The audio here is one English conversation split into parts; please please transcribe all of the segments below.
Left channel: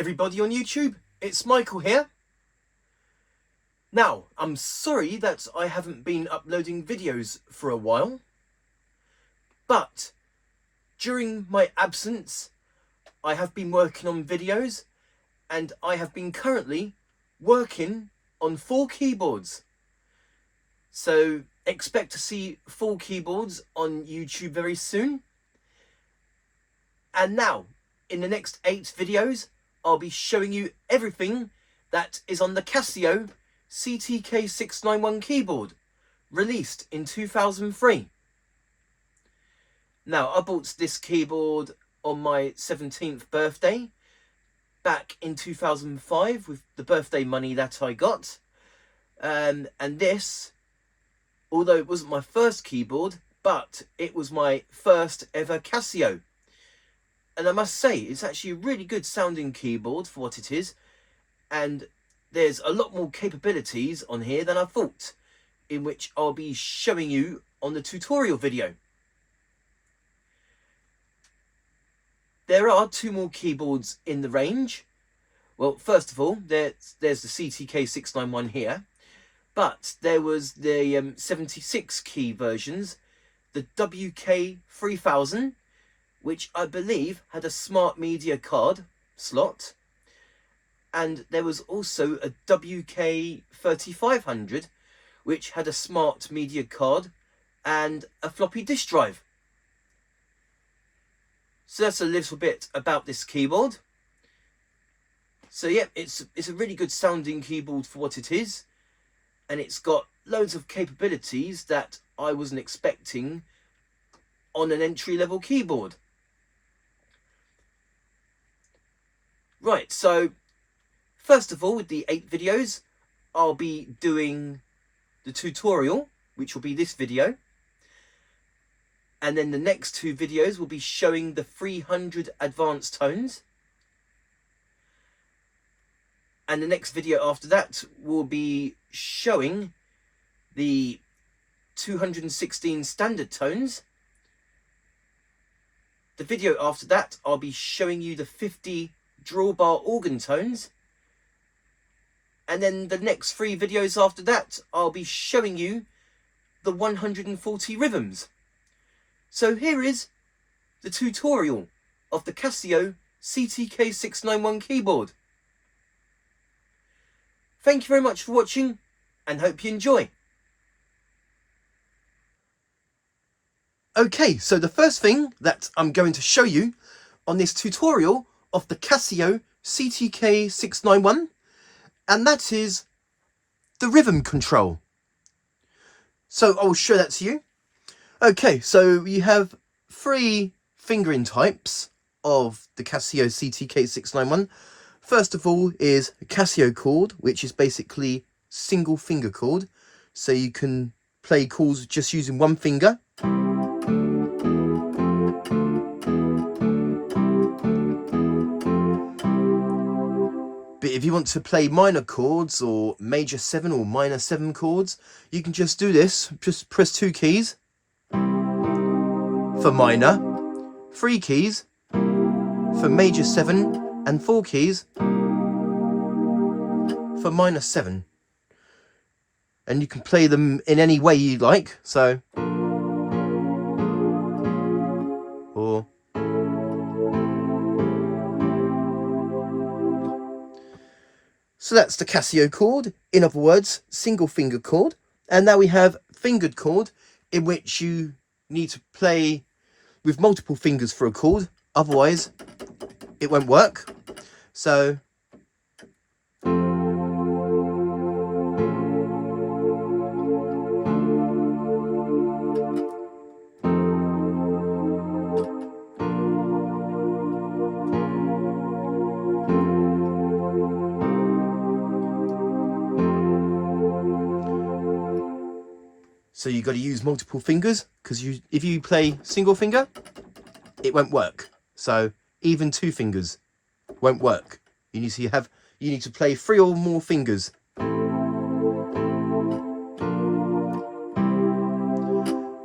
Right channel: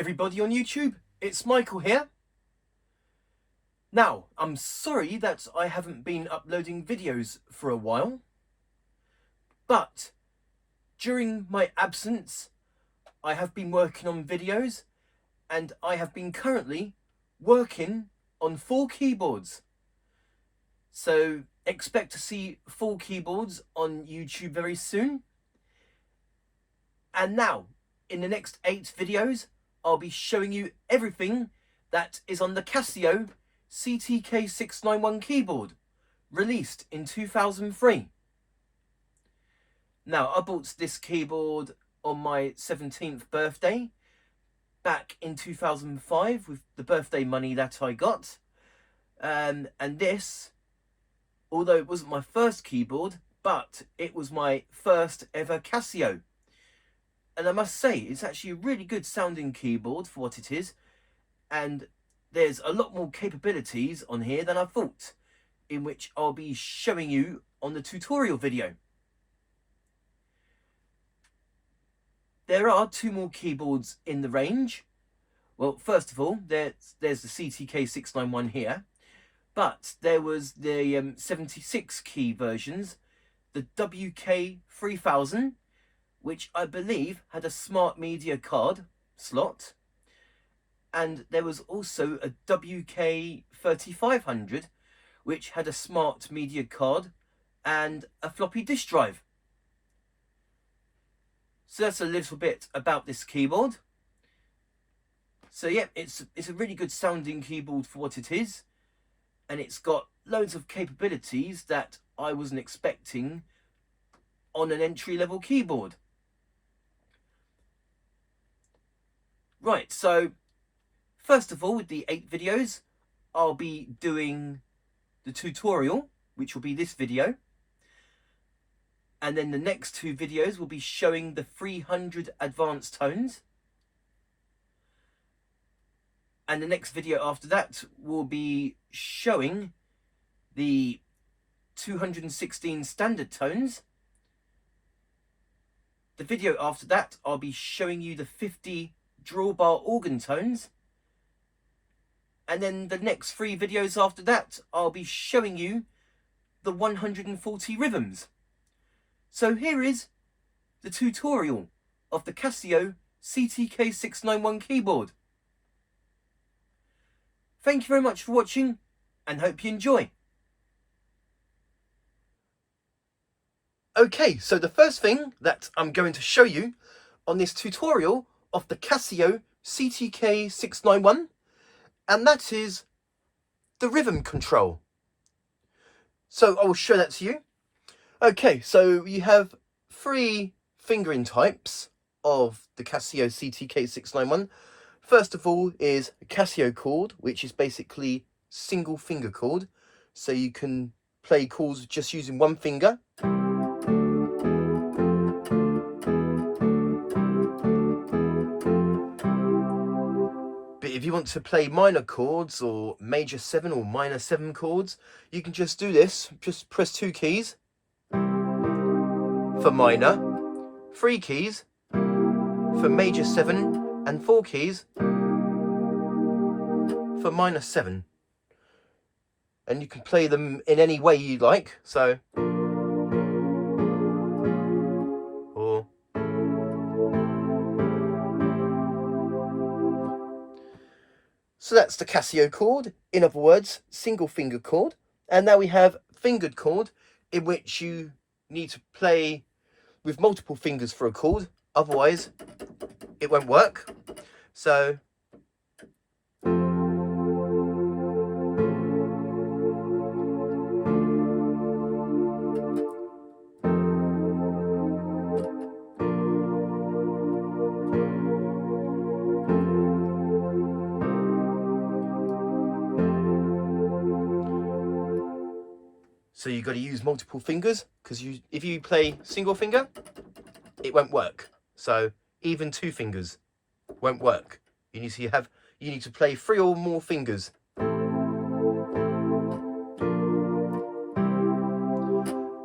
everybody on YouTube, it's Michael here. Now, I'm sorry that I haven't been uploading videos for a while, but during my absence, I have been working on videos and I have been currently working on 4 keyboards. So expect to see 4 keyboards on YouTube very soon. And now, in the next 8 videos, I'll be showing you everything that is on the Casio CTK-691 keyboard, released in 2003. Now, I bought this keyboard on my 17th birthday, back in 2005, with the birthday money that I got. And this, although it wasn't my first keyboard, but it was my first ever Casio. And I must say, it's actually a really good sounding keyboard for what it is. And there's a lot more capabilities on here than I thought, in which I'll be showing you on the tutorial video. There are 2 more keyboards in the range. Well, first of all, there's the CTK-691 here. But there was the 76 key versions, the WK-3000, which I believe had a smart media card slot, and there was also a WK-3500, which had a smart media card and a floppy disk drive. So that's a little bit about this keyboard. So yeah, it's a really good sounding keyboard for what it is, and it's got loads of capabilities that I wasn't expecting on an entry-level keyboard. Right, so first of all, with the 8 videos, I'll be doing the tutorial, which will be this video. And then the next 2 videos will be showing the 300 advanced tones. And the next video after that will be showing the 216 standard tones. The video after that, I'll be showing you the 50 drawbar organ tones. And then the next 3 videos after that, I'll be showing you the 140 rhythms. So here is the tutorial of the Casio CTK-691 keyboard. Thank you very much for watching, and hope you enjoy. Okay, so the first thing that I'm going to show you on this tutorial of the Casio CTK-691, and that is the rhythm control. So I'll show that to you. Okay, so you have 3 fingering types of the Casio CTK-691. First of all is a Casio chord, which is basically single finger chord. So you can play chords just using 1 finger. But if you want to play minor chords or major 7 or minor 7 chords, you can just do this. Just press 2 keys for minor, 3 keys for major 7, and 4 keys for minor 7. And you can play them in any way you like. So, or so that's the Casio chord, in other words, single finger chord. And now we have fingered chord, in which you need to play with multiple fingers for a chord, otherwise it won't work. So you've got to use multiple fingers, because if you play single finger, it won't work. So even 2 fingers won't work. You need to play 3 or more fingers.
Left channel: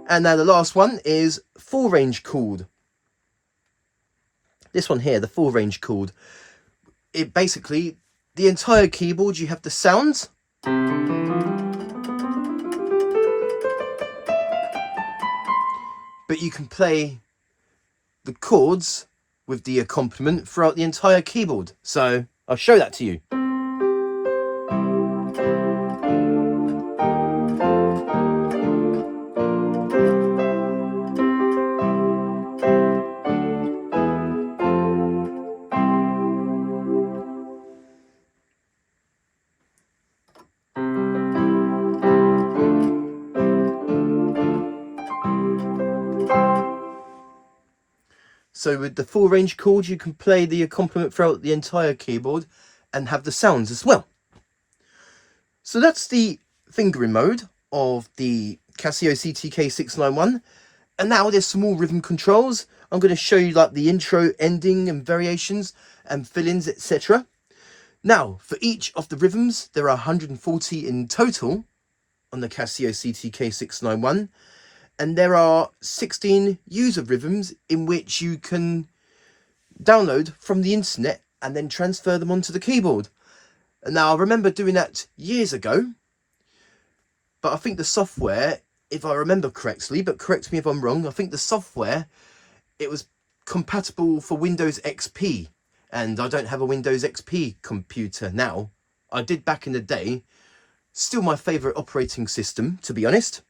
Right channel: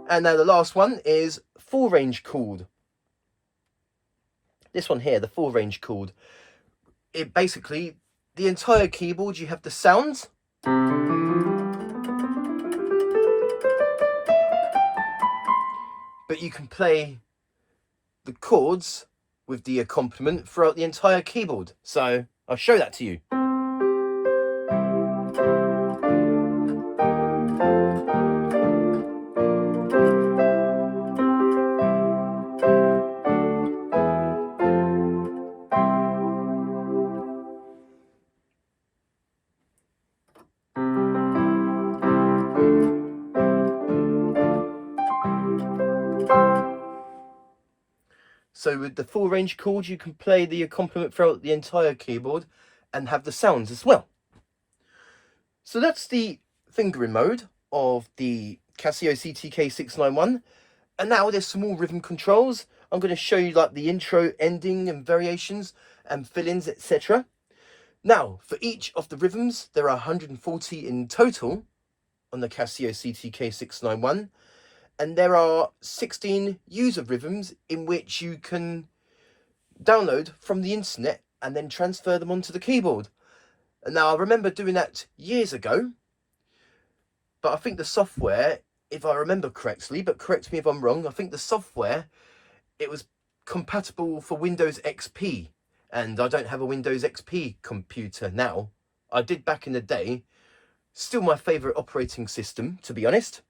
And now the last one is 4-range chord. This one here, the 4-range chord, it basically, the entire keyboard, you have the sounds. But you can play the chords with the accompaniment throughout the entire keyboard. So I'll show that to you. So with the full range chord, you can play the accompaniment throughout the entire keyboard and have the sounds as well. So that's the fingering mode of the Casio CTK-691. And now there's some more rhythm controls. I'm going to show you like the intro, ending and variations and fill-ins, etc. Now, for each of the rhythms, there are 140 in total on the Casio CTK-691. And there are 16 user rhythms in which you can download from the internet and then transfer them onto the keyboard. And now I remember doing that years ago, but I think the software, if I remember correctly, but correct me if I'm wrong, I think the software, it was compatible for Windows XP, and I don't have a Windows XP computer now. I did back in the day. Still my favourite operating system, to be honest.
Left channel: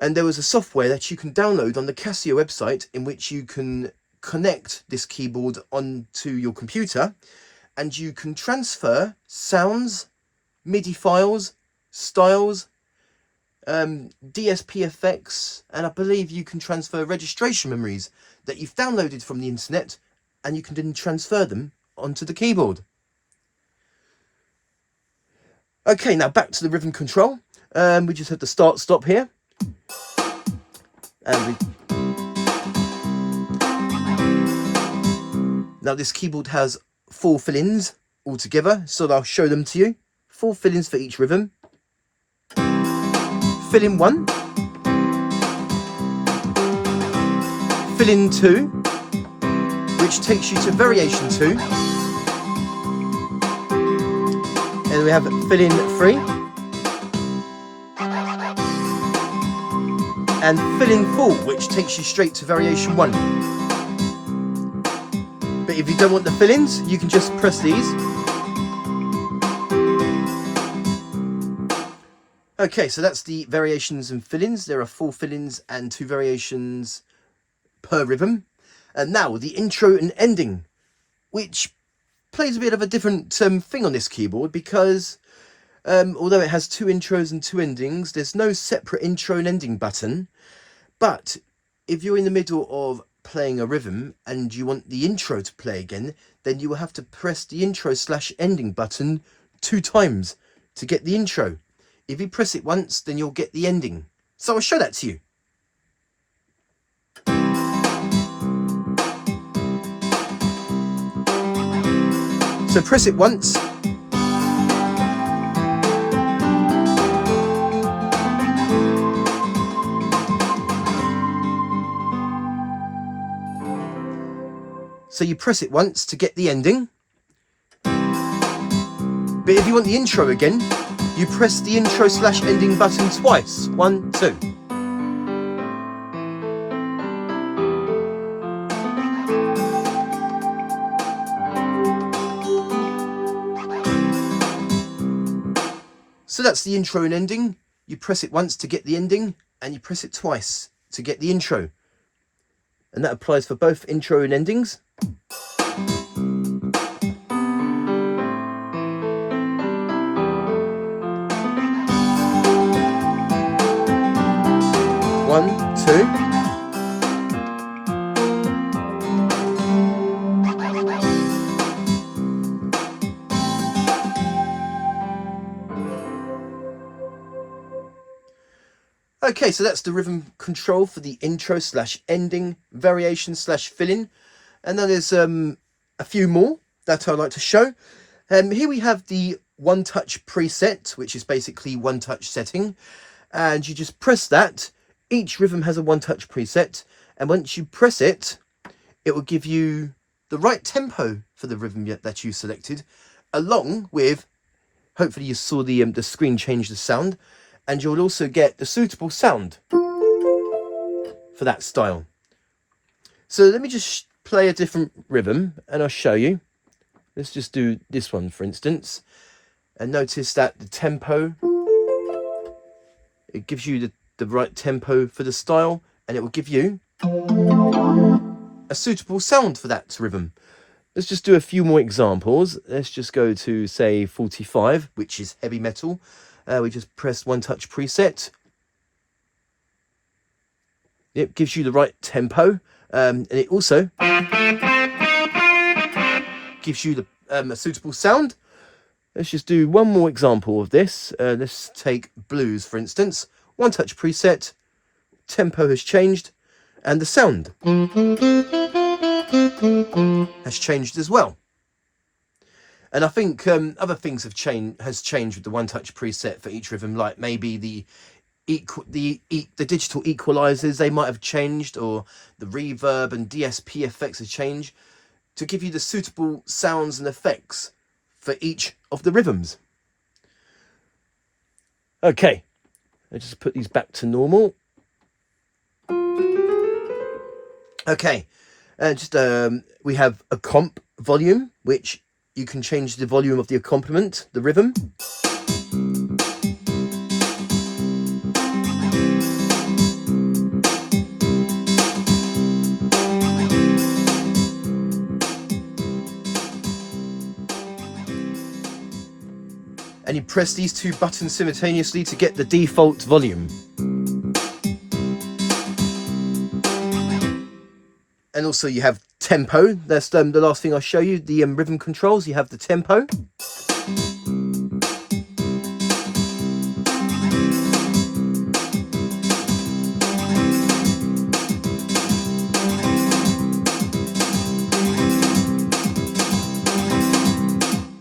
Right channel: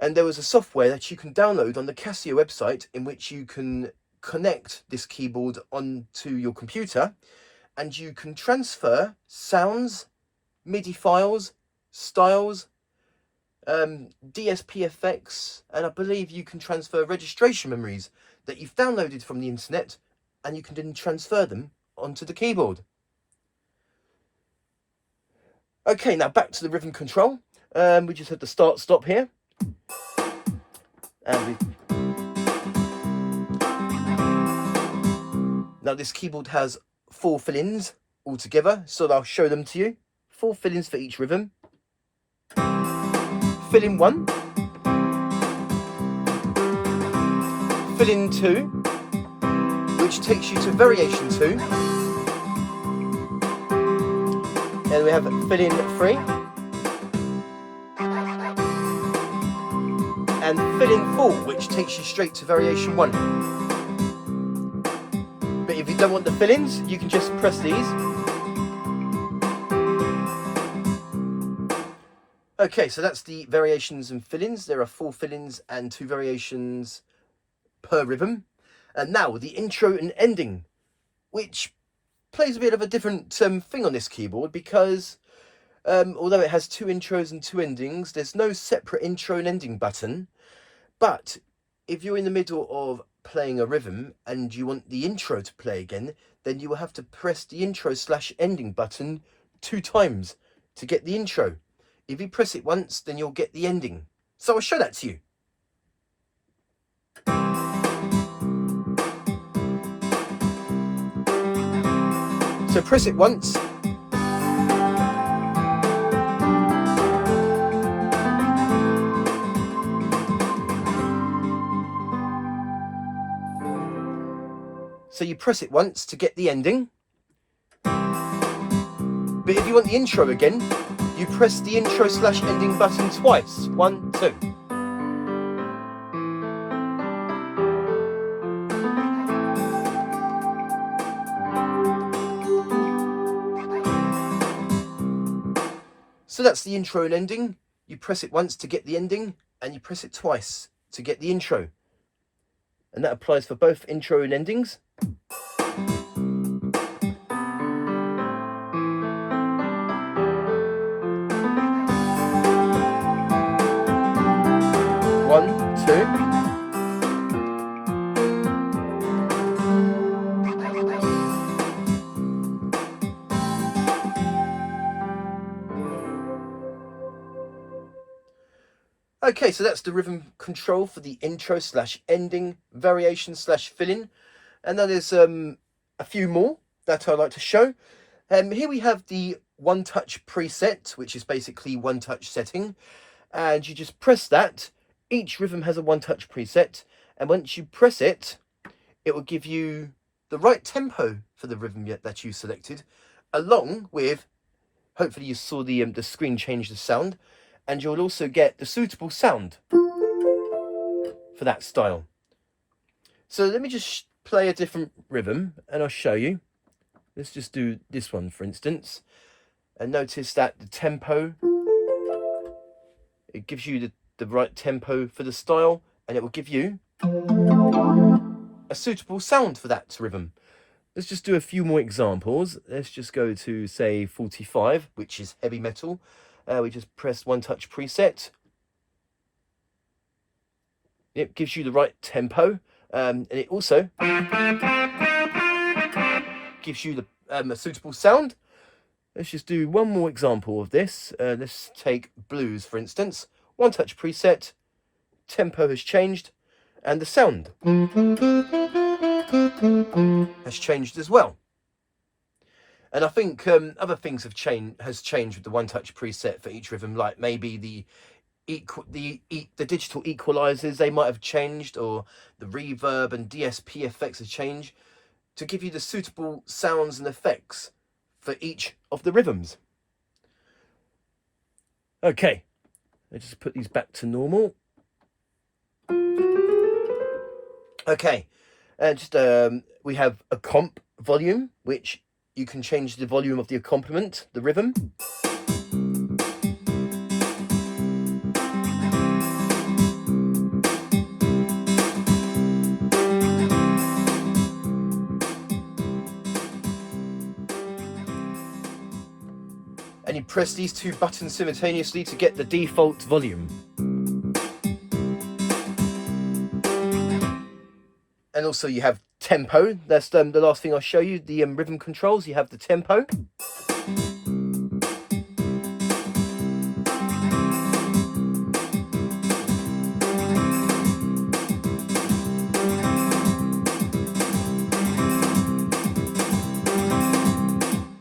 And there was a software that you can download on the Casio website in which you can connect this keyboard onto your computer and you can transfer sounds, MIDI files, styles, DSP effects, and I believe you can transfer registration memories that you've downloaded from the internet, and you can then transfer them onto the keyboard. Okay, now back to the rhythm control. We just had the start stop here. Now this keyboard has 4 fill-ins altogether, so I'll show them to you. 4 fill-ins for each rhythm. Fill-in 1, fill-in 2, which takes you to variation 2, and we have fill-in 3, and fill-in 4, which takes you straight to variation 1. But if you don't want the fill-ins, you can just press these. Okay, so that's the variations and fill-ins. There are 4 fill-ins and 2 variations per rhythm. And now the intro and ending, which plays a bit of a different thing on this keyboard, because although it has 2 intros and 2 endings, there's no separate intro and ending button. But if you're in the middle of playing a rhythm and you want the intro to play again, then you will have to press the intro/ending button 2 times to get the intro. If you press it once, then you'll get the ending. So I'll show that to you. So press it once. So you press it once to get the ending. But if you want the intro again, you press the intro/ending button twice. 1, 2. So that's the intro and ending. You press it once to get the ending, and you press it twice to get the intro. And that applies for both intro and endings. Okay, so that's the rhythm control for the intro/ending, variation/fill-in. And then there's a few more that I'd like to show. Here we have the one-touch preset, which is basically one-touch setting. And you just press that. Each rhythm has a one-touch preset. And once you press it, it will give you the right tempo for the rhythm that you selected, along with, hopefully you saw the screen change the sound, and you'll also get the suitable sound for that style. So let me just play a different rhythm and I'll show you. Let's just do this one, for instance, and notice that the tempo, it gives you the right tempo for the style, and it will give you a suitable sound for that rhythm. Let's just do a few more examples. Let's just go to, say, 45, which is heavy metal. We just press one touch preset. It gives you the right tempo, and it also gives you a suitable sound. Let's just do one more example of this. Let's take blues, for instance. One touch preset, tempo has changed, and the sound has changed as well. And I think other things have changed with the one touch preset for each rhythm, like maybe the digital equalizers, they might have changed, or the reverb and DSP effects have changed to give you the suitable sounds and effects for each of the rhythms. Okay, let's just put these back to normal. Okay, we have a comp volume, which you can change the volume of the accompaniment, the rhythm. And you press these two buttons simultaneously to get the default volume. And also you have tempo. That's the last thing I'll show you. The rhythm controls, you have the tempo.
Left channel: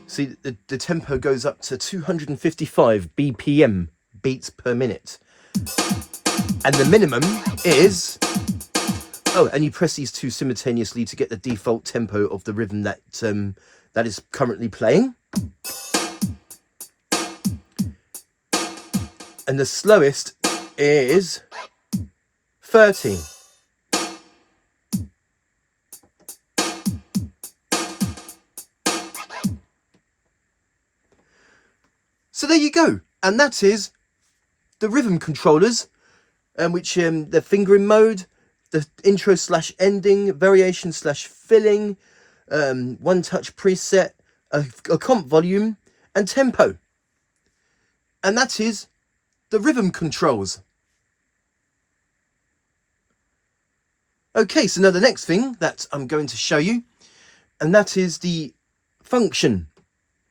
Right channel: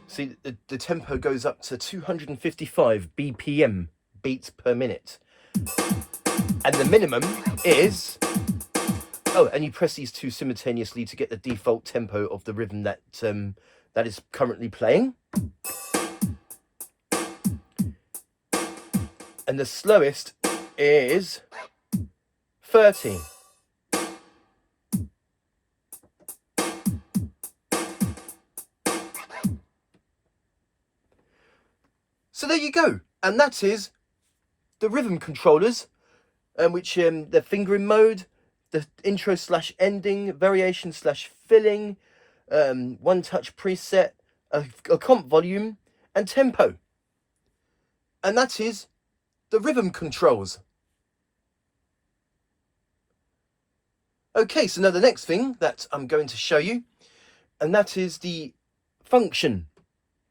See, the tempo goes up to 255 BPM, beats per minute. And the minimum is... Oh, and you press these two simultaneously to get the default tempo of the rhythm that is currently playing. And the slowest is 30. So there you go, and that is the rhythm controllers, which the fingering mode, the intro slash ending, variation slash filling, one touch preset, a comp volume, and tempo. And that is the rhythm controls. Okay, so now the next thing that I'm going to show you, and that is the function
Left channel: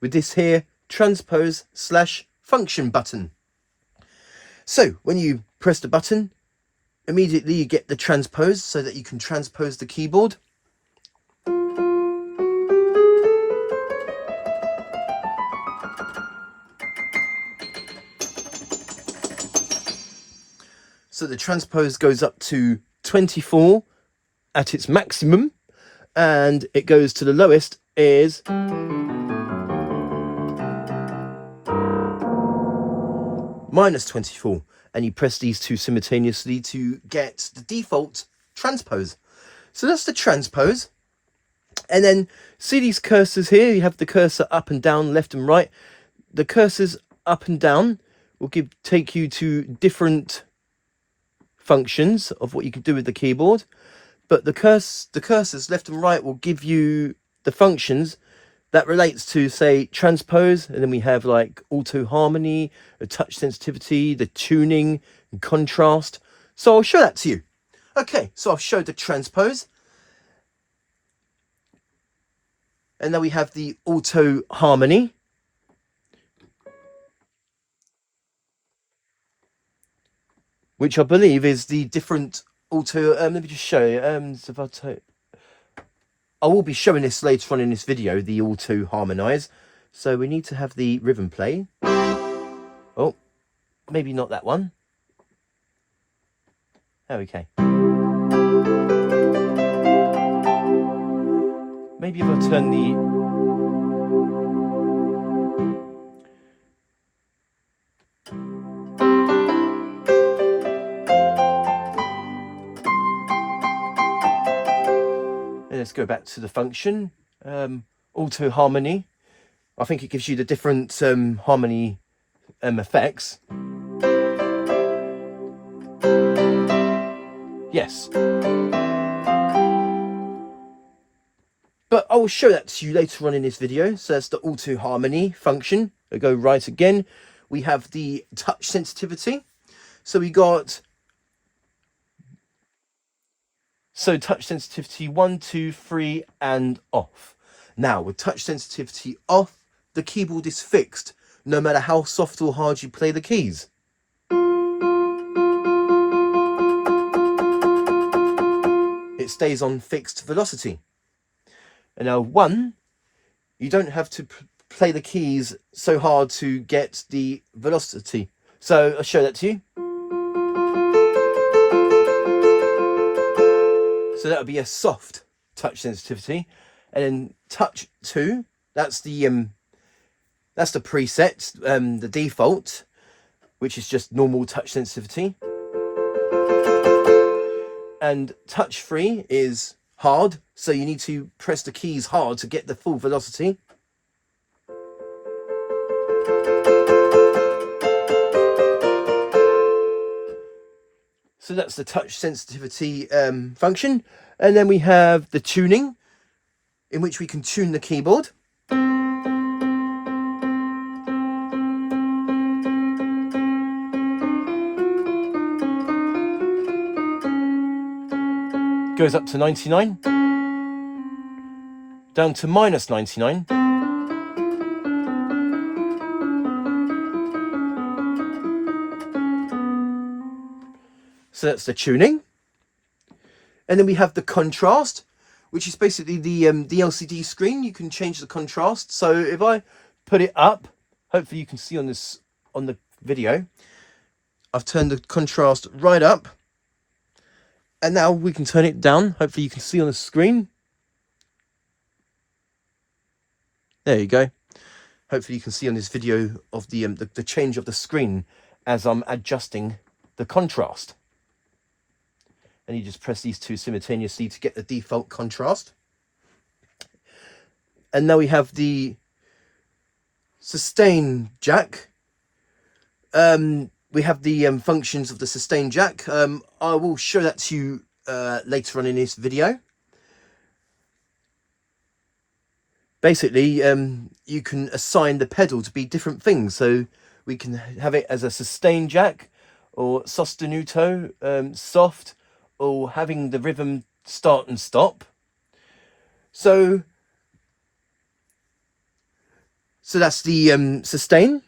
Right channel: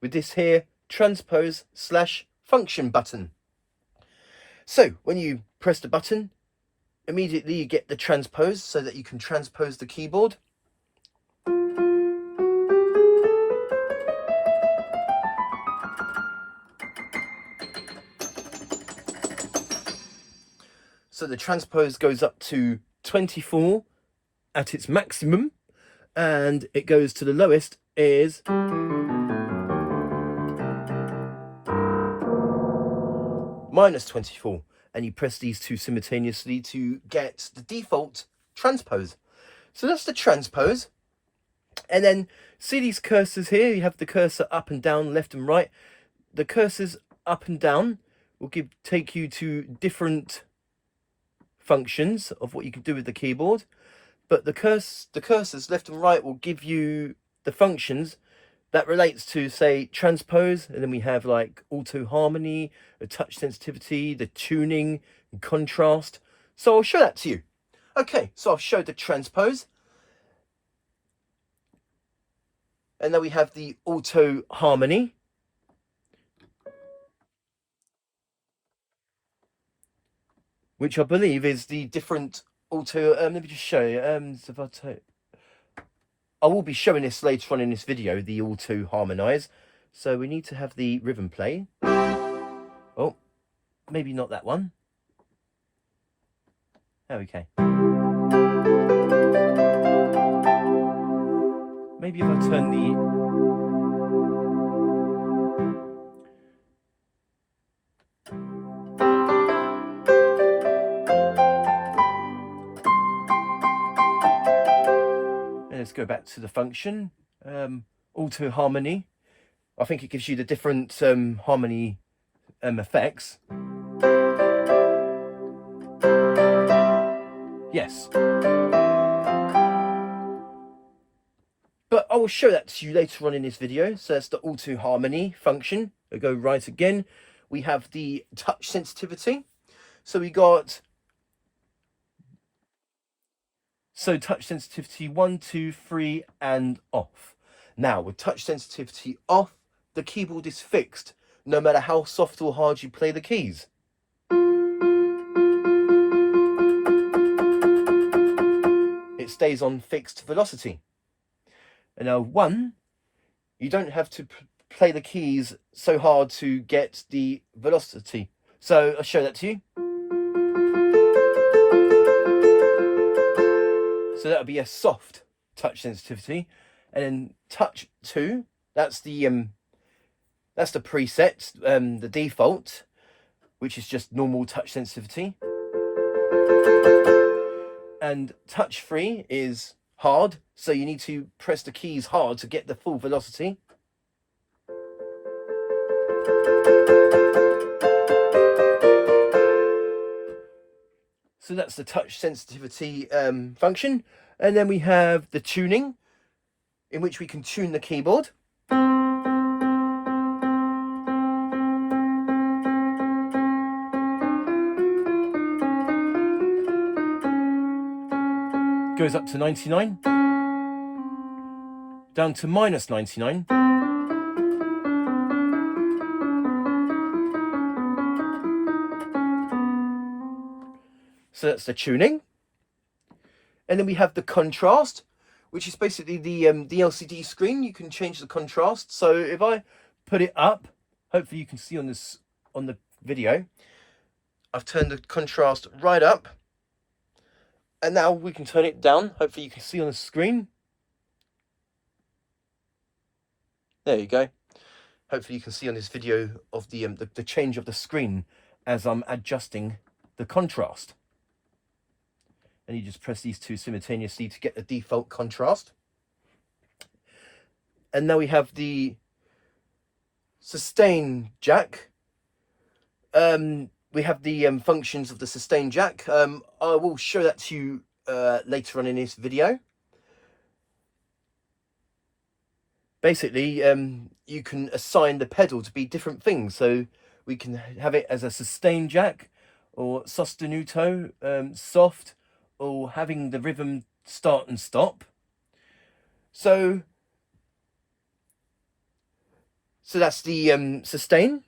with this here transpose slash function button. So when you press the button, immediately you get the transpose so that you can transpose the keyboard. So the transpose goes up to 24 at its maximum, and it goes to the lowest is -24, and you press these two simultaneously to get the default transpose. So that's the transpose. And then see these cursors here, you have the cursor up and down, left and right. The cursors up and down will take you to different functions of what you can do with the keyboard, but the cursors left and right will give you the functions that relates to, say, transpose, and then we have like auto harmony, the touch sensitivity, the tuning, and contrast. So I'll show that to you. Okay, so I've showed the transpose, and now we have the auto harmony, which I believe is the different auto. Let me just show you. So if I will be showing this later on in this video, the auto harmonize. So we need to have the rhythm play. Oh, maybe not that one. Okay. maybe if I turn the... Let's go back to the function, auto harmony. I think it gives you the different harmony effects. Yes. But I will show that to you later on in this video. So that's the auto harmony function. I'll go right again. We have the touch sensitivity. So we got... So touch sensitivity 1, 2, 3 and off. Now with touch sensitivity off, the keyboard is fixed no matter how soft or hard you play the keys. It stays on fixed velocity. And now 1, you don't have to play the keys so hard to get the velocity. So I'll show that to you. So that would be a soft touch sensitivity, and then touch 2. That's the preset, the default, which is just normal touch sensitivity. And touch 3 is hard, so you need to press the keys hard to get the full velocity. So that's the touch sensitivity function. And then we have the tuning, in which we can tune the keyboard. Goes up to 99, down to minus 99. So that's the tuning. And then we have the contrast, which is basically the LCD screen. You can change the contrast. So if I put it up, hopefully you can see on this on the video, I've turned the contrast right up. And now we can turn it down. Hopefully you can see on the screen. There you go. Hopefully you can see on this video of the change of the screen as I'm adjusting the contrast. And you just press these two simultaneously to get the default contrast. And now we have the sustain jack. We have the functions of the sustain jack. I will show that to you later on in this video. Basically, you can assign the pedal to be different things. So we can have it as a sustain jack, or sostenuto, soft, or having the rhythm start and stop. So that's the sustain.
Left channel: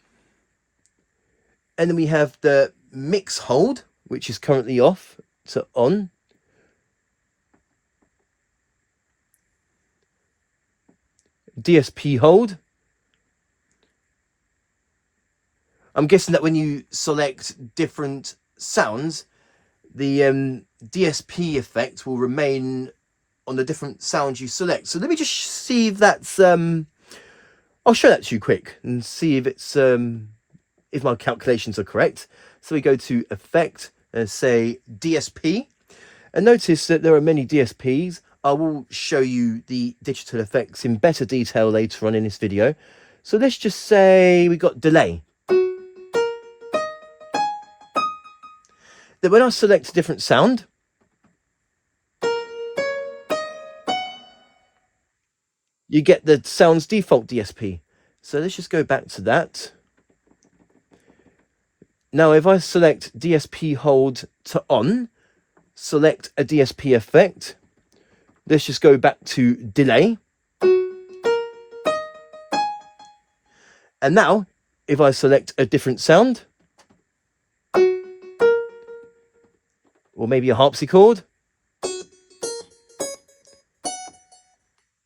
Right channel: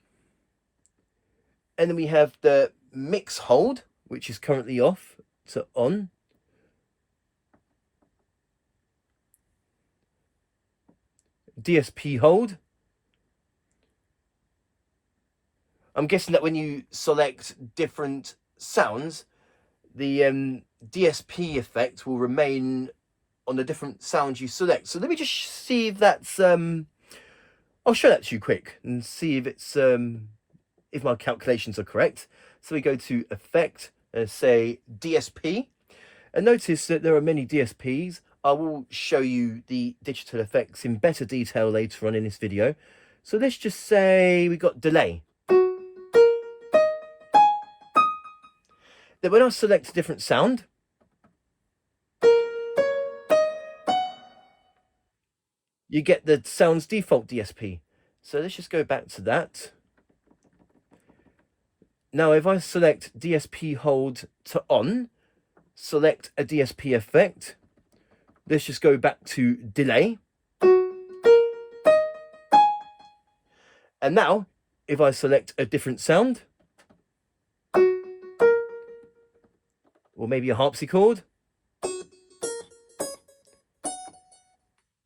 And then we have the mix hold, which is currently off to on. DSP hold. I'm guessing that when you select different sounds, the DSP effect will remain on the different sounds you select. So let me just see if that's I'll show that to you quick and see if it's if my calculations are correct. So we go to effect and say DSP, and notice that there are many DSPs. I will show you the digital effects in better detail later on in this video. So let's just say we got delay. Then when I select a different sound, you get the sound's default DSP. So let's just go back to that. Now if I select DSP hold to on, select a DSP effect, let's just go back to delay. And now if I select a different sound, or maybe a harpsichord,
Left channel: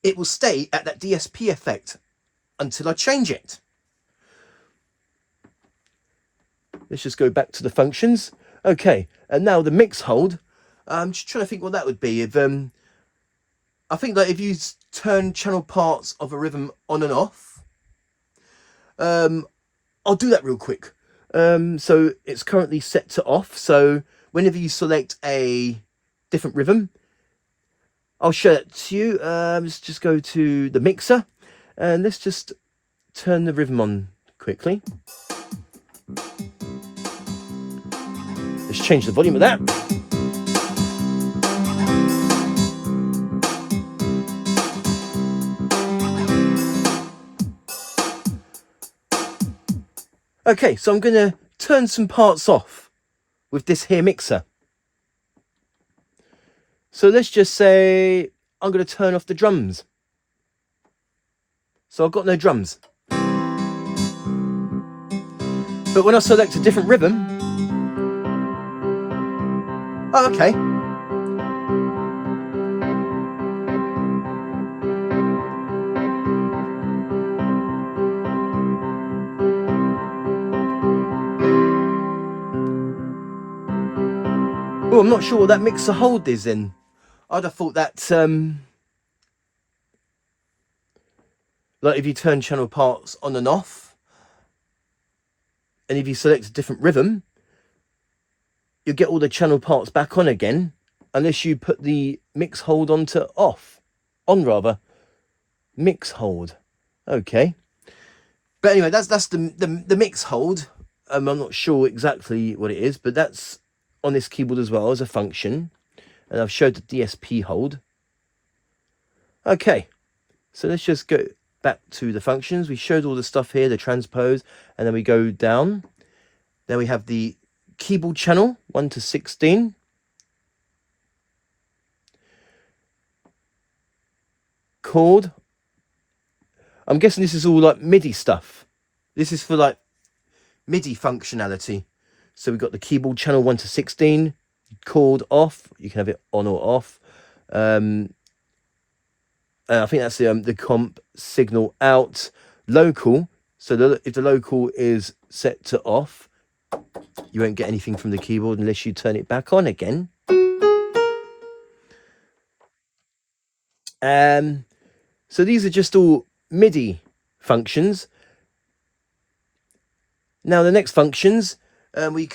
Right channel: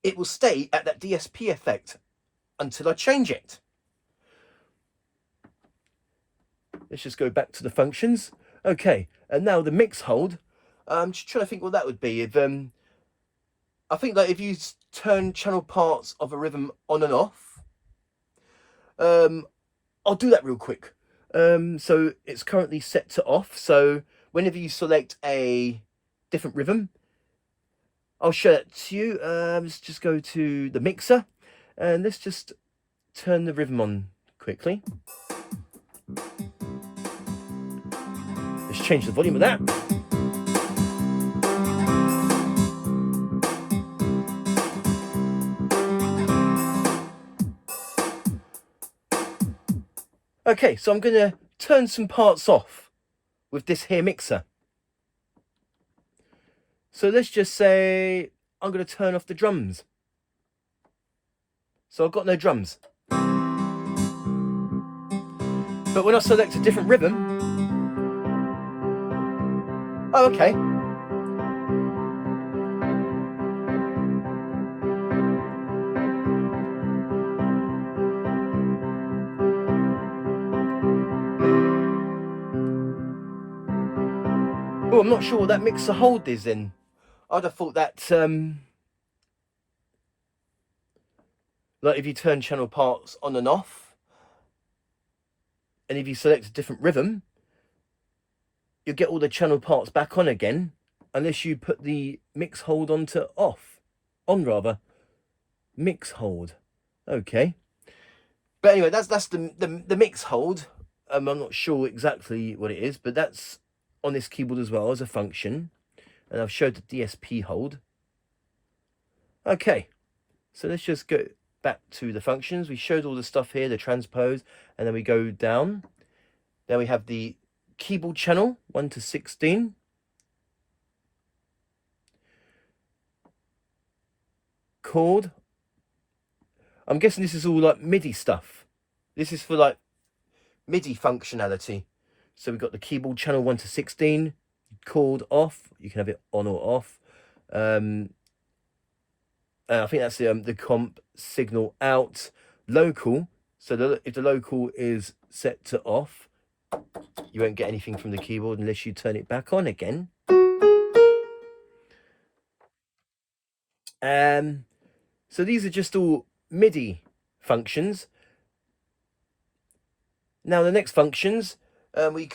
it will stay at that DSP effect until I change it. Let's just go back to the functions. Okay, and now the mix hold. I'm just trying to think what that would be. If I think that if you turn channel parts of a rhythm on and off, I'll do that real quick. So it's currently set to off. So whenever you select a different rhythm, I'll show that to you. Let's just go to the mixer and let's just turn the rhythm on quickly. Let's change the volume of that. Okay, so I'm going to turn some parts off with this here mixer. So let's just say I'm going to turn off the drums. So I've got no drums. But when I select a different rhythm, oh, okay. Oh, I'm not sure what that mixer hold is in. I'd have thought that, like if you turn channel parts on and off, and if you select a different rhythm, you'll get all the channel parts back on again, unless you put the mix hold onto off. On rather. Mix hold. Okay. But anyway, that's the mix hold. I'm not sure exactly what it is, but that's on this keyboard as well as a function. And I've showed the DSP hold. Okay, so let's just go back to the functions. We showed all the stuff here, the transpose, and then we go down. Then we have the keyboard channel, 1 to 16. Chord. I'm guessing this is all like MIDI stuff. This is for like MIDI functionality. So we've got the keyboard channel 1 to 16, chord off. You can have it on or off. I think that's the comp signal out. Local. So if the local is set to off, you won't get anything from the keyboard unless you turn it back on again. So these are just all MIDI functions. Now the next functions, you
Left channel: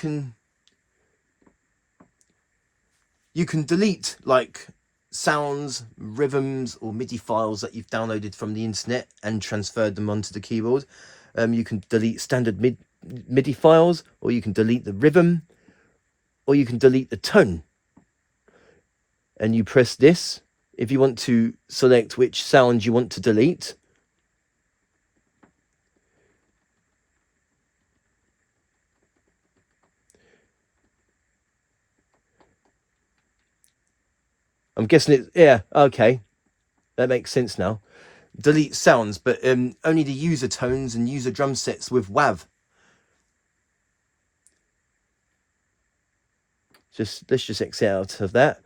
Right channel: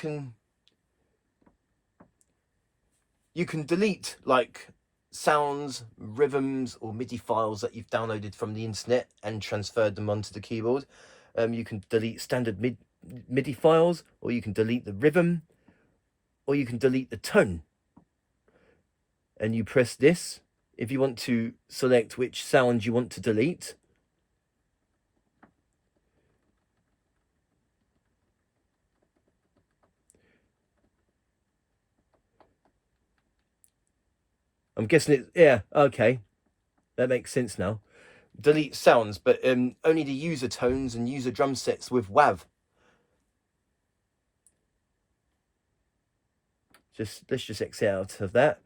can delete like sounds, rhythms, or MIDI files that you've downloaded from the internet and transferred them onto the keyboard. You can delete standard MIDI files, or you can delete the rhythm, or you can delete the tone. And you press this if you want to select which sound you want to delete. I'm guessing it's, yeah, okay. That makes sense now. Delete sounds, but only the user tones and user drum sets with WAV. Let's just exit out of that.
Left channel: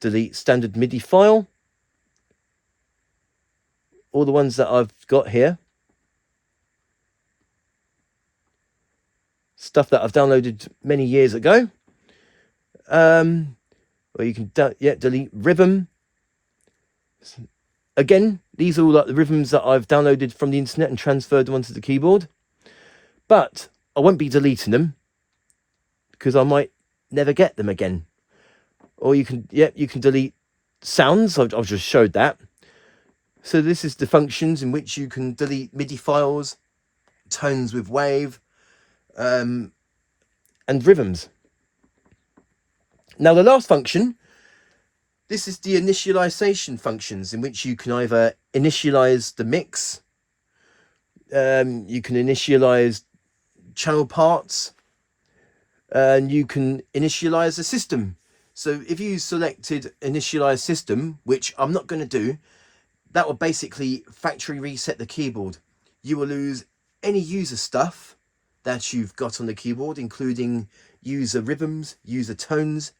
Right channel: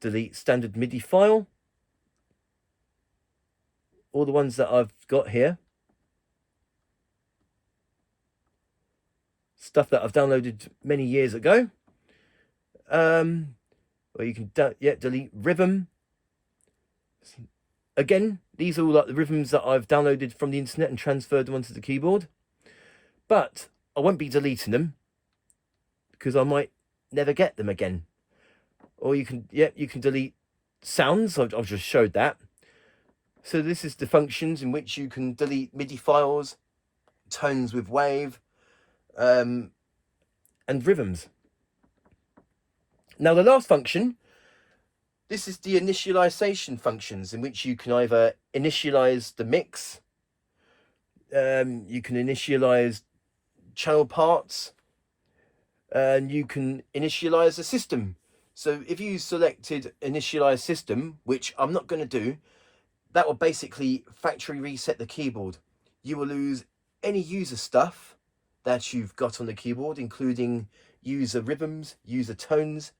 Delete standard MIDI file. All the ones that I've got here. Stuff that I've downloaded many years ago. Or you can delete rhythm. Again, these are all like the rhythms that I've downloaded from the internet and transferred them onto the keyboard. But I won't be deleting them because I might never get them again. Or you can delete sounds. I've just showed that. So this is the functions in which you can delete MIDI files, tones with wave, and rhythms. Now the last function, this is the initialization functions in which you can either initialize the mix, you can initialize channel parts, and you can initialize the system. So if you selected initialize system, which I'm not going to do, that will basically factory reset the keyboard. You will lose any user stuff that you've got on the keyboard, including user rhythms, user tones,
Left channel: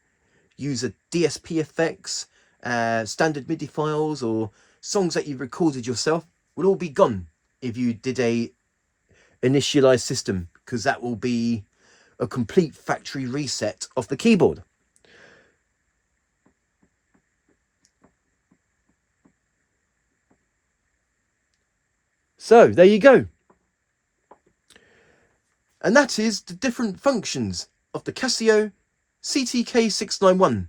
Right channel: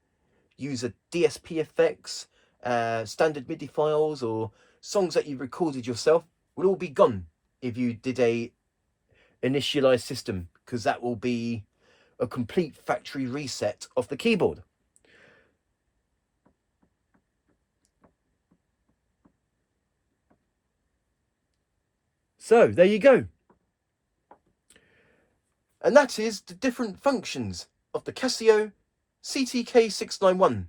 user DSP effects, standard MIDI files, or songs that you've recorded yourself will all be gone if you did a initialize system, because that will be a complete factory reset of the keyboard. So there you go. And that is the different functions of the Casio CTK-691.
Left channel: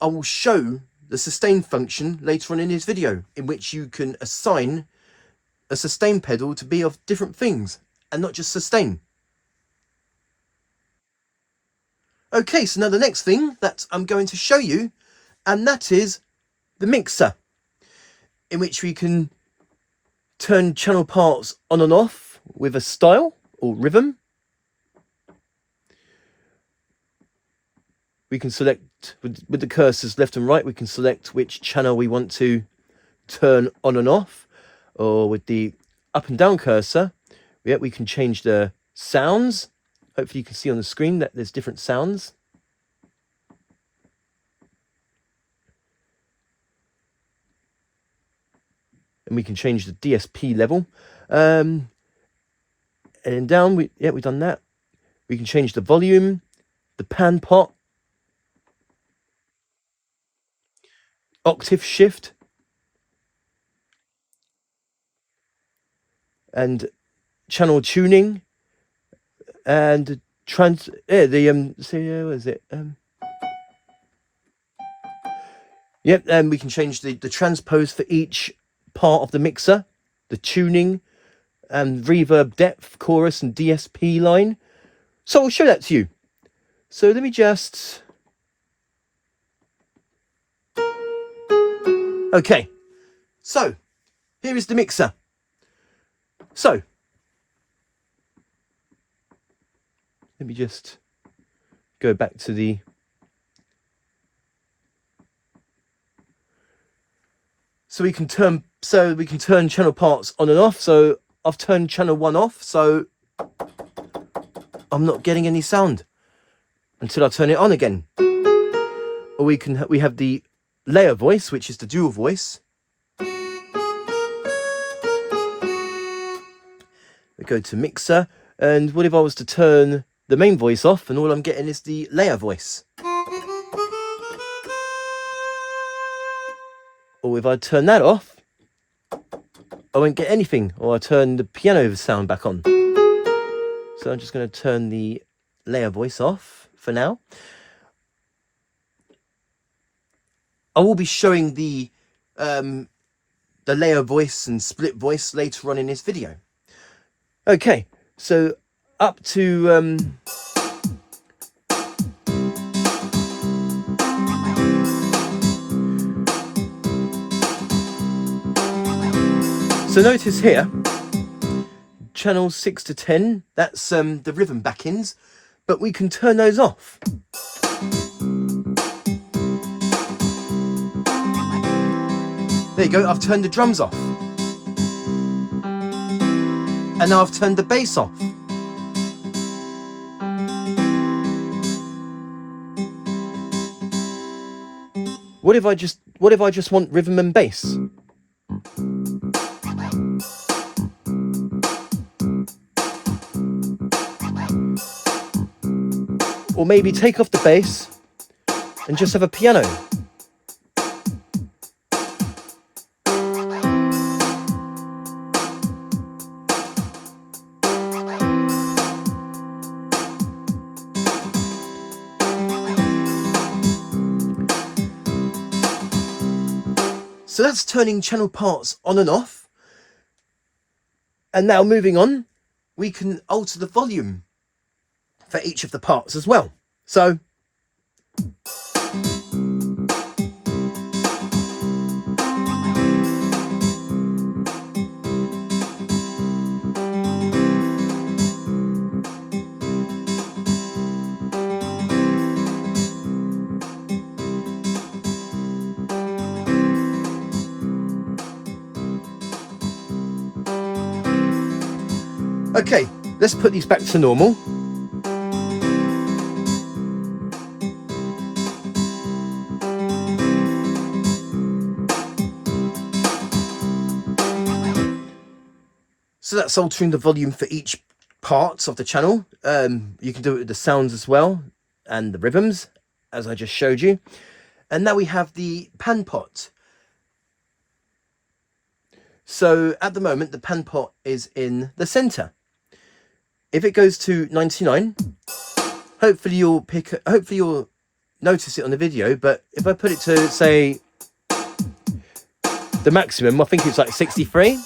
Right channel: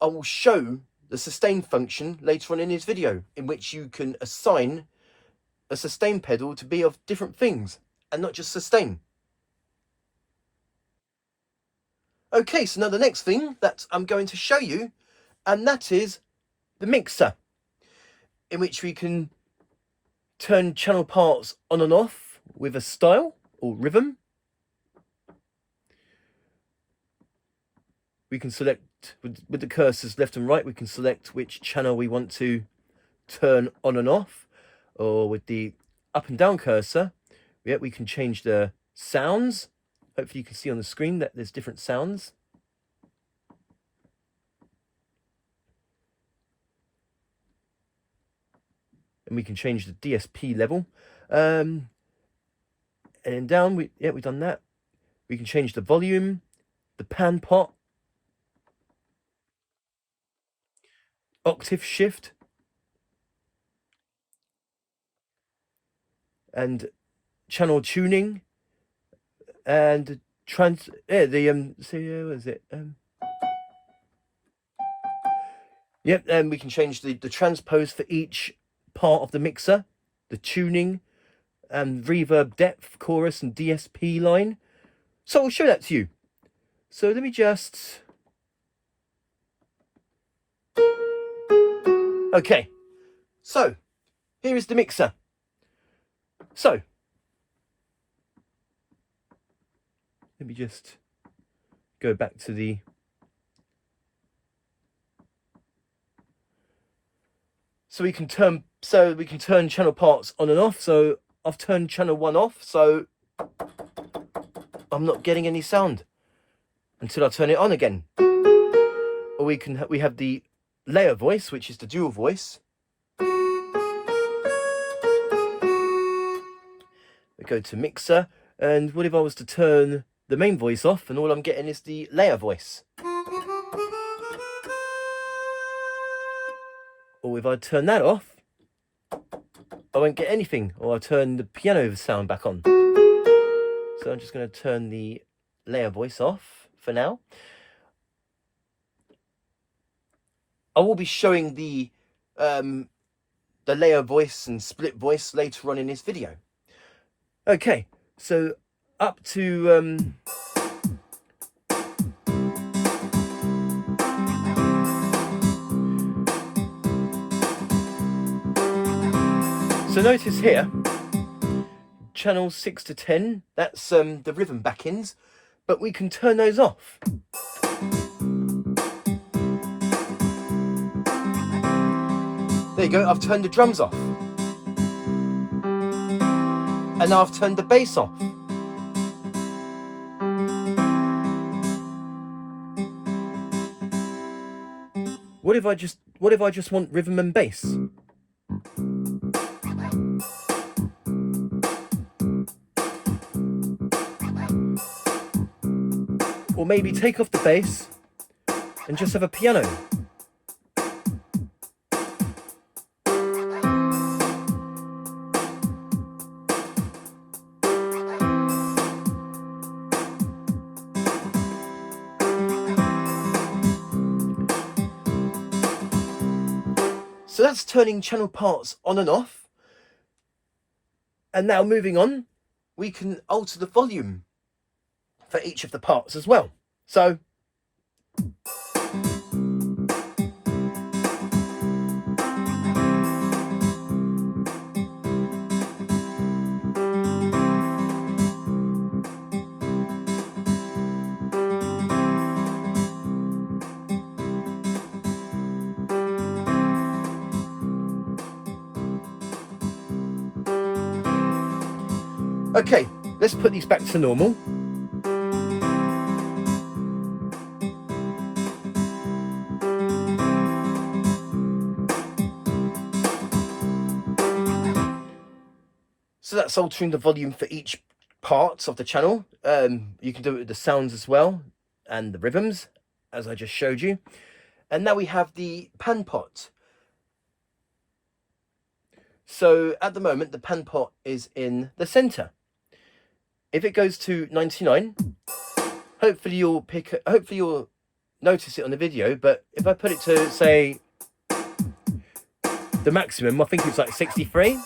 I will show the sustain function later on in this video, in which you can assign a sustain pedal to be of different things and not just sustain. Okay, so now the next thing that I'm going to show you, and that is the mixer, in which we can turn channel parts on and off with a style or rhythm. We can select with the cursors left and right, we can select which channel we want to turn on and off, or with the up and down cursor, we can change the sounds. Hopefully you can see on the screen that there's different sounds. And we can change the DSP level. And down, we've done that. We can change the volume, the pan pot, octave shift, and channel tuning, and what is it? And we can change the transpose for each part of the mixer, the tuning, and reverb depth, chorus, and DSP line. So I'll show that to you. So let me just... Okay, so here is the mixer. So let me just go back to the... So we can turn channel parts on and off. So I've turned channel 1 off, so I'm not getting any sound until I turn it on again. Or we have the layer voice, which is the dual voice. We go to mixer, and what if I was to turn the main voice off and all I'm getting is the layer voice? Or if I turn that off, I won't get anything, or I turn the piano sound back on. So I'm just going to turn the layer voice off for now. I will be showing the layer voice and split voice later on in this video. Okay, so up to so notice here, channels 6 to 10, that's the rhythm back-ends, but we can turn those off. There you go, I've turned the drums off. And now I've turned the bass off. What if I just want rhythm and bass? Or maybe take off the bass and just have a piano. So that's turning channel parts on and off. And now moving on, we can alter the volume for each of the parts as well. So okay, let's put these back to normal. So that's altering the volume for each part of the channel. You can do it with the sounds as well, and the rhythms, as I just showed you. And now we have the pan pot. So at the moment, the pan pot is in the center. If it goes to 99, hopefully you'll notice it on the video. But if I put it to, say, the maximum, I think it's like 63.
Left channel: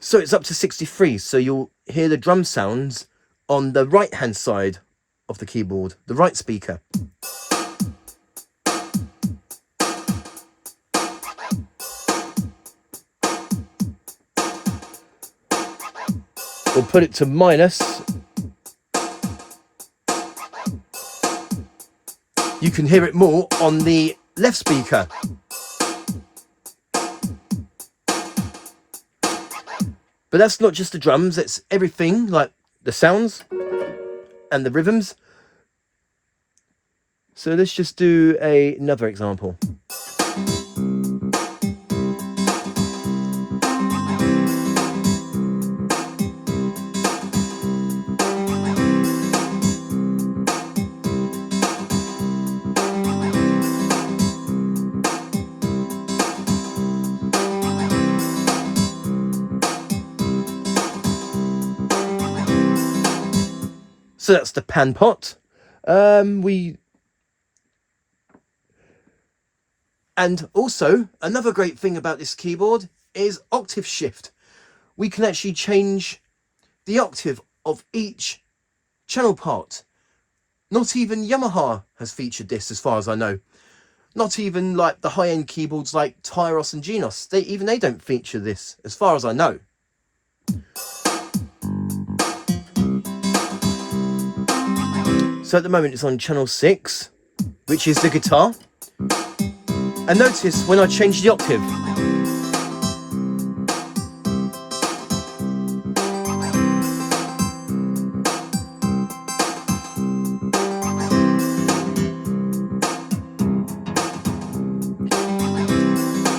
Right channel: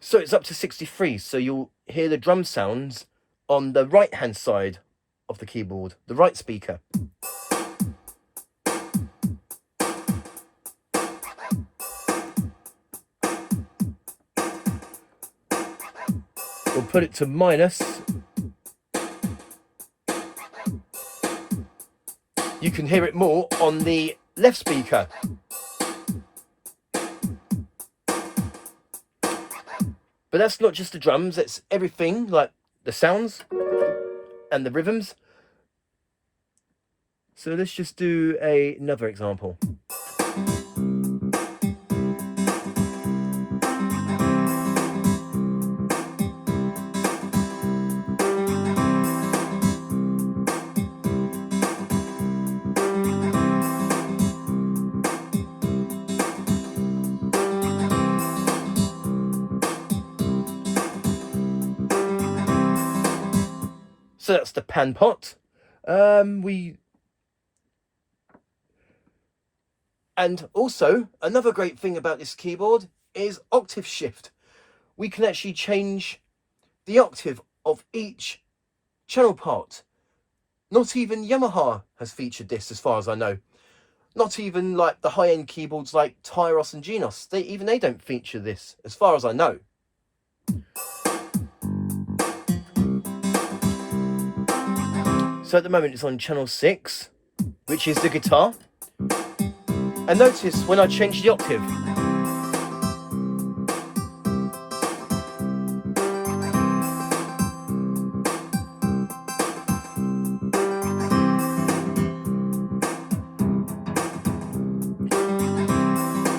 So it's up to 63. So you'll hear the drum sounds on the right hand side of the keyboard, the right speaker. We'll put it to minus. You can hear it more on the left speaker. But that's not just the drums, it's everything, like the sounds and the rhythms. So let's just do another example. So that's the pan pot. And also another great thing about this keyboard is octave shift. We can actually change the octave of each channel part. Not even Yamaha has featured this, as far as I know. Not even like the high-end keyboards like Tyros and Genos. They don't feature this, as far as I know. So at the moment it's on channel 6, which is the guitar. And notice when I change the octave,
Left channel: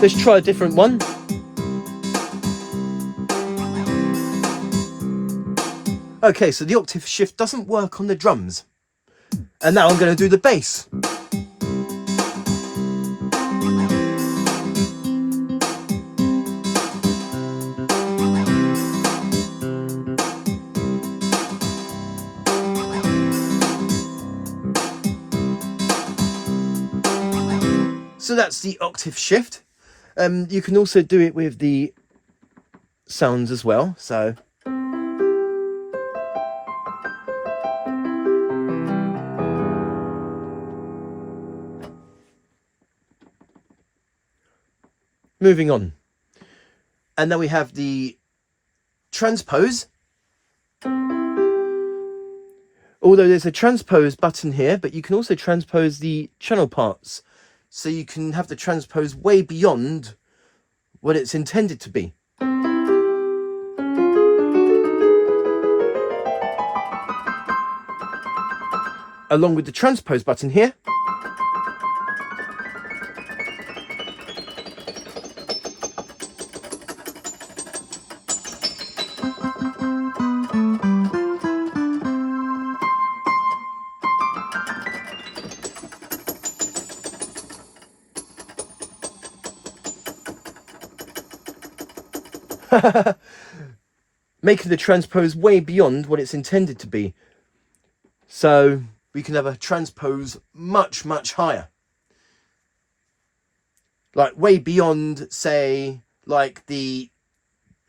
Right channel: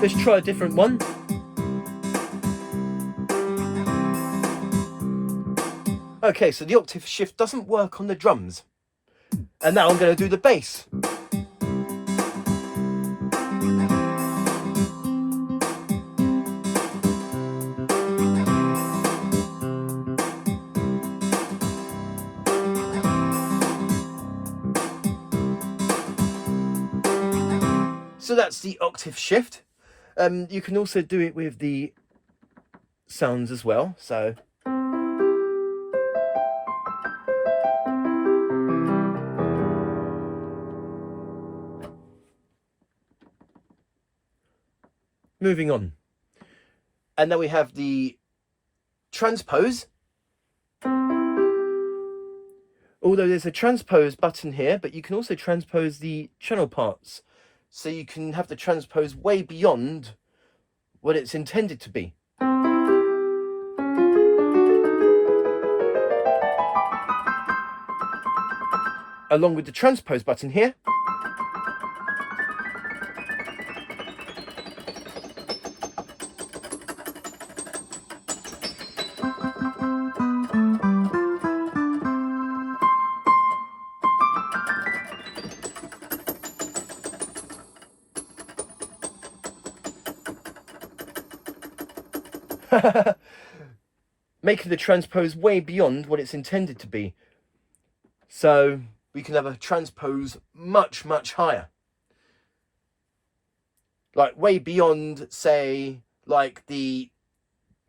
let's try a different one. Okay, so the octave shift doesn't work on the drums. And now I'm going to do the bass. So that's the octave shift. You can also do it with the sounds as well. So moving on. And then we have the transpose. Although there's a transpose button here, but you can also transpose the channel parts. So you can have the transpose way beyond what it's intended to be. Along with the transpose button here. Making the transpose way beyond what it's intended to be. So we can have a transpose much, much higher. Like way beyond, say, like the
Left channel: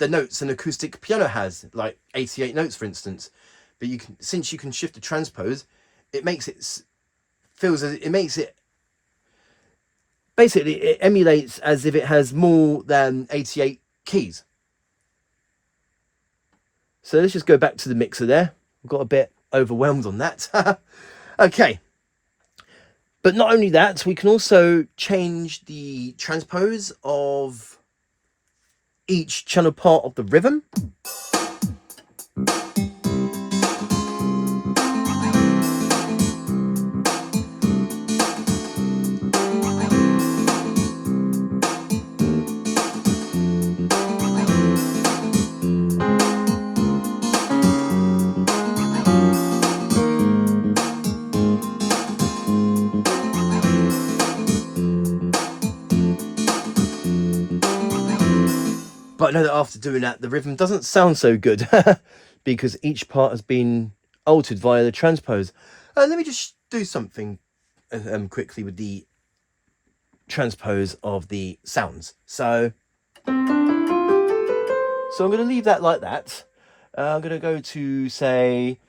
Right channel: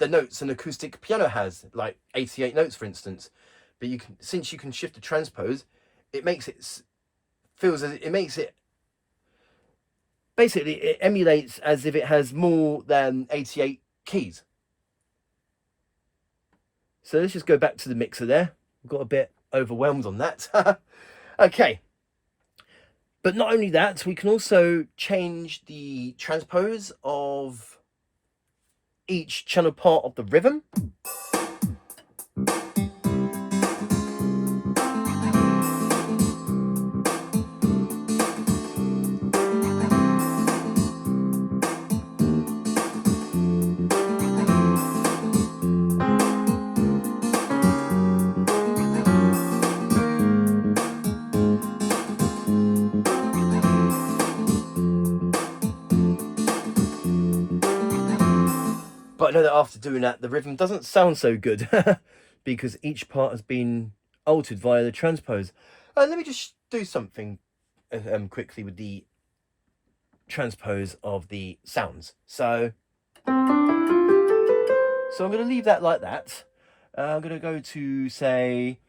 notes an acoustic piano has, like 88 notes, for instance. But you can, since you can shift the transpose, it makes it basically it emulates as if it has more than 88 keys. So let's just go back to the mixer there. I've got a bit overwhelmed on that. Okay. But not only that, we can also change the transpose of each channel part of the rhythm. But I know that after doing that, the rhythm doesn't sound so good because each part has been altered via the transpose. Let me just do something quickly with the transpose of the sounds. So I'm going to leave that like that. I'm going to go to, say,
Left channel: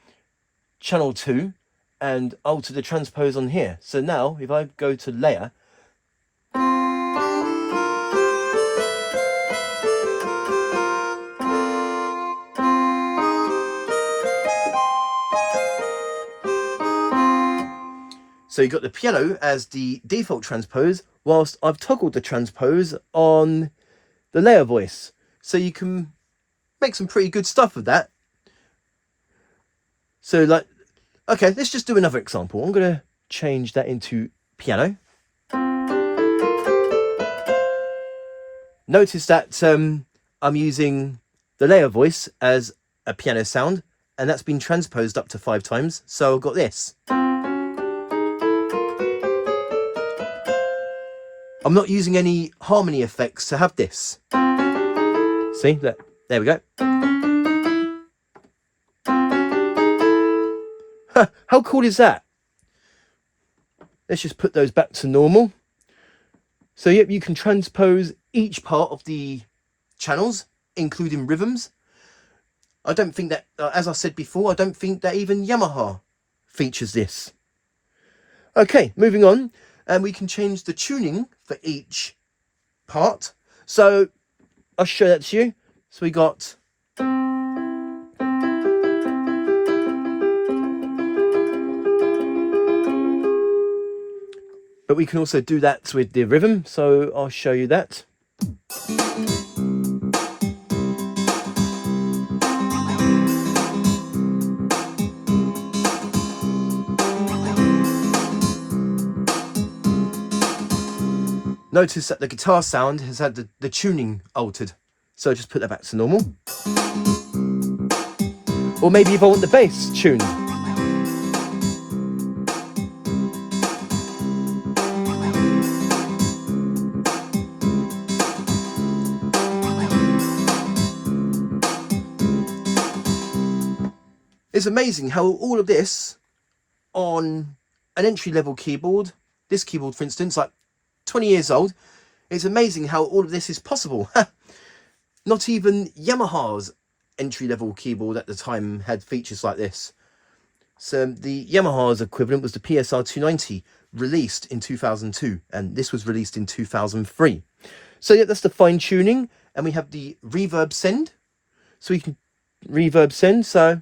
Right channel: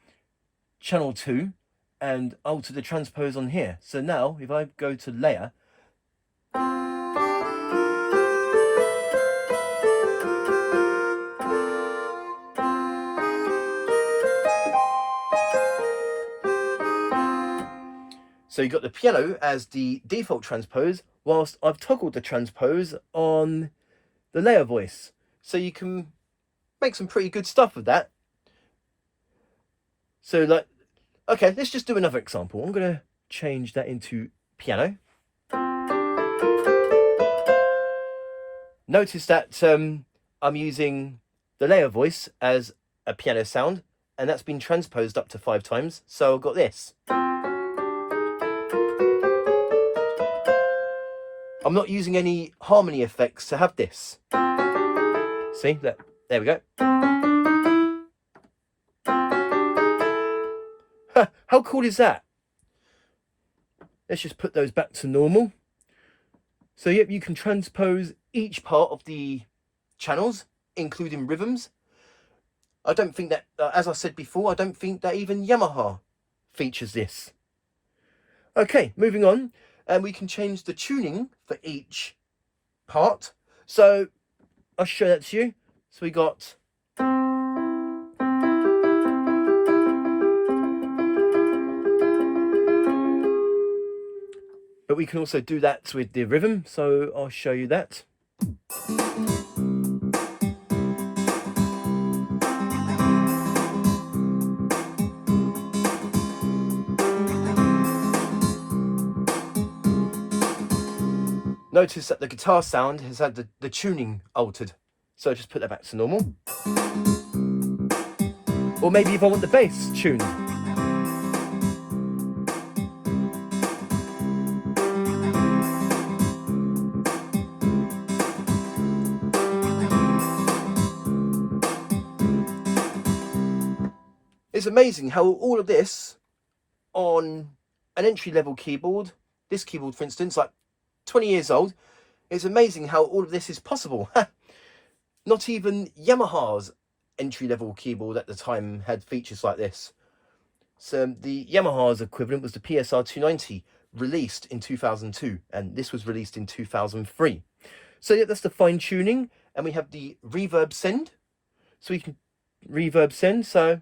channel 2 and alter the transpose on here. So now if I go to layer, so you've got the piano as the default transpose, whilst I've toggled the transpose on the layer voice. So you can make some pretty good stuff with that. So like, okay, let's just do another example. I'm going to change that into piano. Notice that I'm using the layer voice as a piano sound, and that's been transposed up to 5 times. So I've got this. I'm not using any harmony effects to have this. See, look, there we go. How cool is that? Let's just put those back to normal. So yep, you can transpose each part of the channels, including rhythms. I don't think that, as I said before, I don't think that even Yamaha features this. Okay, moving on. And we can change the tuning for each part. So I'll show that to you. So we got... But we can also do that with the rhythm, so I'll show you that. Notice that the guitar sound has had the tuning altered. So I'll just put that back to normal. Or maybe if I want the bass tuned. It's amazing how all of this on an entry-level keyboard, this keyboard for instance, like 20 years old, it's amazing how all of this is possible. Not even Yamaha's entry-level keyboard at the time had features like this. So the Yamaha's equivalent was the PSR 290, released in 2002, and this was released in 2003. So yeah, that's the fine tuning, and we have the reverb send. So we can reverb send, so...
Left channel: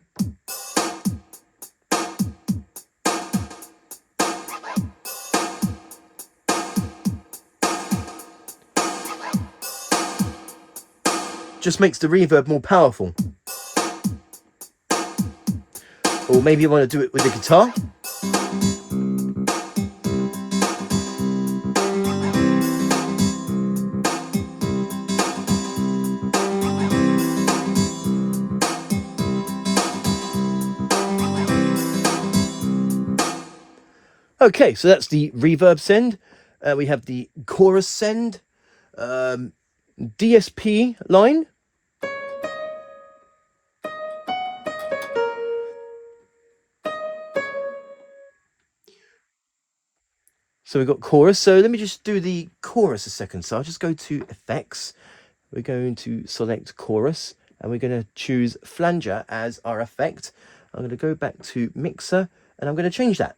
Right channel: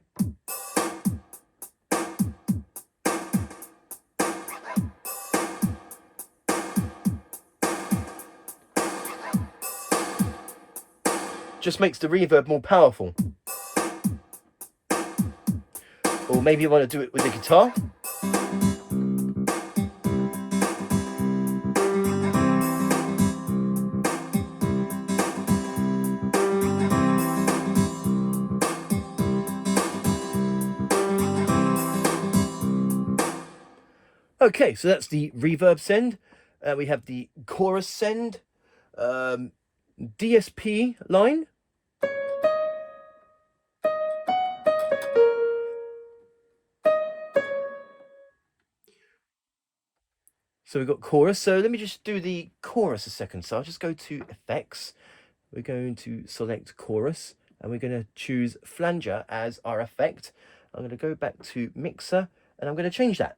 just makes the reverb more powerful. Or maybe you want to do it with the guitar. Okay, so that's the reverb send. We have the chorus send, DSP line. So we've got chorus. So let me just do the chorus a second. So I'll just go to effects. We're going to select chorus and we're going to choose flanger as our effect. I'm going to go back to mixer and I'm going to change that.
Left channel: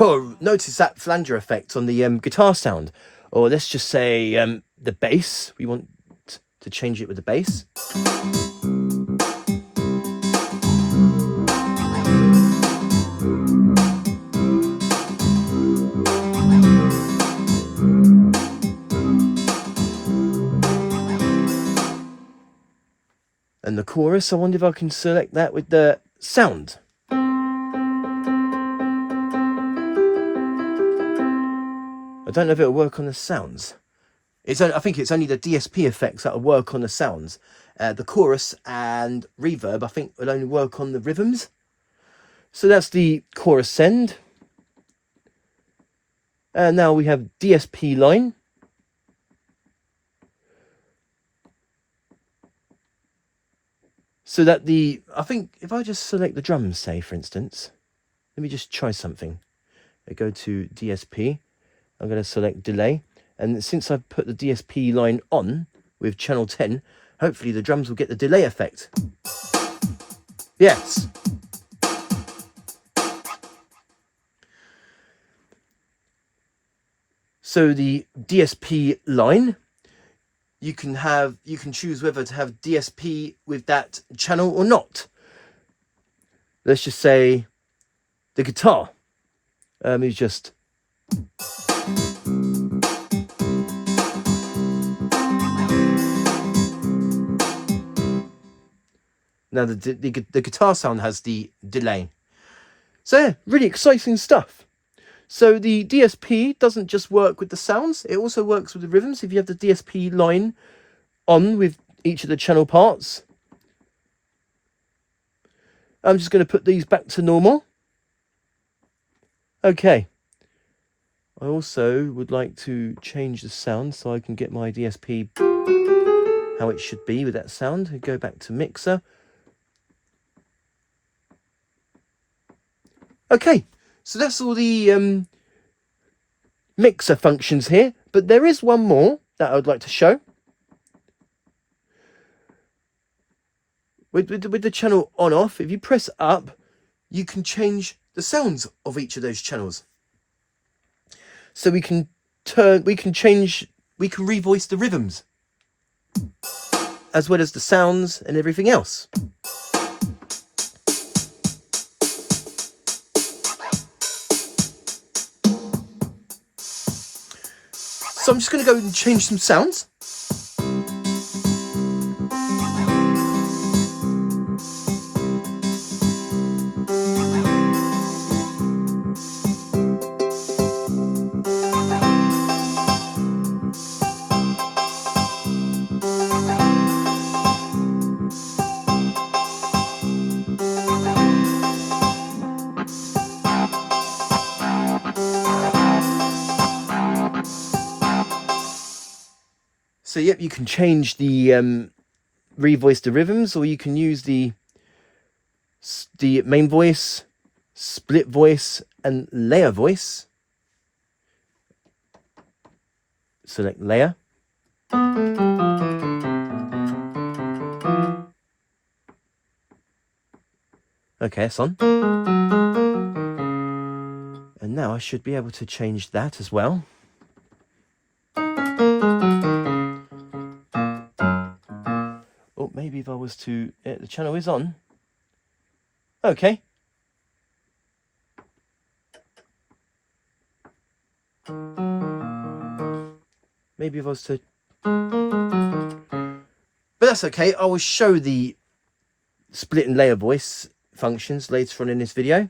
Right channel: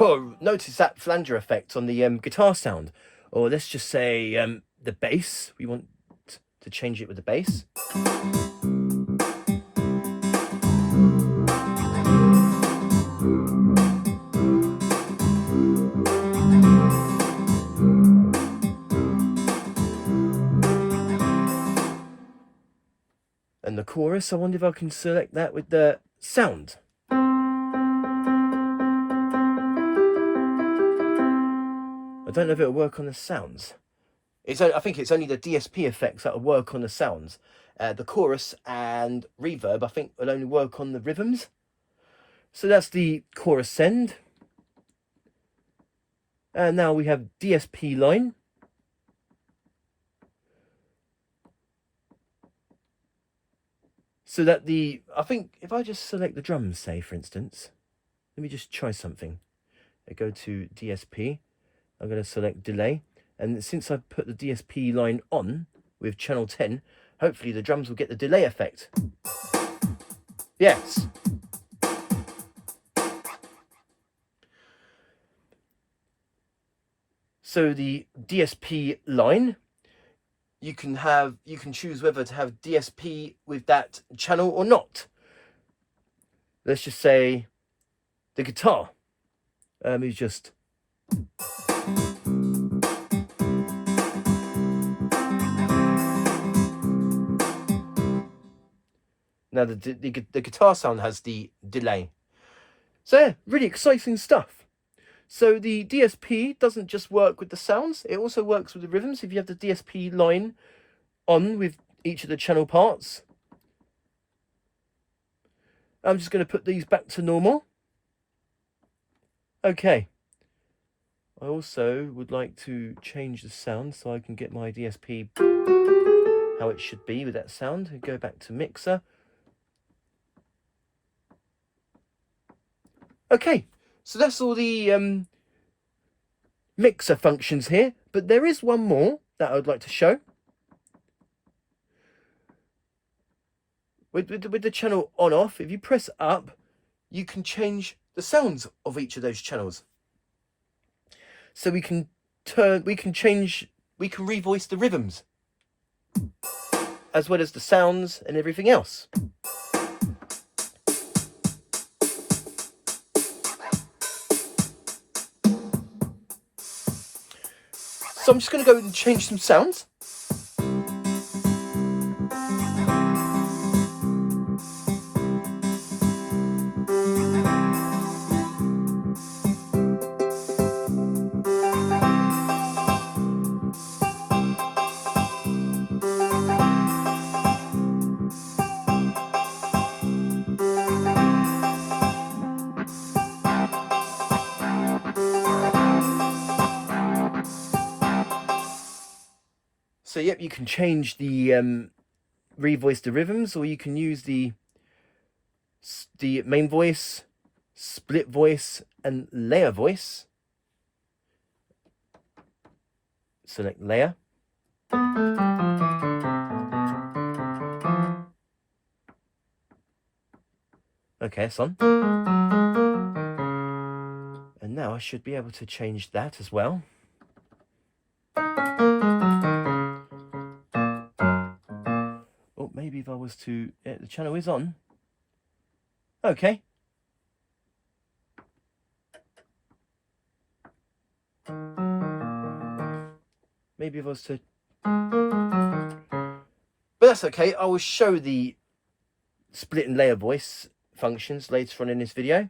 Oh, notice that flanger effect on the guitar sound. Or let's just say the bass. We want to change it with the bass. And the chorus, I wonder if I can select that with the sound. I don't know if it'll work on the sounds. I think it's only the DSP effects that'll work on the sounds. The chorus and reverb, I think, will only work on the rhythms. So that's the chorus send. And now we have DSP line. So that I think if I just select the drums, say, for instance, let me just try something. I go to DSP, I'm going to select delay. And since I've put the DSP line on with channel 10, hopefully the drums will get the delay effect. Yes. So the DSP line, you can choose whether to have DSP with that channel or not. Let's just say the guitar is just now the guitar sound has the delay. So yeah, really exciting stuff. So the DSP doesn't just work with the sounds, it also works with the rhythms. If you have the DSP line on with each of the channel parts. I'm just going to put these back to normal. Okay. I also would like to change the sound so I can get my DSP how it should be with that sound. I go back to mixer. Okay. So that's all the mixer functions here, but there is one more that I would like to show. With the channel on off, if you press up, you can change the sounds of each of those channels. So we can revoice the rhythms as well as the sounds and everything else. So I'm just going to go and change some sounds. So yep, you can change the revoice the rhythms, or you can use the main voice, split voice, and layer voice. Select layer. Okay, that's on. And now I should be able to change that as well. Oh, maybe if I was to... the channel is on. Okay. Maybe if I was to... But that's okay. I will show the split and layer voice functions later on in this video.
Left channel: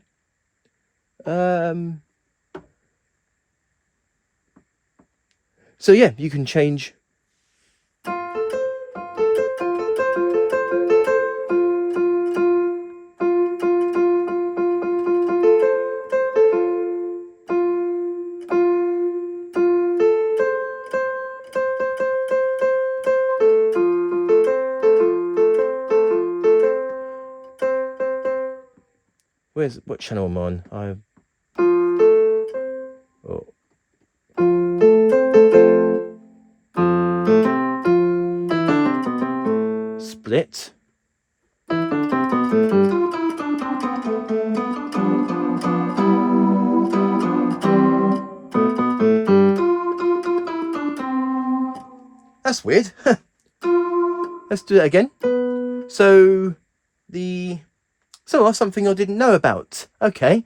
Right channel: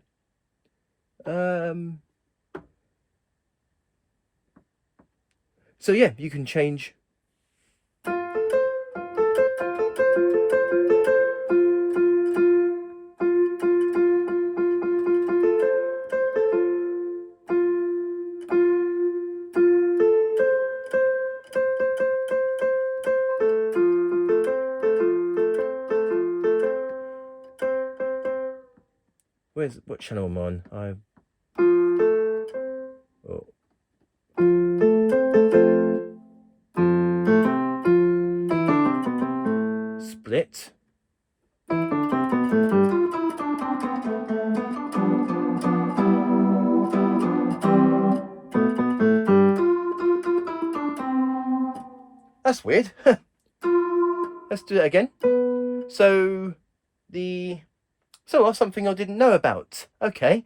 So yeah, you can change... What channel am I on? Split. That's weird. Let's do that again. So that's something I didn't know about. Okay,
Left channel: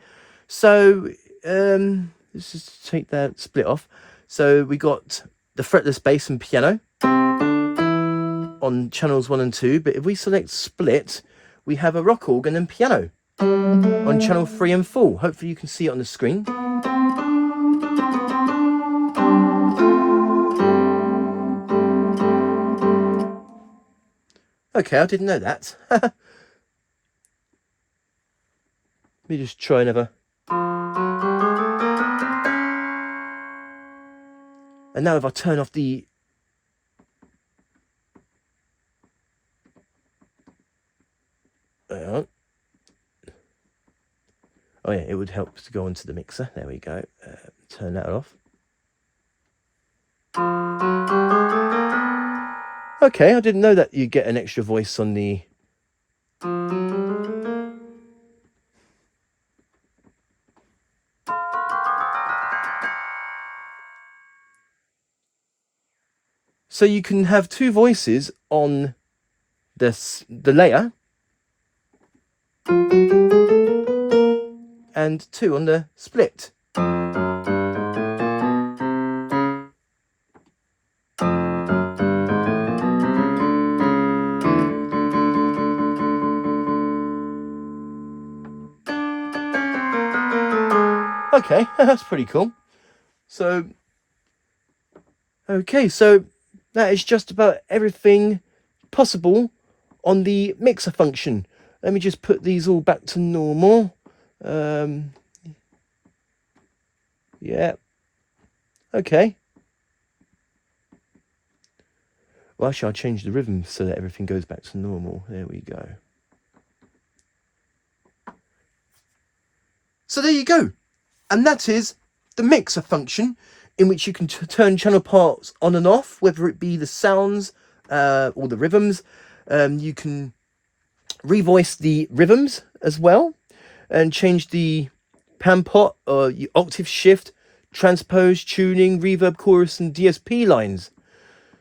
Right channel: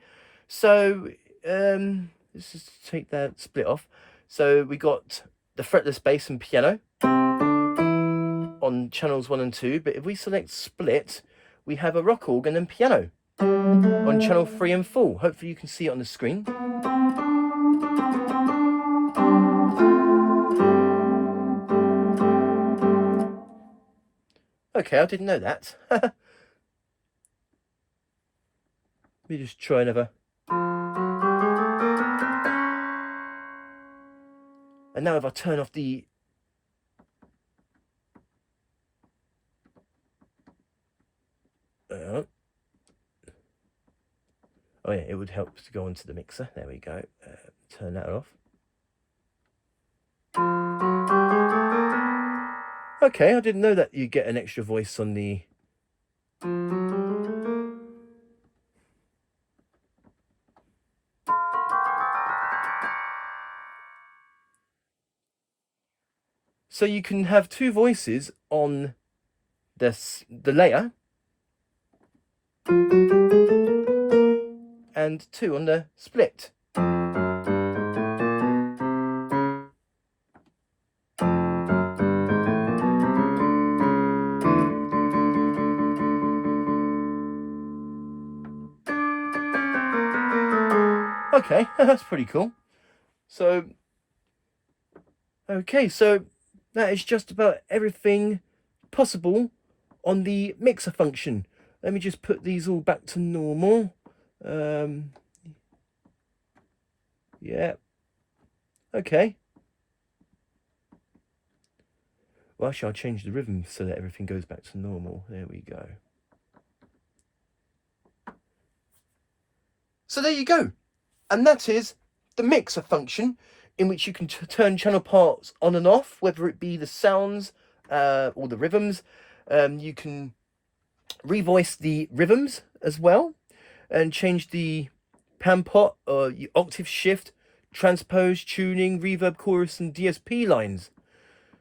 so let's just take that split off. So we got the fretless bass and piano on channels 1 and 2, but if we select split, we have a rock organ and piano on channel 3 and 4. Hopefully you can see it on the screen. Okay, I didn't know that. Let me just try another. And now if I turn off the... Oh yeah, it would help to go onto the mixer. There we go. Turn that off. Okay, I didn't know that you get an extra voice on the... So you can have two voices on the layer and two on the split. Okay, that's pretty cool. So, okay, so that is just about everything possible on the mixer function. Let me just put these all back to normal. Yeah. Okay. Well, actually, I'll change the rhythm so that everything goes back to normal. There we go. So there you go. And that is the mixer function, in which you can turn channel parts on and off, whether it be the sounds or the rhythms. You can revoice the rhythms as well and change the pan pot or octave shift, transpose, tuning, reverb, chorus and DSP lines.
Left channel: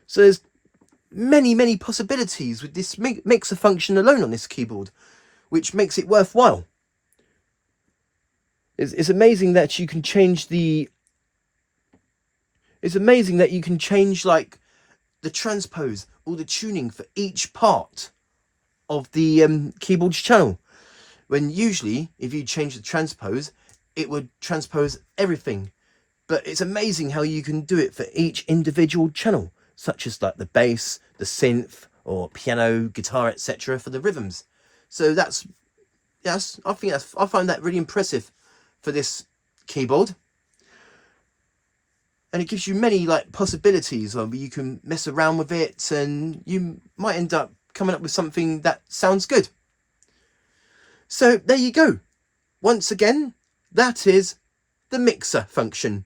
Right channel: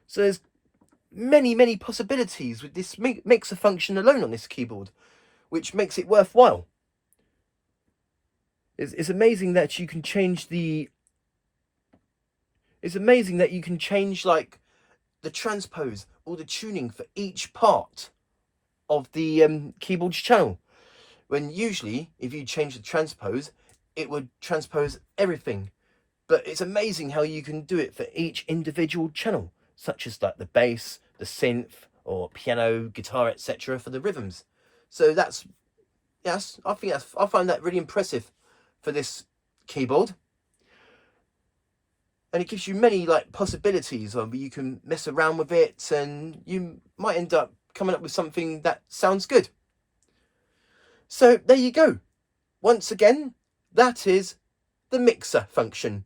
So there's many possibilities with this mixer function alone on this keyboard, which makes it worthwhile. It's amazing that you can change the... It's amazing that you can change like the transpose or the tuning for each part of the keyboard's channel. When usually, if you change the transpose, it would transpose everything. But it's amazing how you can do it for each individual channel, such as like the bass, the synth, or piano, guitar, etc. for the rhythms. So I find that really impressive for this keyboard. And it gives you many like possibilities of you can mess around with it and you might end up coming up with something that sounds good. So there you go. Once again, that is the mixer function.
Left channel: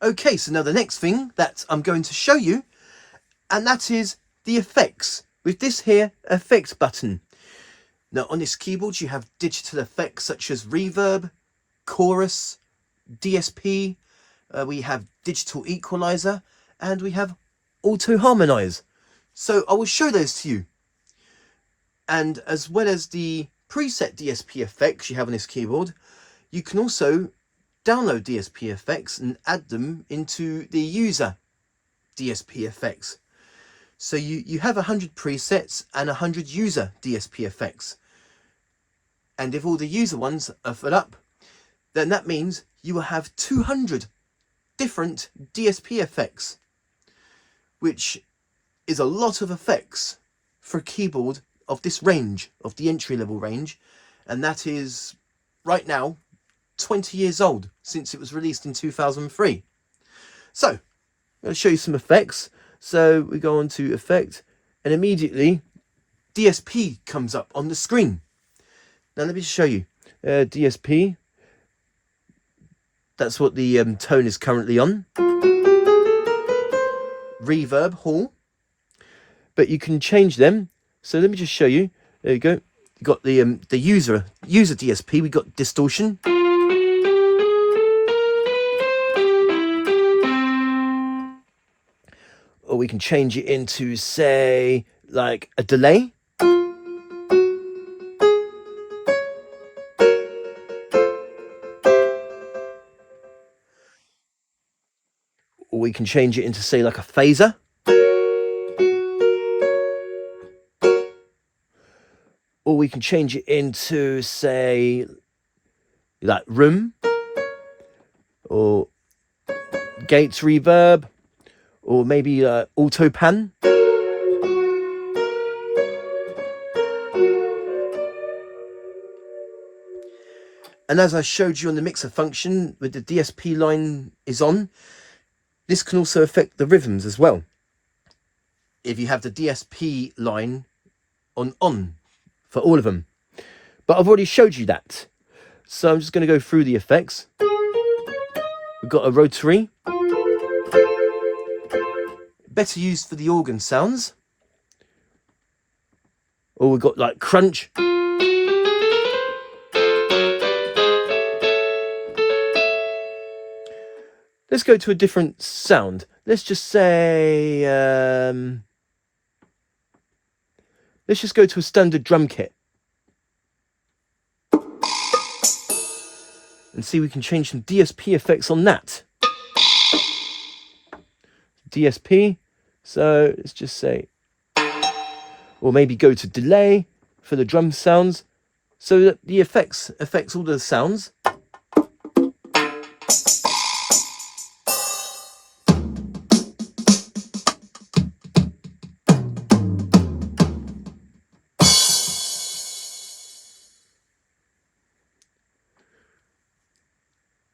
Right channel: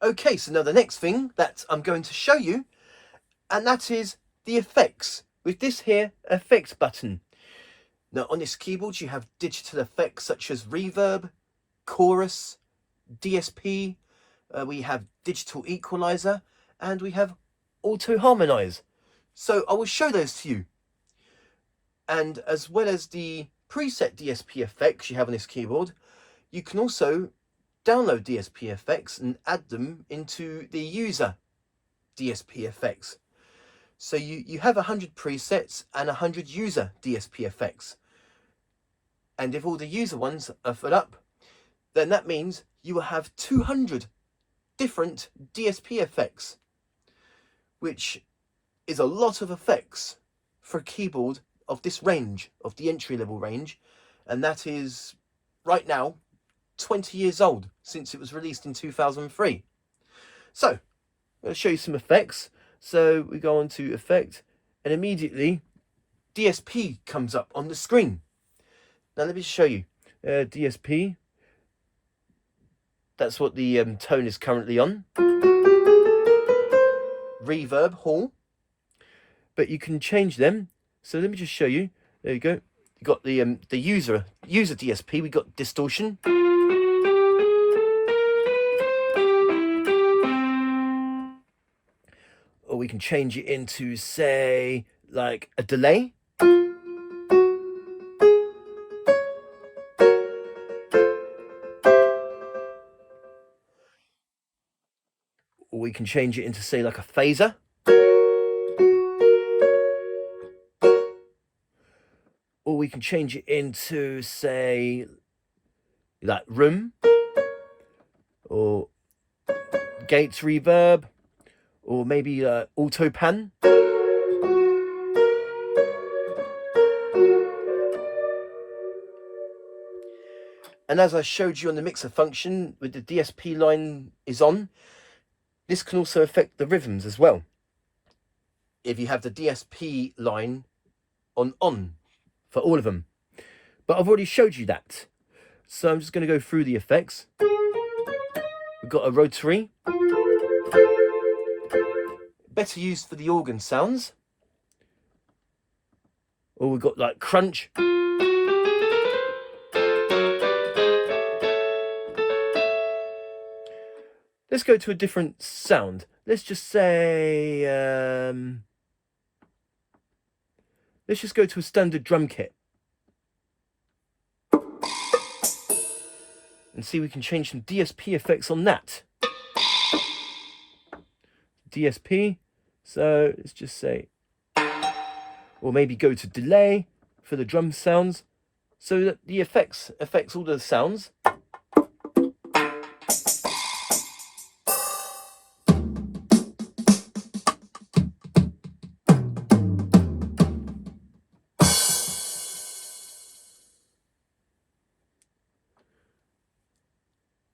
Okay, so now the next thing that I'm going to show you, and that is the effects with this here effect button. Now on this keyboard you have digital effects such as reverb, chorus, DSP, we have digital equalizer, and we have auto harmonize. So I will show those to you. And as well as the preset DSP effects you have on this keyboard, you can also download DSP effects and add them into the user DSP effects. So you have 100 presets and 100 user DSP effects. And if all the user ones are filled up, then that means you will have 200 different DSP effects, which is a lot of effects for a keyboard of this range, of the entry-level range, and that is right now 20 years old, since it was released in 2003. So I'm going to show you some effects. So we go on to effect, and immediately DSP comes up on the screen. Now let me show you DSP. That's what the tone is currently on. Reverb, Hall. But you can change them. So let me just show you. There you go. You got the user DSP. We got distortion. Or we can change it into, say, like a delay. Or we can change it into, say, like a phaser. Or we can change it into, say, like room. Or gates reverb. or maybe auto pan. And as I showed you on the mixer function, with the DSP line is on, this can also affect the rhythms as well. If you have the DSP line on for all of them. But I've already showed you that. So I'm just going to go through the effects. We've got a rotary. Better used for the organ sounds. Or we've got like crunch. Let's go to a different sound. Let's just say, let's just go to a standard drum kit. And see if we can change some DSP effects on that. DSP, so let's just say, or maybe go to delay for the drum sounds, so that the affects all the sounds.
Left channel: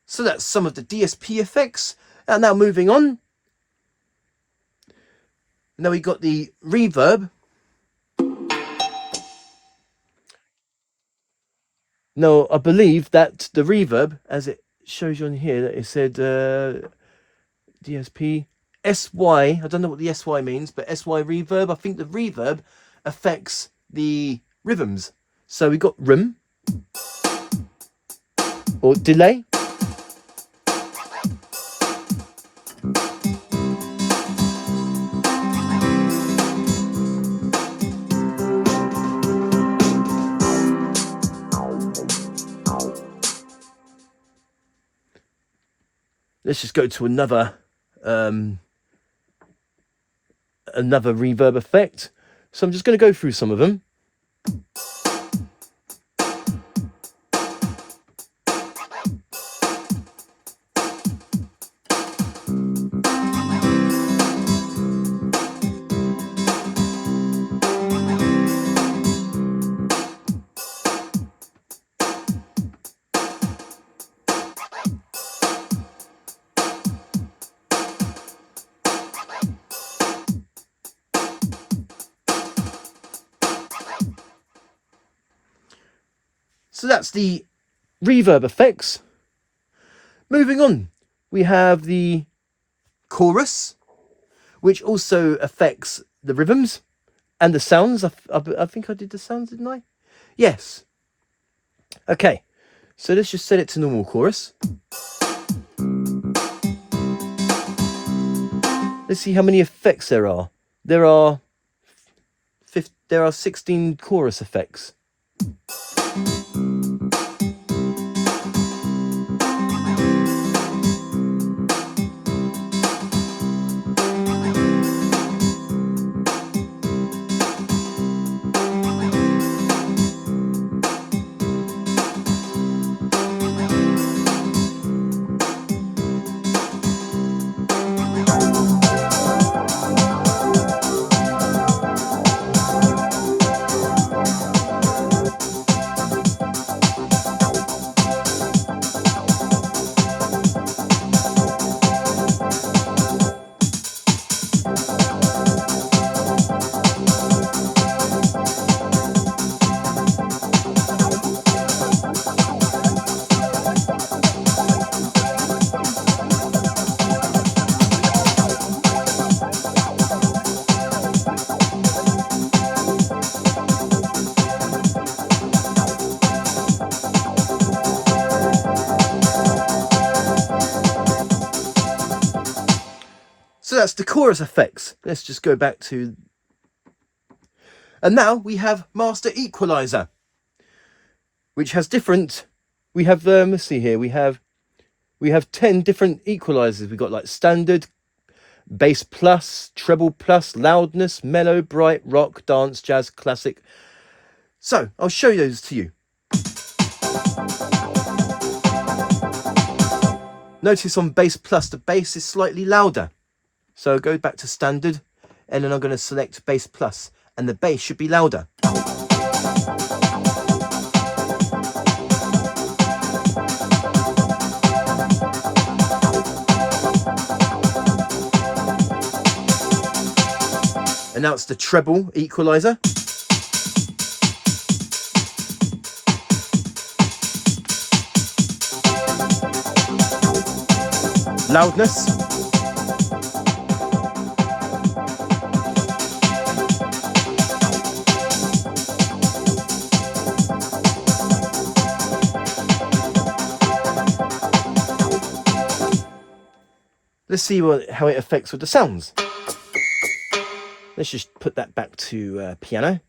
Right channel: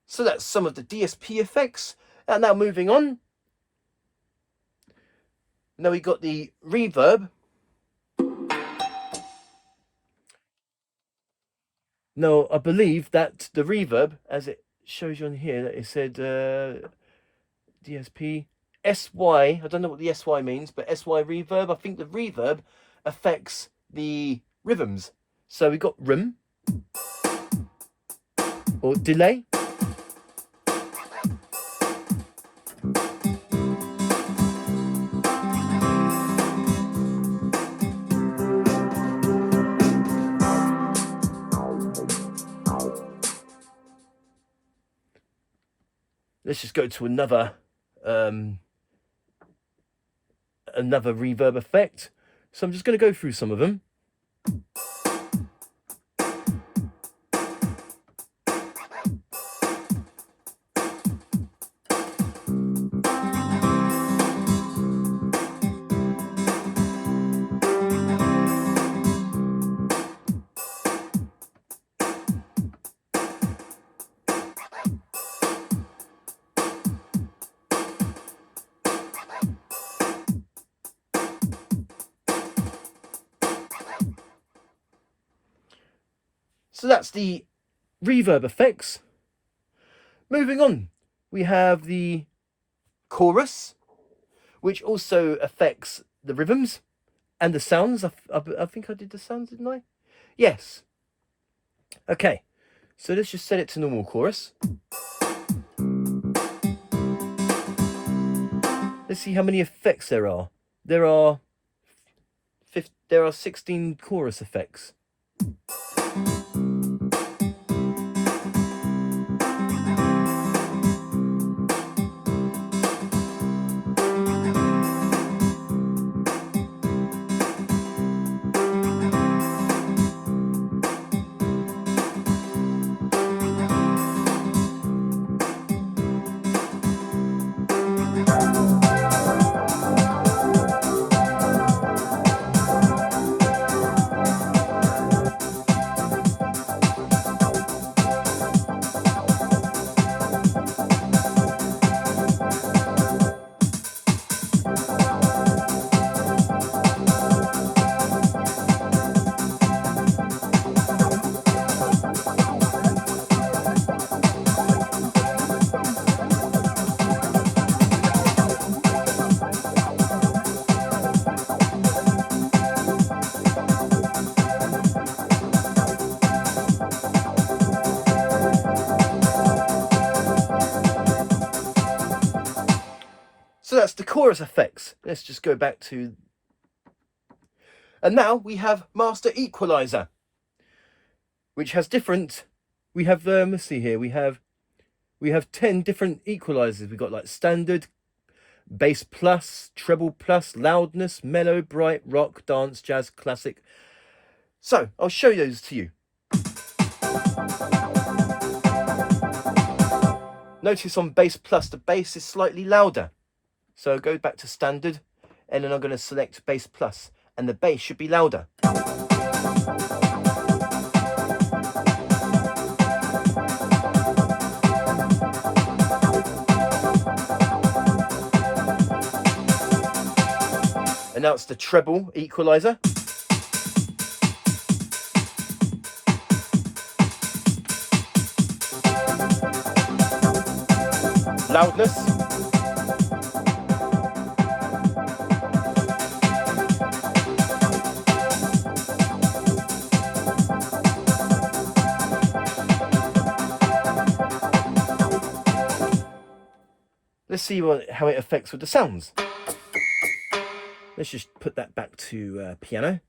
So that's some of the DSP effects. And now moving on. Now we got the reverb. Now I believe that the reverb, as it shows you on here, that it said DSP SY. I don't know what the SY means, but SY reverb. I think the reverb affects the rhythms. So we got rhythm or delay. Let's just go to another reverb effect. So I'm just going to go through some of them. So that's the reverb effects. Moving on, we have the chorus, which also affects the rhythms and the sounds. I think I did the sounds, didn't I? Yes. Okay, so let's just set it to normal chorus. Let's see how many effects there are. There are 16 chorus effects. So that's the chorus effects. Let's just go back to... And now we have Master Equalizer, which has different... We have, let's see here, we have 10 different equalizers. We've got like standard, bass plus, treble plus, loudness, mellow, bright, rock, dance, jazz, classic. So I'll show those to you. Notice on bass plus, the bass is slightly louder. So go back to standard, and then I'm going to select bass plus, and the bass should be louder. And now it's the treble equalizer. Loudness. Let's see how it affects with the sounds. Let's just put that back to piano.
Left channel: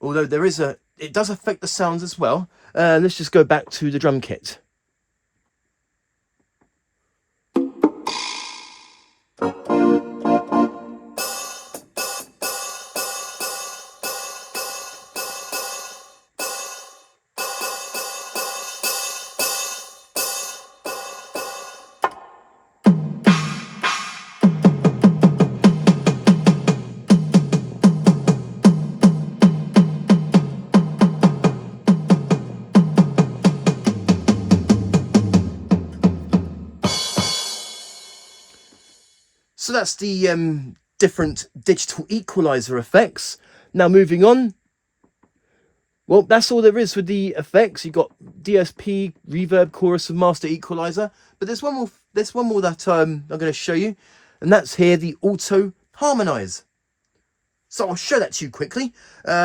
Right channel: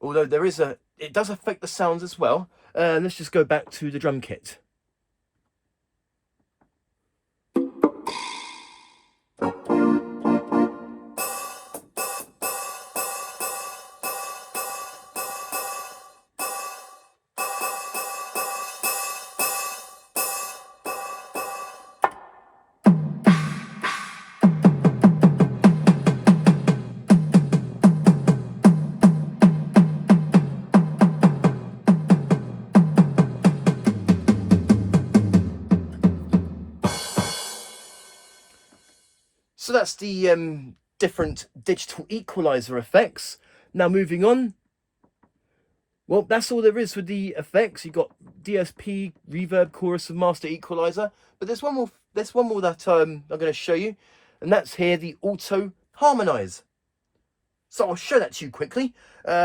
Although it does affect the sounds as well. Let's just go back to the drum kit. So that's the different digital equalizer effects. Now moving on. Well, that's all there is with the effects. You've got DSP, reverb, chorus, and master equalizer. But there's one more. There's one more that I'm going to show you, and that's here, the auto harmonize. So I'll show that to you quickly.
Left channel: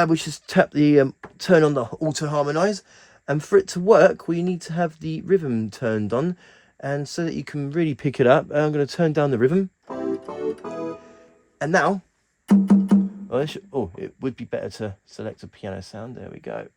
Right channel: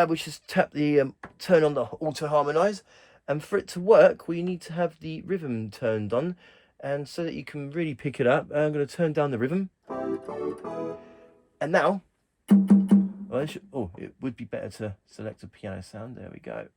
We just tap the turn on the auto harmonize, and for it to work, we need to have the rhythm turned on, and so that you can really pick it up. I'm going to turn down the rhythm. And now, it would be better to select a piano sound. There we go.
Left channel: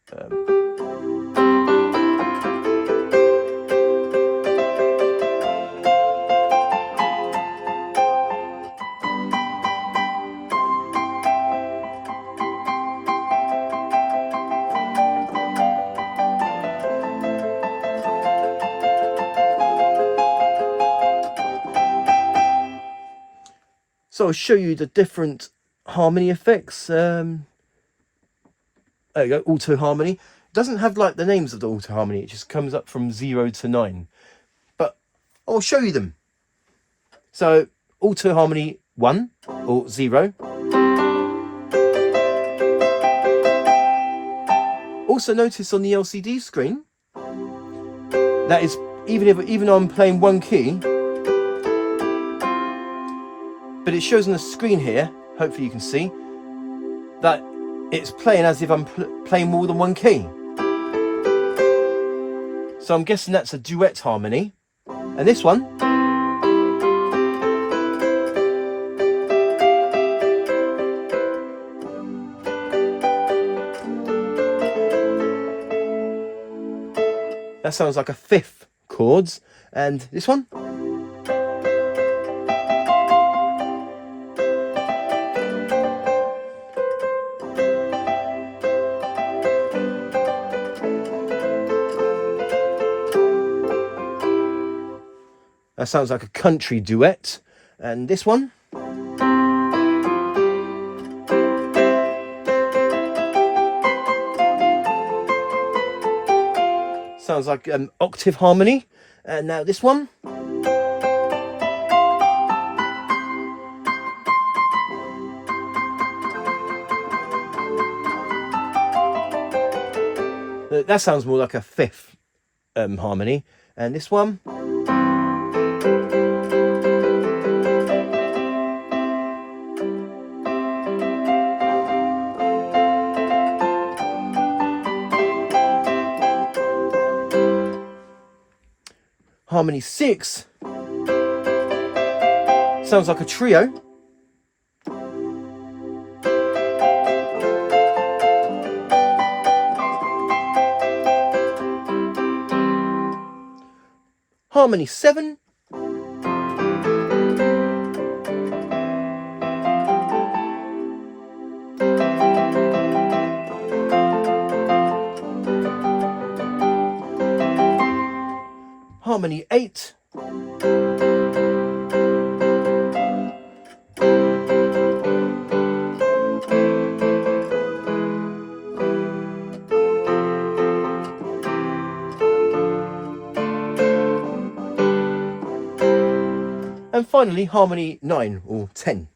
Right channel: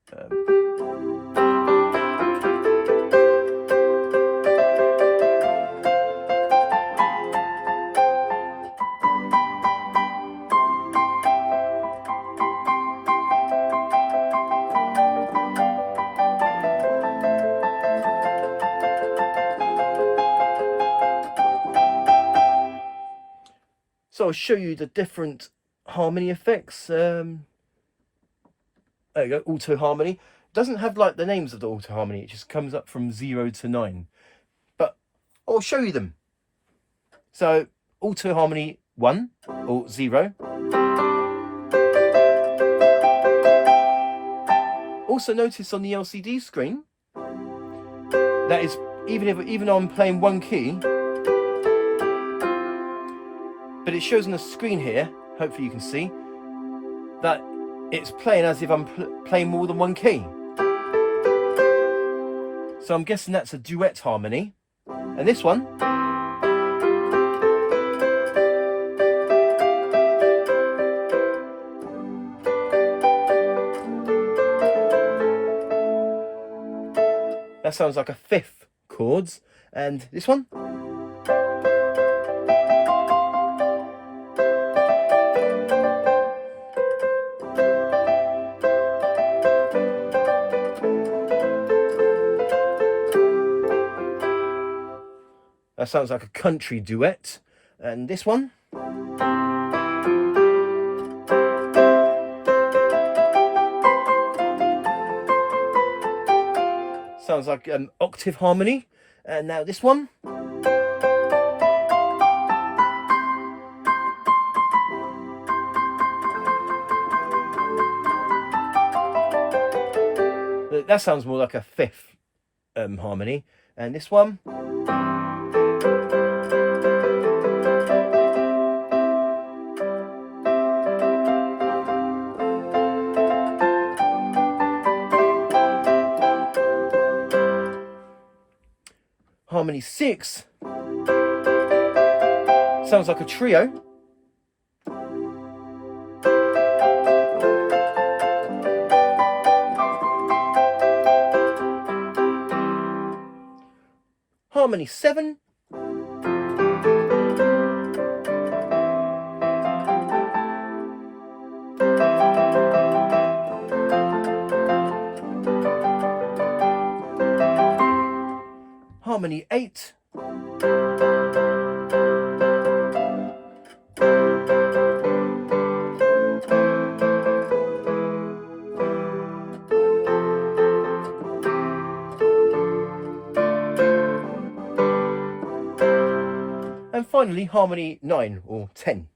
So I'll show you the different harmony effects. There you go, auto harmony. It doesn't have like the names of the auto harmony, it just comes up from 0 to 9. But I'll show you them. So auto harmony 1 or 0. Also notice on the LCD screen that is even though I'm playing one key, but it shows on the screen here, hopefully you can see, that it's playing as if I'm playing more than one key. So I'm guessing that's a duet harmony. And this one, that sounds like a fifth chords. And this one, that sounds like a country duet. And this one, sounds like an octave harmony. And now this one, that sounds more like a fifth harmony. And this one, harmony 6 sounds like a trio. Harmony 7 8. And finally, harmony 9 or 10.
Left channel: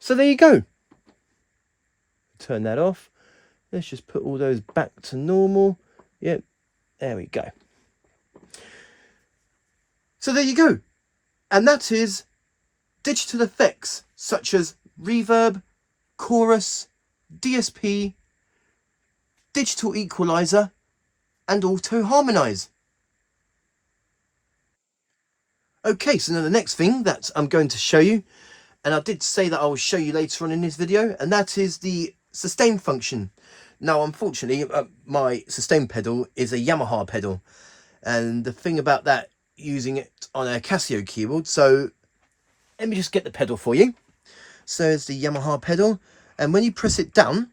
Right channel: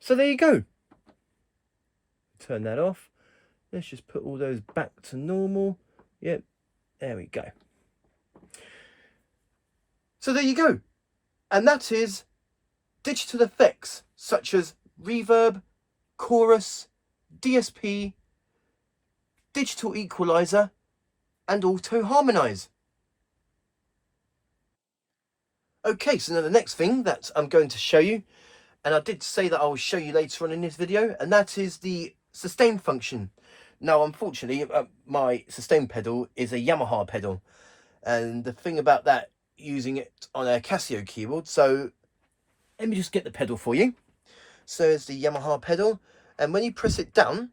So there you go. Turn that off. Let's just put all those back to normal. Yep, there we go. So there you go. And that is digital effects such as reverb, chorus, DSP, digital equalizer, and auto harmonize. Okay, so now the next thing that I'm going to show you, and I did say that I'll show you later on in this video, and that is the sustain function. Now, unfortunately, my sustain pedal is a Yamaha pedal, and the thing about that, using it on a Casio keyboard, so let me just get the pedal for you. So it's the Yamaha pedal, and when you press it down,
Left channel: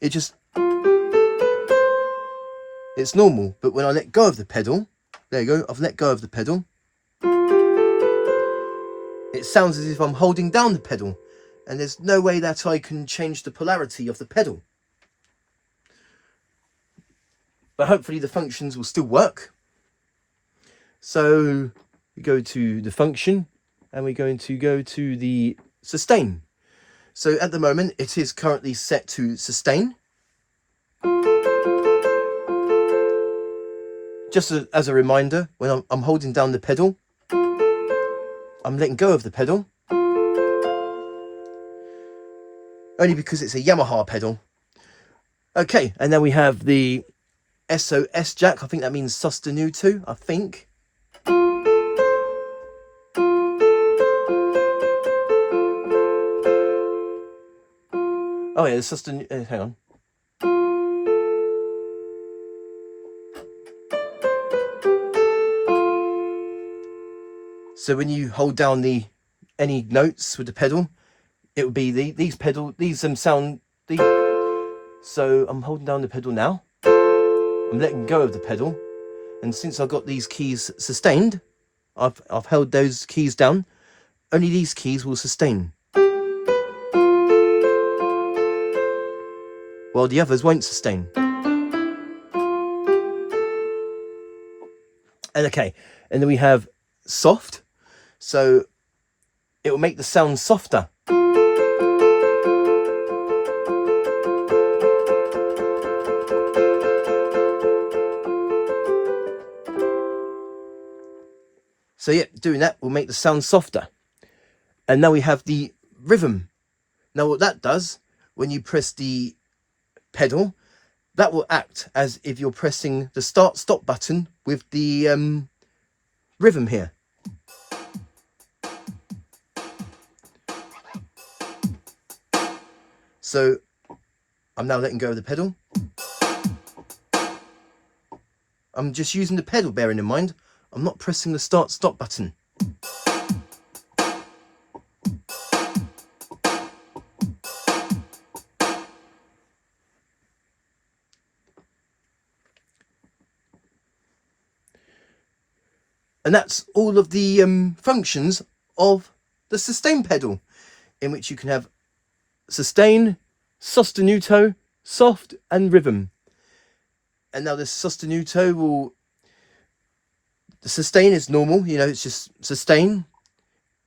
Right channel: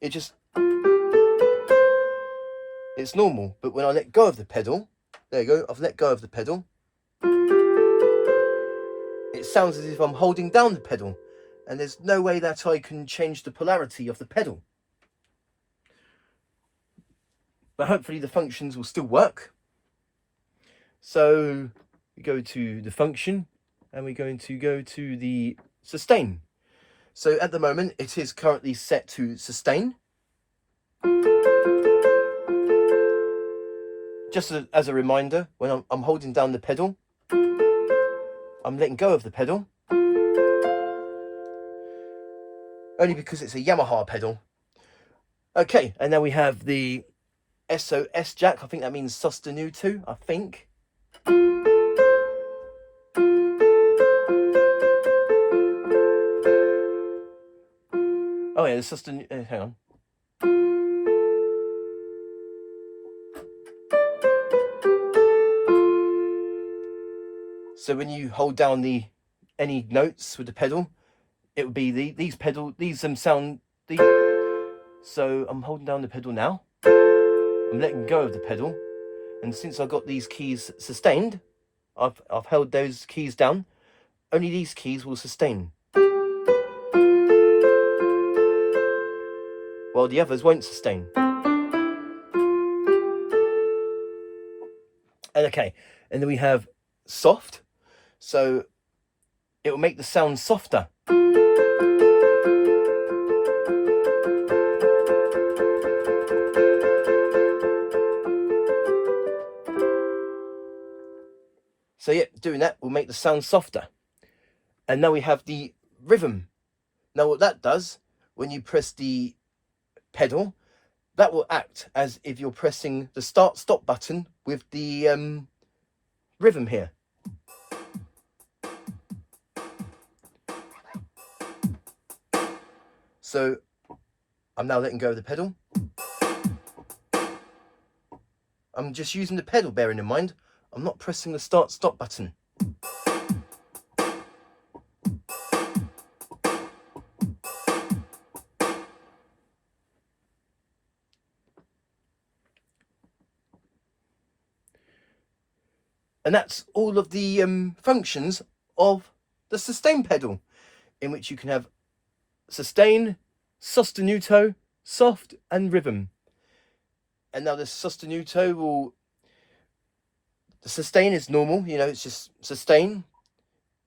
it's normal, but when I let go of the pedal, there you go, I've let go of the pedal, it sounds as if I'm holding down the pedal, and there's no way that I can change the polarity of the pedal. But hopefully the functions will still work. So we go to the function, and we're going to go to the sustain. So at the moment it is currently set to sustain. Just as a reminder, when I'm holding down the pedal, I'm letting go of the pedal, only because it's a Yamaha pedal. Okay, and then we have the SOS jack. I think that means sostenuto, I think. Oh yeah, the sostenuto, hang on. So when you hold down any notes with the pedal, it would be So I'm holding down the pedal now. I'm letting go of the pedal, and since I've got these keys sustained, I've held those keys down. Only these keys will sustain, while the others won't sustain. And okay, and then we have soft. So it will make the sound softer. So yeah, doing that will make the sound softer. And now we have the rhythm. Now what that does, when you press the pedal, that will act as if you're pressing the start stop button with the rhythm here. So I'm now letting go of the pedal. I'm just using the pedal, bearing in mind I'm not pressing the start stop button. And that's all of the functions of the sustain pedal, in which you can have sustain, sostenuto, soft, and rhythm. And now the sostenuto the sustain is normal, you know, it's just sustain.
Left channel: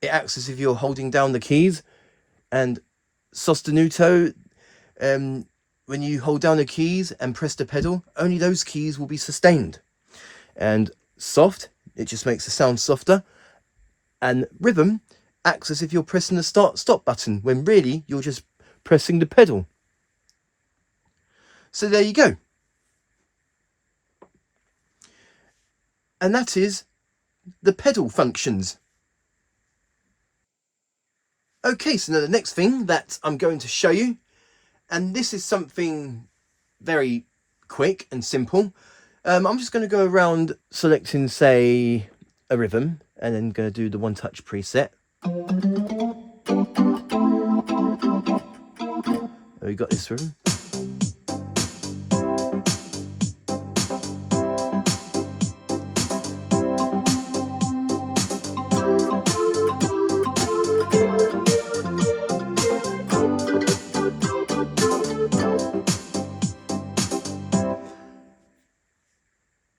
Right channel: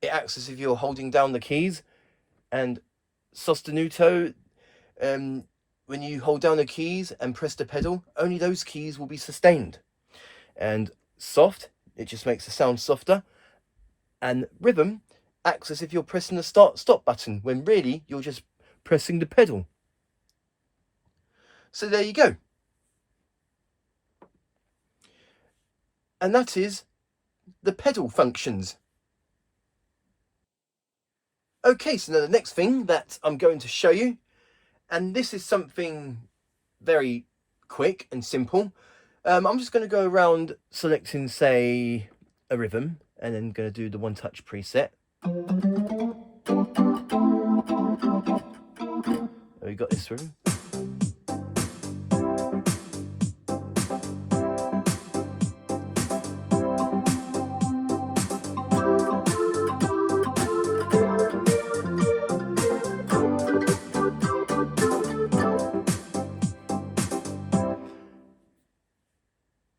It acts as if you're holding down the keys. And sostenuto, when you hold down the keys and press the pedal, only those keys will be sustained. And soft, it just makes the sound softer. And rhythm acts as if you're pressing the start stop button, when really you're just pressing the pedal. So there you go. And that is the pedal functions. Okay, so now the next thing that I'm going to show you, and this is something very quick and simple, I'm just going to go around selecting, say, a rhythm, and then going to do the one touch preset. We got this rhythm.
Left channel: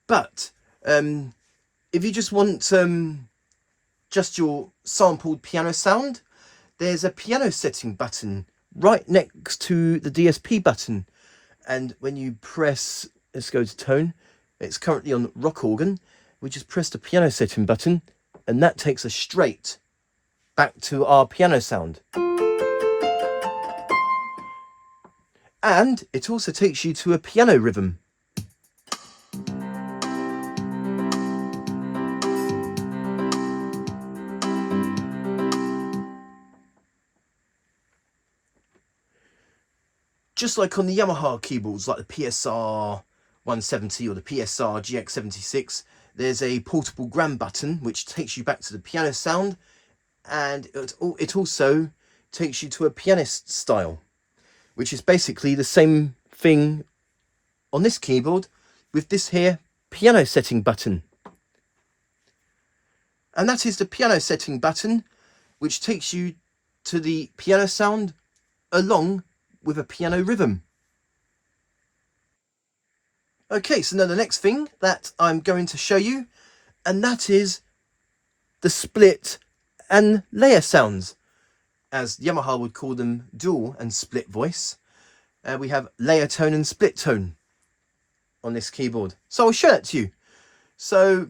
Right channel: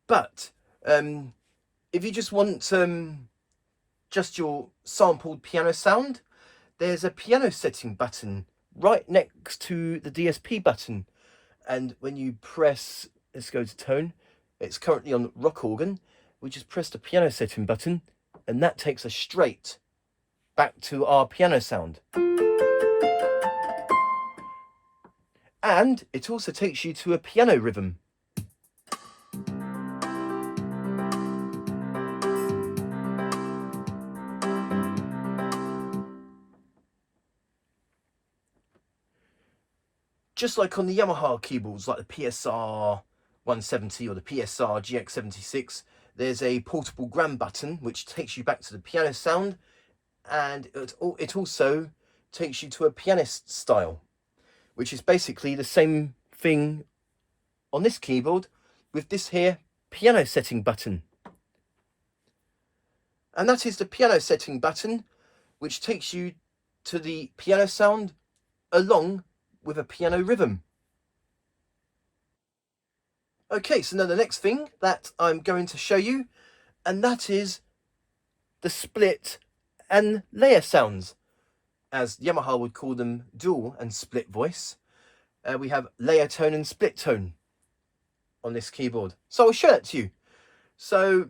But if you just want just your sampled piano sound, there's a piano setting button right next to the DSP button, and when you press, let's go to tone, it's currently on rock organ, we just press the piano setting button and that takes us straight back to our piano sound. And it also takes you to a piano rhythm. Just like on the Yamaha keyboards, like the PSR 170 or the PSR GX76, there's a portable gram button which takes you back to the piano sound, and it also takes you to a pianist style, which is basically the same thing on this keyboard with this here piano setting button. And that is the piano setting button, which takes you to the piano sound along with a piano rhythm. Okay, so now the next thing that I'm going to show you, and that is the split and layer sounds, as Yamaha would call them, dual and split voice. We have layer tone and split tone on this keyboard. So I'll show that to you. So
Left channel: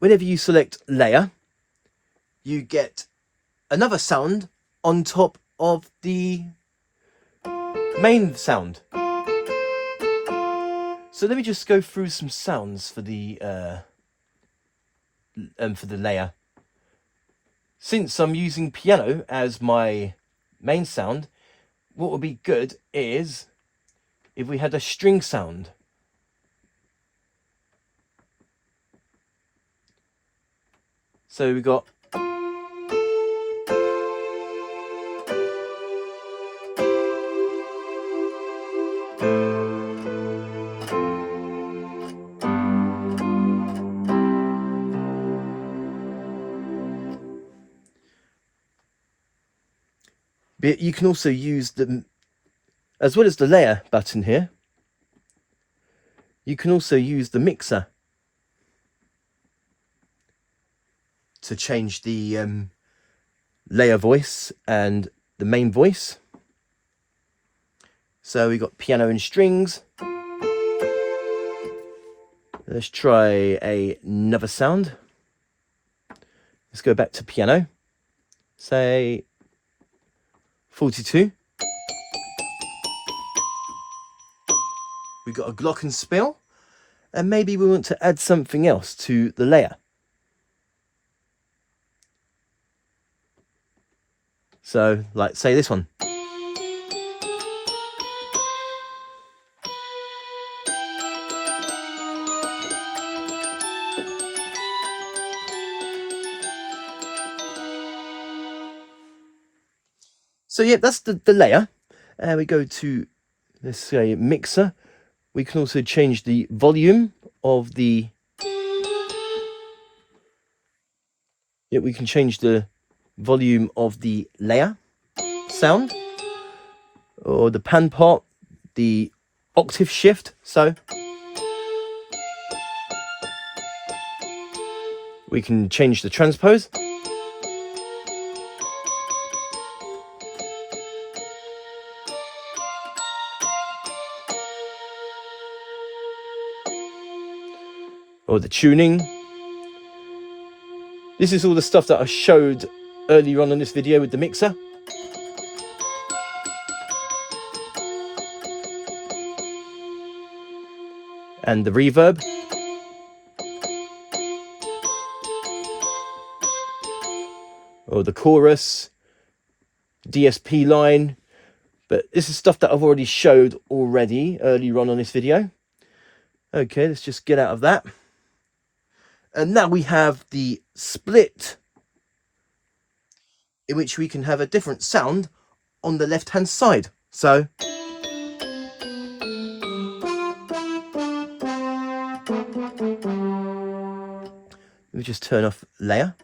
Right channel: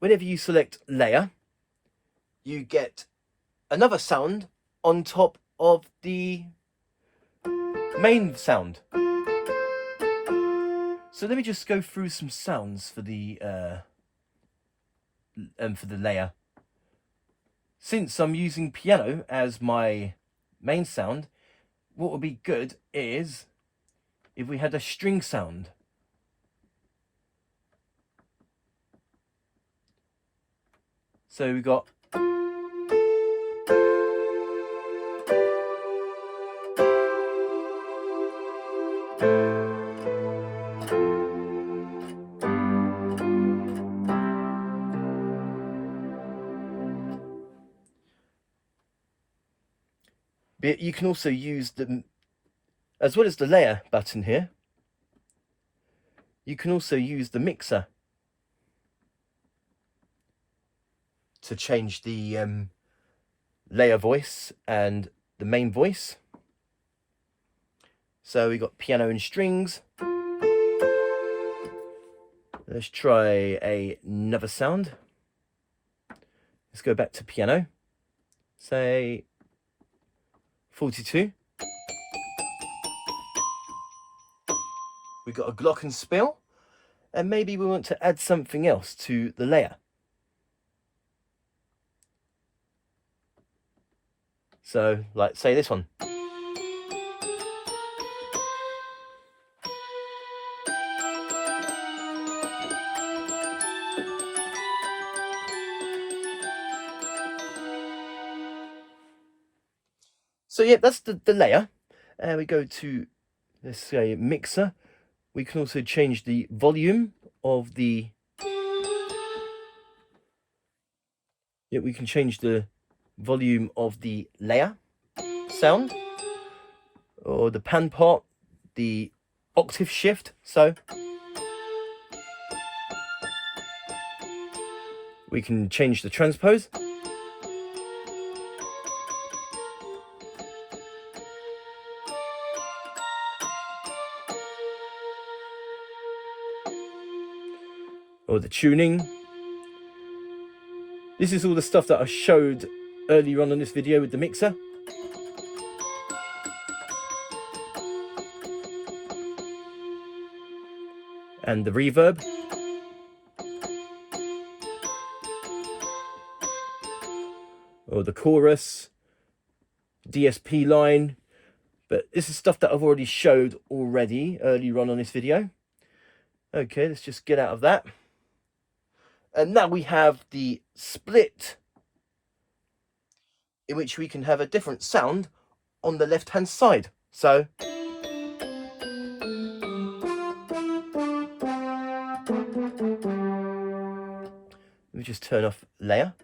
whenever you select layer, you get another sound on top of the main sound. So let me just go through some sounds for the layer. Since I'm using piano as my main sound, what would be good is if we had a string sound. So we got but you can also use the, as well as the layer button here, you can also use the mixer to change the layer voice and the main voice. So we got piano and strings. Let's try another sound. Let's go back to piano. Say 42. We've got a glockenspiel, and maybe we want to add something else to the layer. So, like, say this one. So yeah, that's the layer. We go to, let's say, mixer. We can also change the volume of the, yeah, we can change the volume of the layer sound, or the pan part, the octave shift. So we can change the transpose. Or the tuning. This is all the stuff that I showed earlier on this video with the mixer. And the reverb. Or the chorus, DSP line. But this is stuff that I've already showed earlier on this video. Okay, let's just get out of that. And now we have the split, in which we can have a different sound on the left hand side. So let me just turn off layer.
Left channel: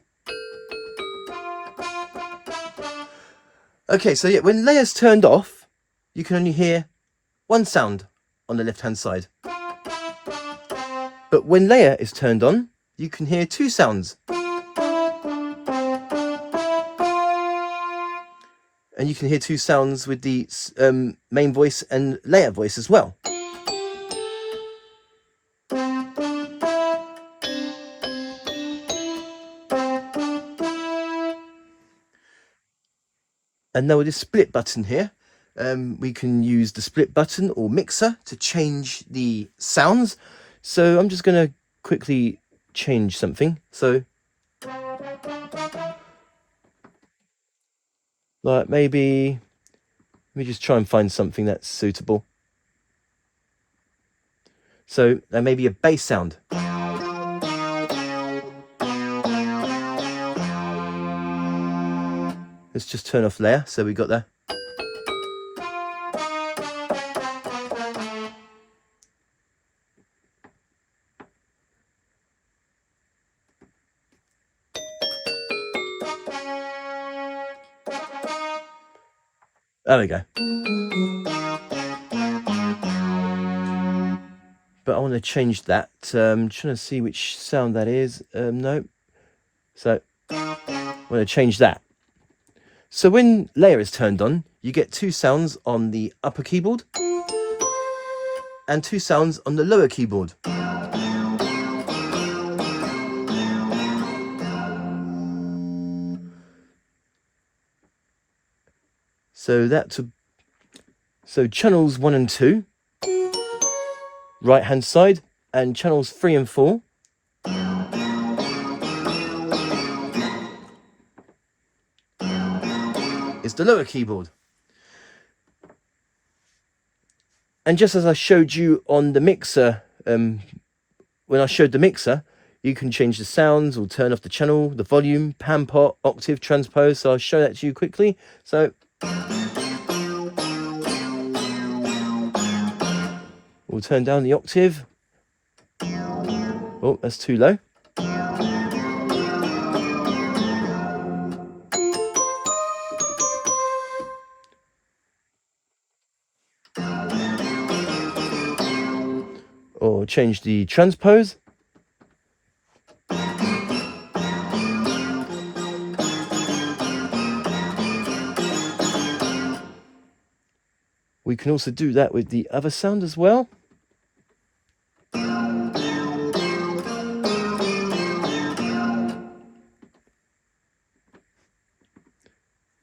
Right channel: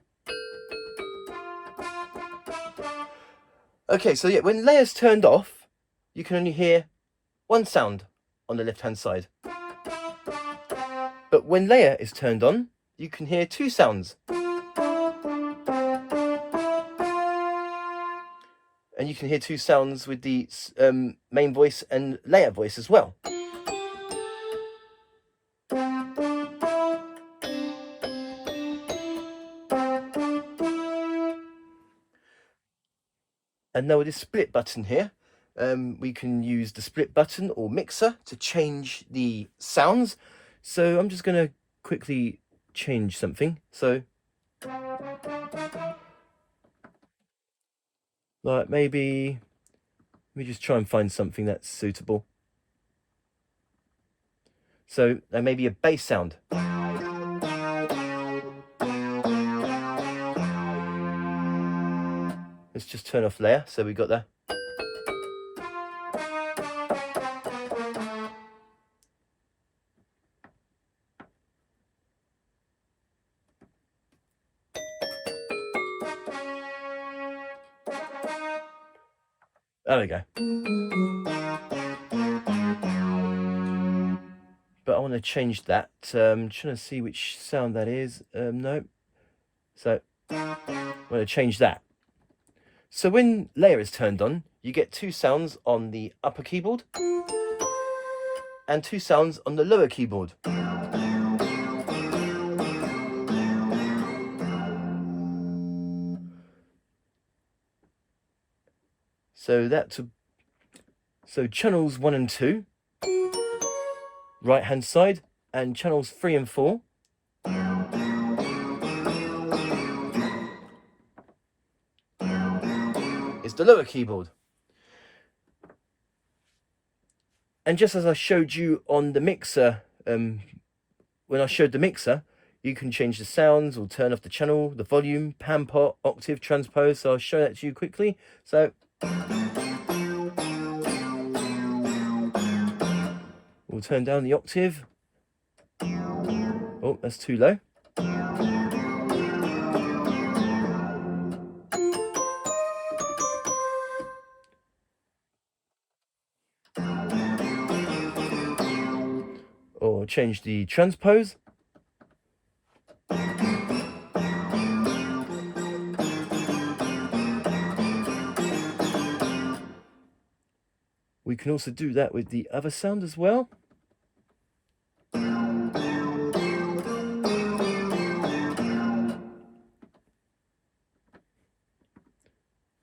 Okay, so yeah, when layer's turned off, you can only hear one sound on the left hand side. But when layer is turned on, you can hear two sounds. And you can hear two sounds with the main voice and layer voice as well. And now with this split button here, we can use the split button or mixer to change the sounds. So I'm just going to quickly change something. So like maybe, let me just try and find something that's suitable. So there may be a bass sound. Let's just turn off layer, so we got that. There we go. But I want to change that. I'm trying to see which sound that is. No. So I'm going to change that. So when layer is turned on, you get two sounds on the upper keyboard and two sounds on the lower keyboard. So channels 1 and 2, right hand side, and channels 3 and 4 is the lower keyboard. And just as I showed you on the mixer, when I showed the mixer, you can change the sounds or turn off the channel, the volume, pan pot, octave, transpose. So I'll show that to you quickly. So we'll turn down the octave. Oh, that's too low. Or change the transpose. We can also do that with the other sound as well.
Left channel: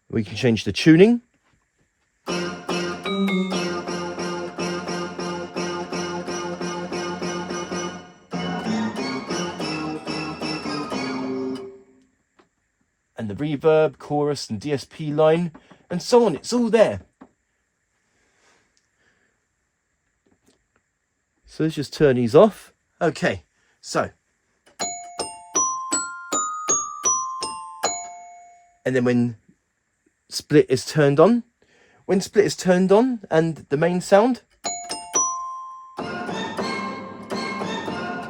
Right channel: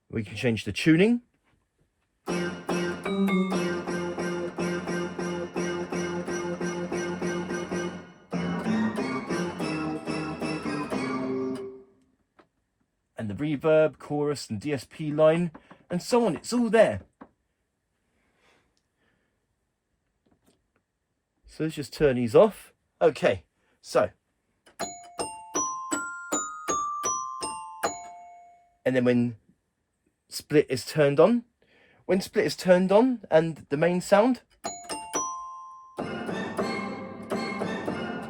We can change the tuning. And the reverb, chorus and DSP line and so on. It's all there. So let's just turn these off. Okay, so. And then when split is turned on, and the main sound.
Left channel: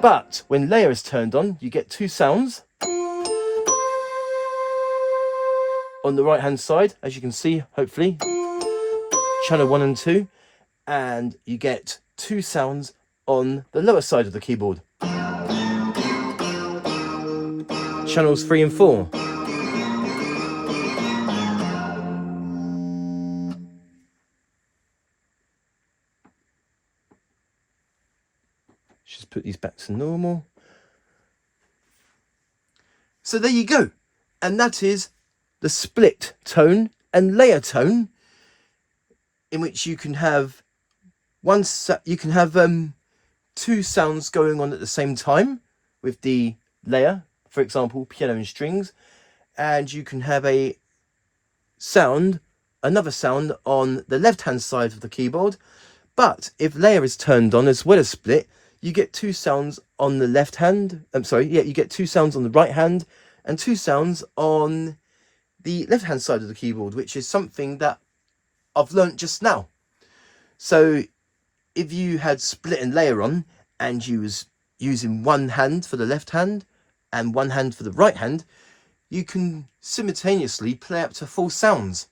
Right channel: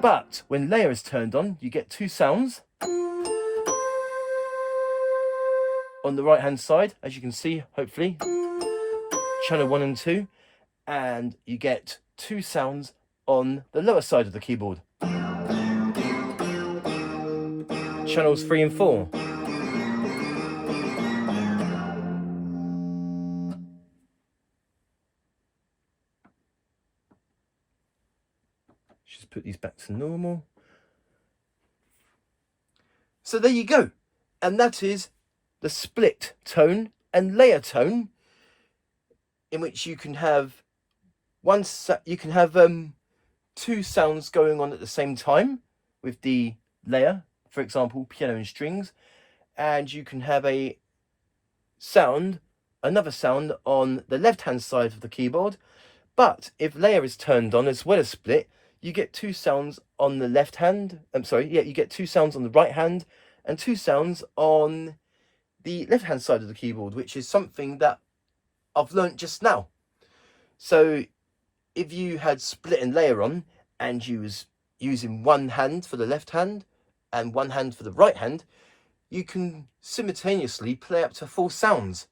But when layer is turned on, you get two sounds. On the right hand side, as you can see, hopefully, channel 1 and 2, and you get two sounds on the lower side of the keyboard. Channels 3 and 4. Just put these back to normal. So there you go. And that is the split tone and layer tone, in which you can have two sounds going on at the same time with the layer, for example, piano and strings, and you can have another sound on the left hand side of the keyboard. But if layer is turned on as well as split, you get two sounds on the left hand. You get two sounds on the right hand and two sounds on the left hand side of the keyboard, which is something that I've learnt just now. So if you had split and layer on and you was using one hand for the left hand and one hand for the right hand, you can simultaneously play up to 4 sounds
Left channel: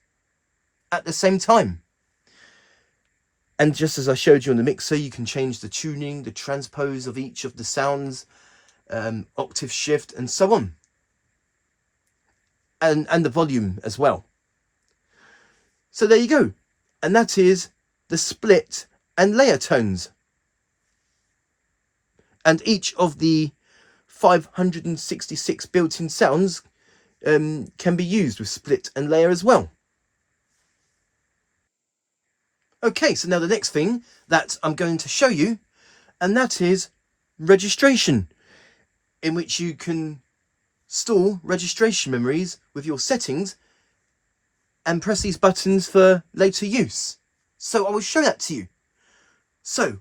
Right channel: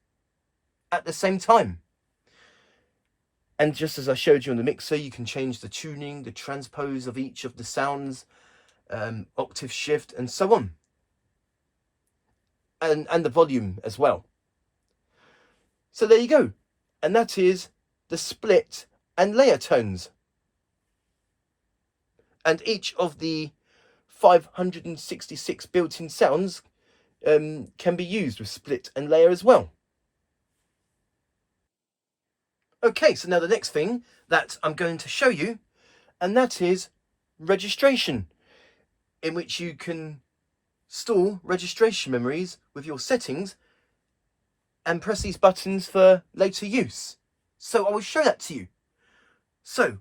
at the same time. And just as I showed you on the mixer, you can change the tuning, the transpose of each of the sounds, octave shift, and so on. And the volume as well. So there you go. And that is the split and layer tones. And each of the 566 built-in sounds can be used with split and layer as well. Okay, so now the next thing that I'm going to show you, and that is registration, in which you can store registration memories with your settings and press these buttons for later use. So I will show that to you. So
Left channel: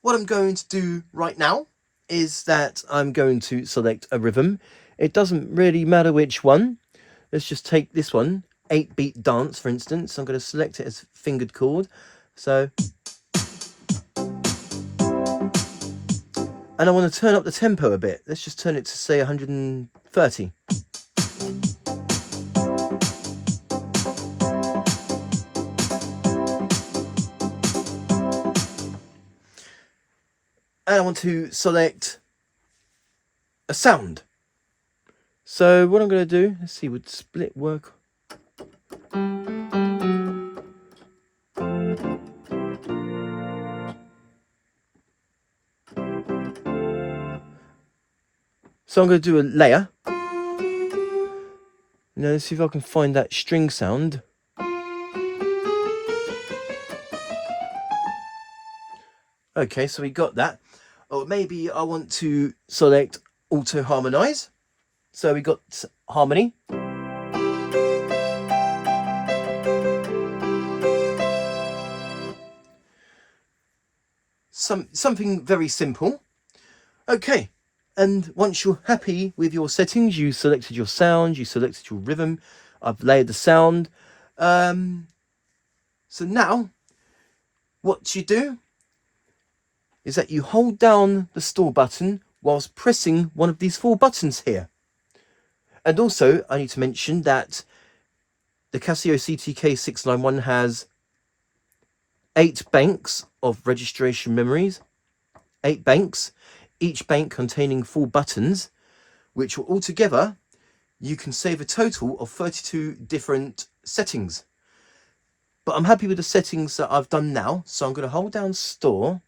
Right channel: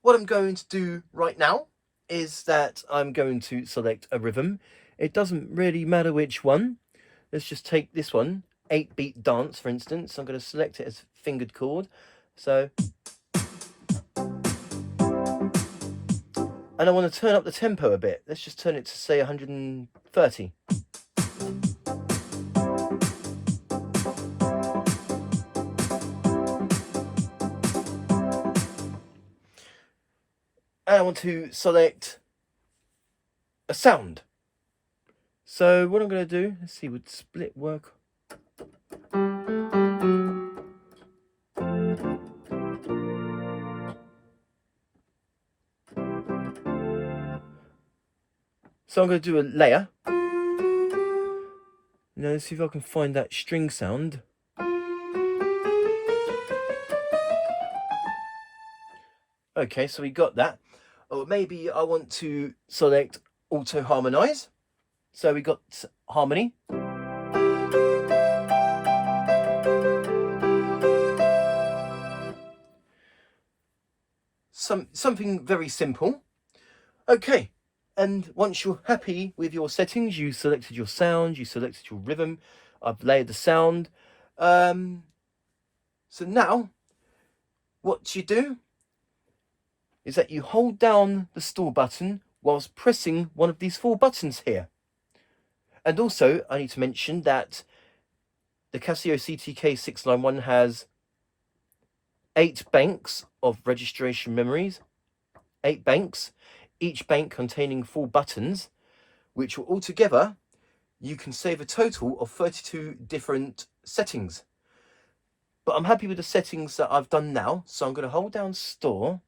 what I'm going to do right now is that I'm going to select a rhythm. It doesn't really matter which one. Let's just take this one, 8-beat dance, for instance. I'm going to select it as fingered chord. So, and I want to turn up the tempo a bit. Let's just turn it to, say, 130. And I want to select a sound. So what I'm going to do, let's see, would split work? So I'm going to do a layer. Now let's see if I can find that string sound. Okay, so we got that. Or maybe I want to select auto harmonize. So we got harmony. Something very simple. Okay. And once you're happy with your settings, you selected your sound, you selected your rhythm, I've layered the sound. So now, what you do is that you hold down the store button whilst pressing one of these 4 buttons here. And also, I need to mention that the Casio CTK-691 has 8 banks of registration memories, 8 banks. Each bank containing 4 buttons, which will altogether, you can save a total of 32 different settings. But I'm happy with the settings that I've done now. So I'm going to hold down store.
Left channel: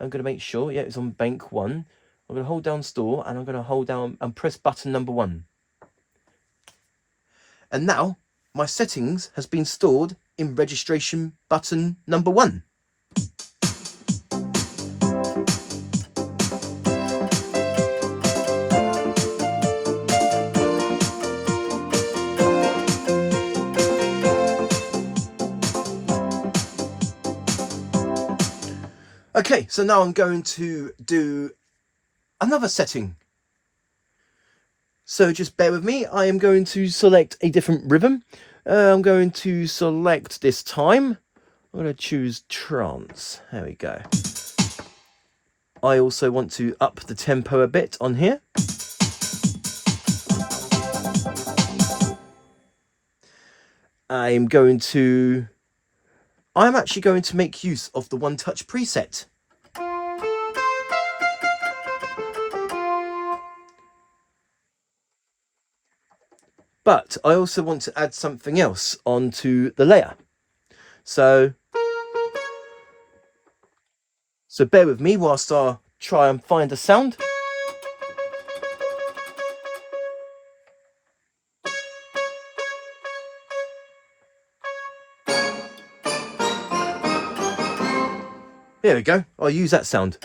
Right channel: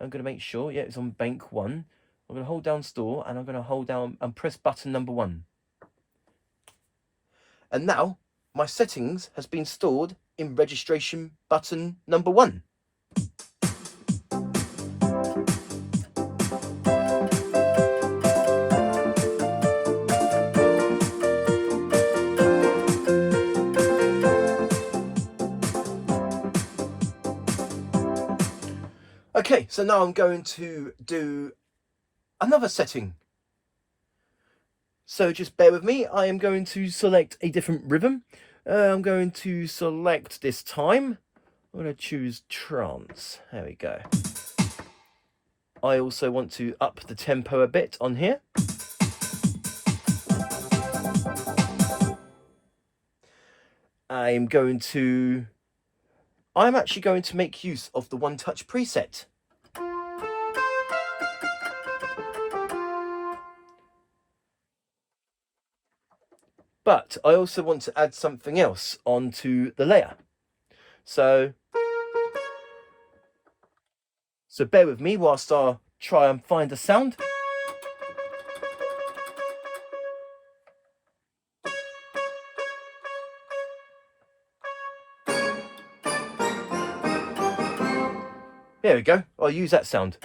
I'm going to make sure, yeah, it's on bank 1. I'm going to hold down store and I'm going to hold down and press button number 1. And now my settings has been stored in registration button number 1. Okay, so now I'm going to do another setting. So just bear with me. I am going to select a different rhythm. I'm going to select this time. I'm going to choose trance. There we go. I also want to up the tempo a bit on here. I'm actually going to make use of the One Touch preset. But I also want to add something else onto the layer. So bear with me whilst I try and find a sound. There we go. I'll use that sound.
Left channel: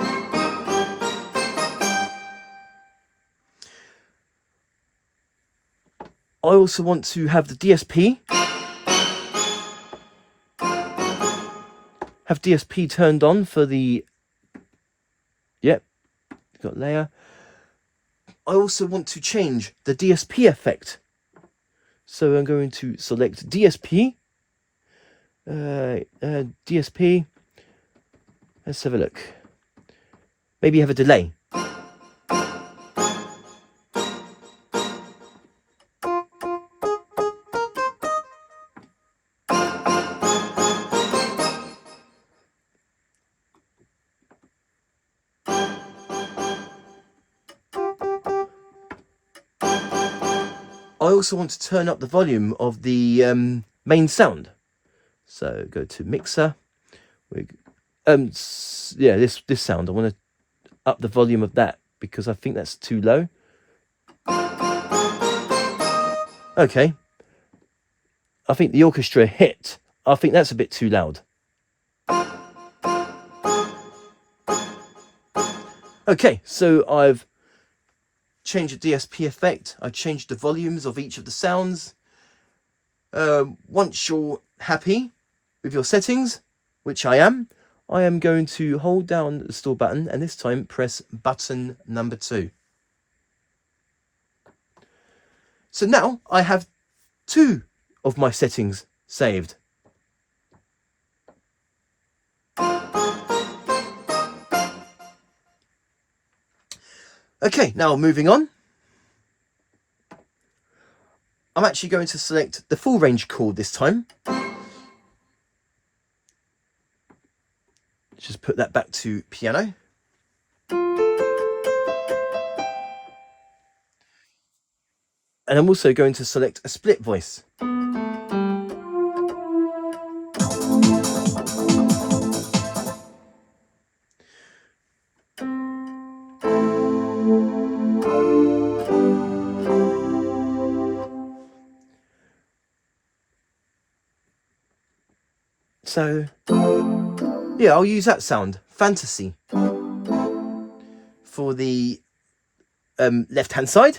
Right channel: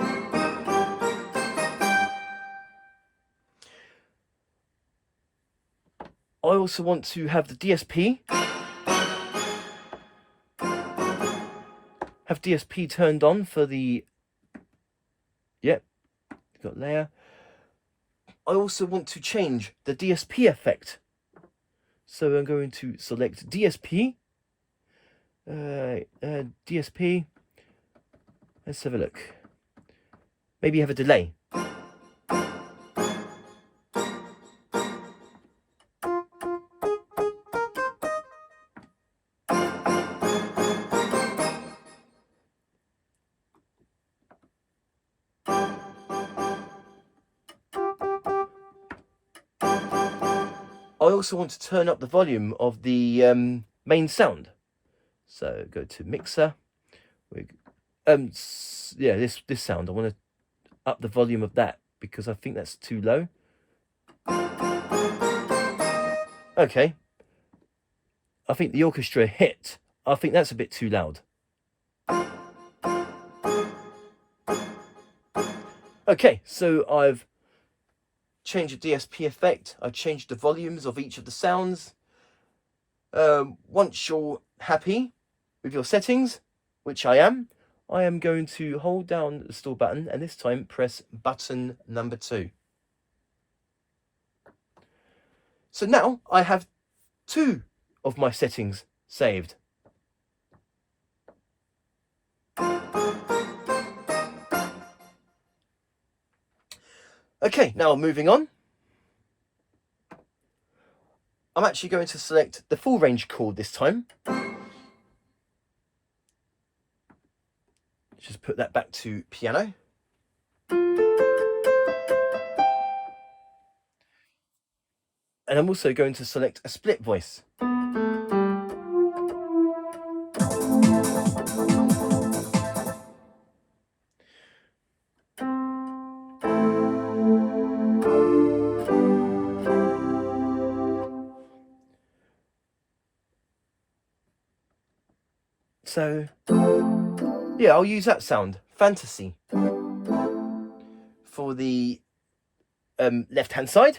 I also want to have the DSP. Have DSP turned on for the... Yep, got layer. I also want to change the DSP effect. So I'm going to select DSP. DSP. Let's have a look. Maybe have a delay. I also want to turn up the volume of the main sound. So go to mixer. Yeah, this sound. I want to up the volume of that because I think that's too low. Okay. I think the orchestra hit. I think that's a bit too loud. Okay, so I've changed the DSP effect. I've changed the volumes of each of the sounds. Once you're happy with your settings, which I am going to hold down the store button and this time press button number 2. So now I have 2 of my settings saved. Okay, now moving on. I'm actually going to select the full range chord this time. Just put that back to piano. And I'm also going to select a split voice. So, yeah, I'll use that sound, Fantasy, for the left-hand side.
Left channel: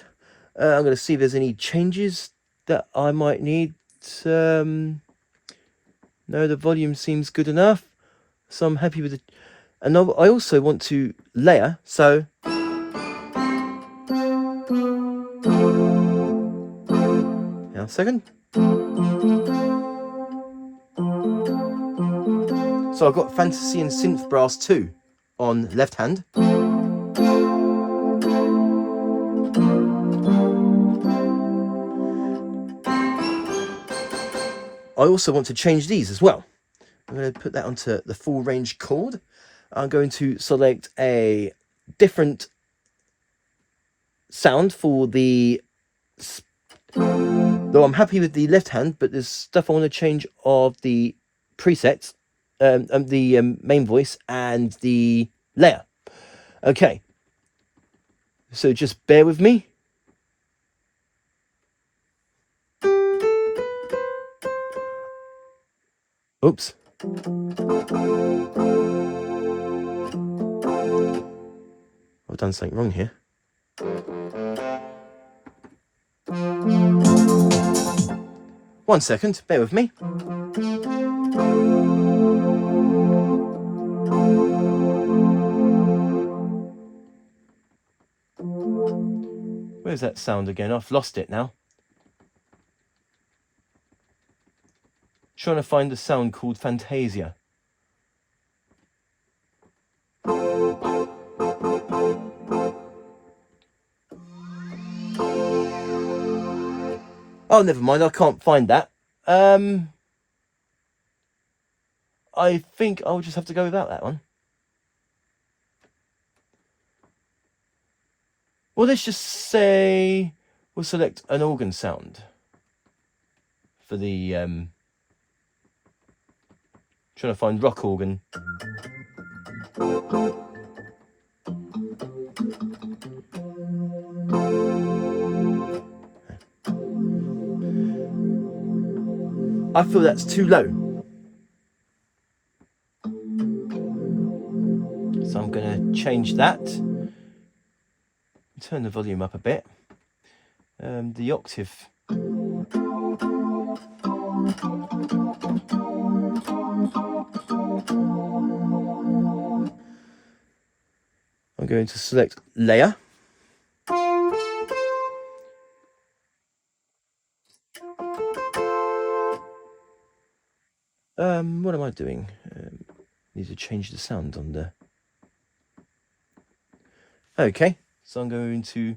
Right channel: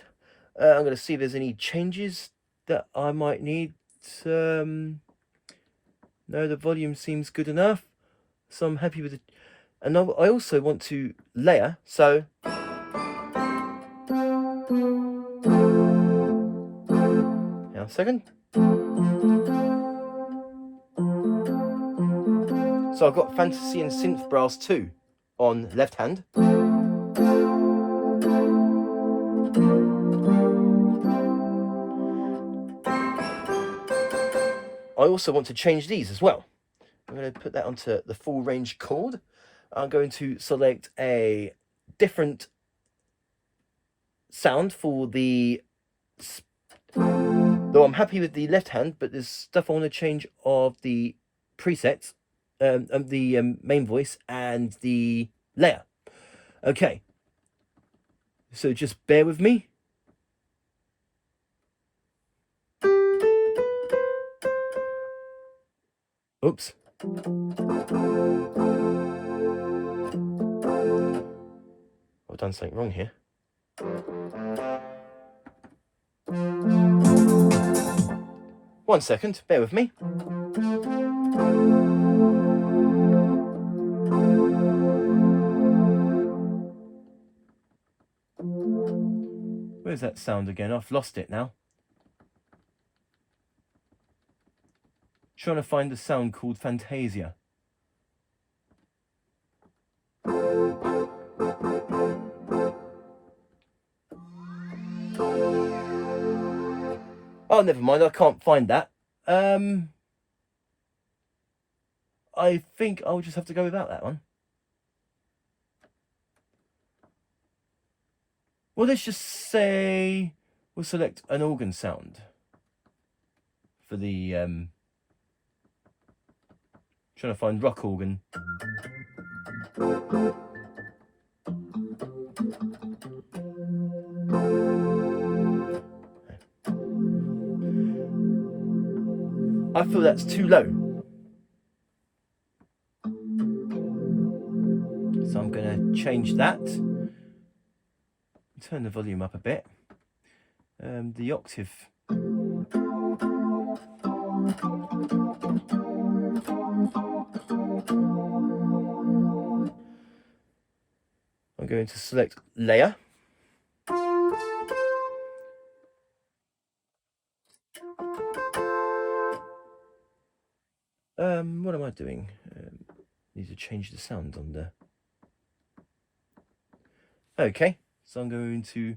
I'm going to see if there's any changes that I might need. No, the volume seems good enough, so I'm happy with it. And I also want to layer, so now a second. So I've got Fantasy and Synth Brass 2 on left hand. I also want to change these as well. I'm going to put that onto the full range chord. I'm going to select a different sound for the, though I'm happy with the left hand, but there's stuff I want to change of the presets, the main voice and the layer. Okay, so just bear with me. Oops. I've done something wrong here. One second, bear with me. Where's that sound again? I've lost it now. Trying to find the sound called Fantasia. Oh, never mind, I can't find that. I think I'll just have to go without that one. Well, let's just say we'll select an organ sound for the trying to find rock organ. I feel that's too low. So I'm going to change that. Turn the volume up a bit. The octave. I'm going to select layer. What am I doing? Need to change the sound on there. Okay, so I'm going to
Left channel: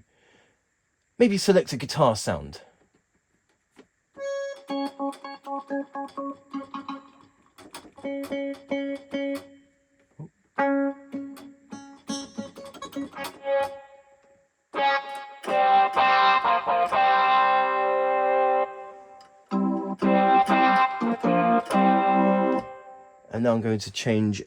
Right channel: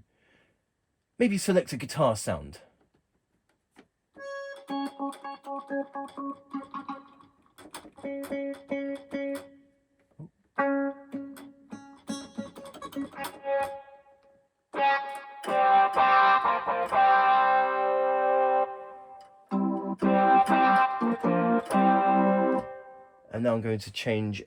maybe select a guitar sound. And now I'm going to change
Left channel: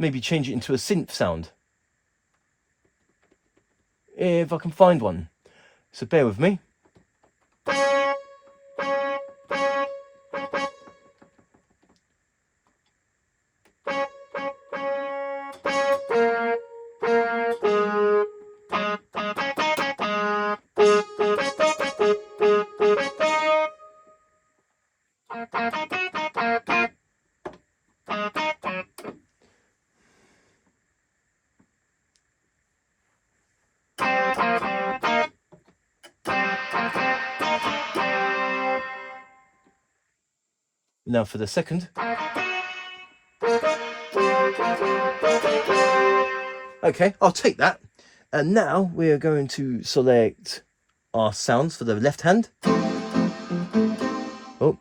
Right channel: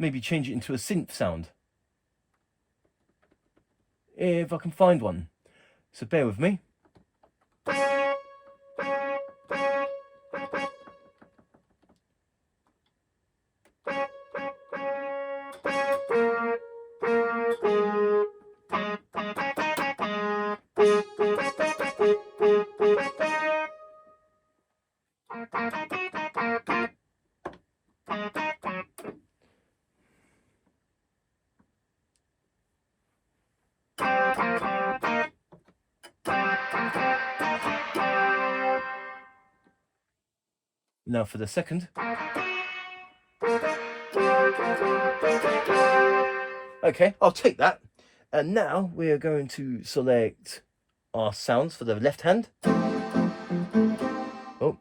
maybe change it into a synth sound, if I can find one. So bear with me. Now for the second. Okay, I'll take that. And now we're going to select our sounds for the left hand. Oh.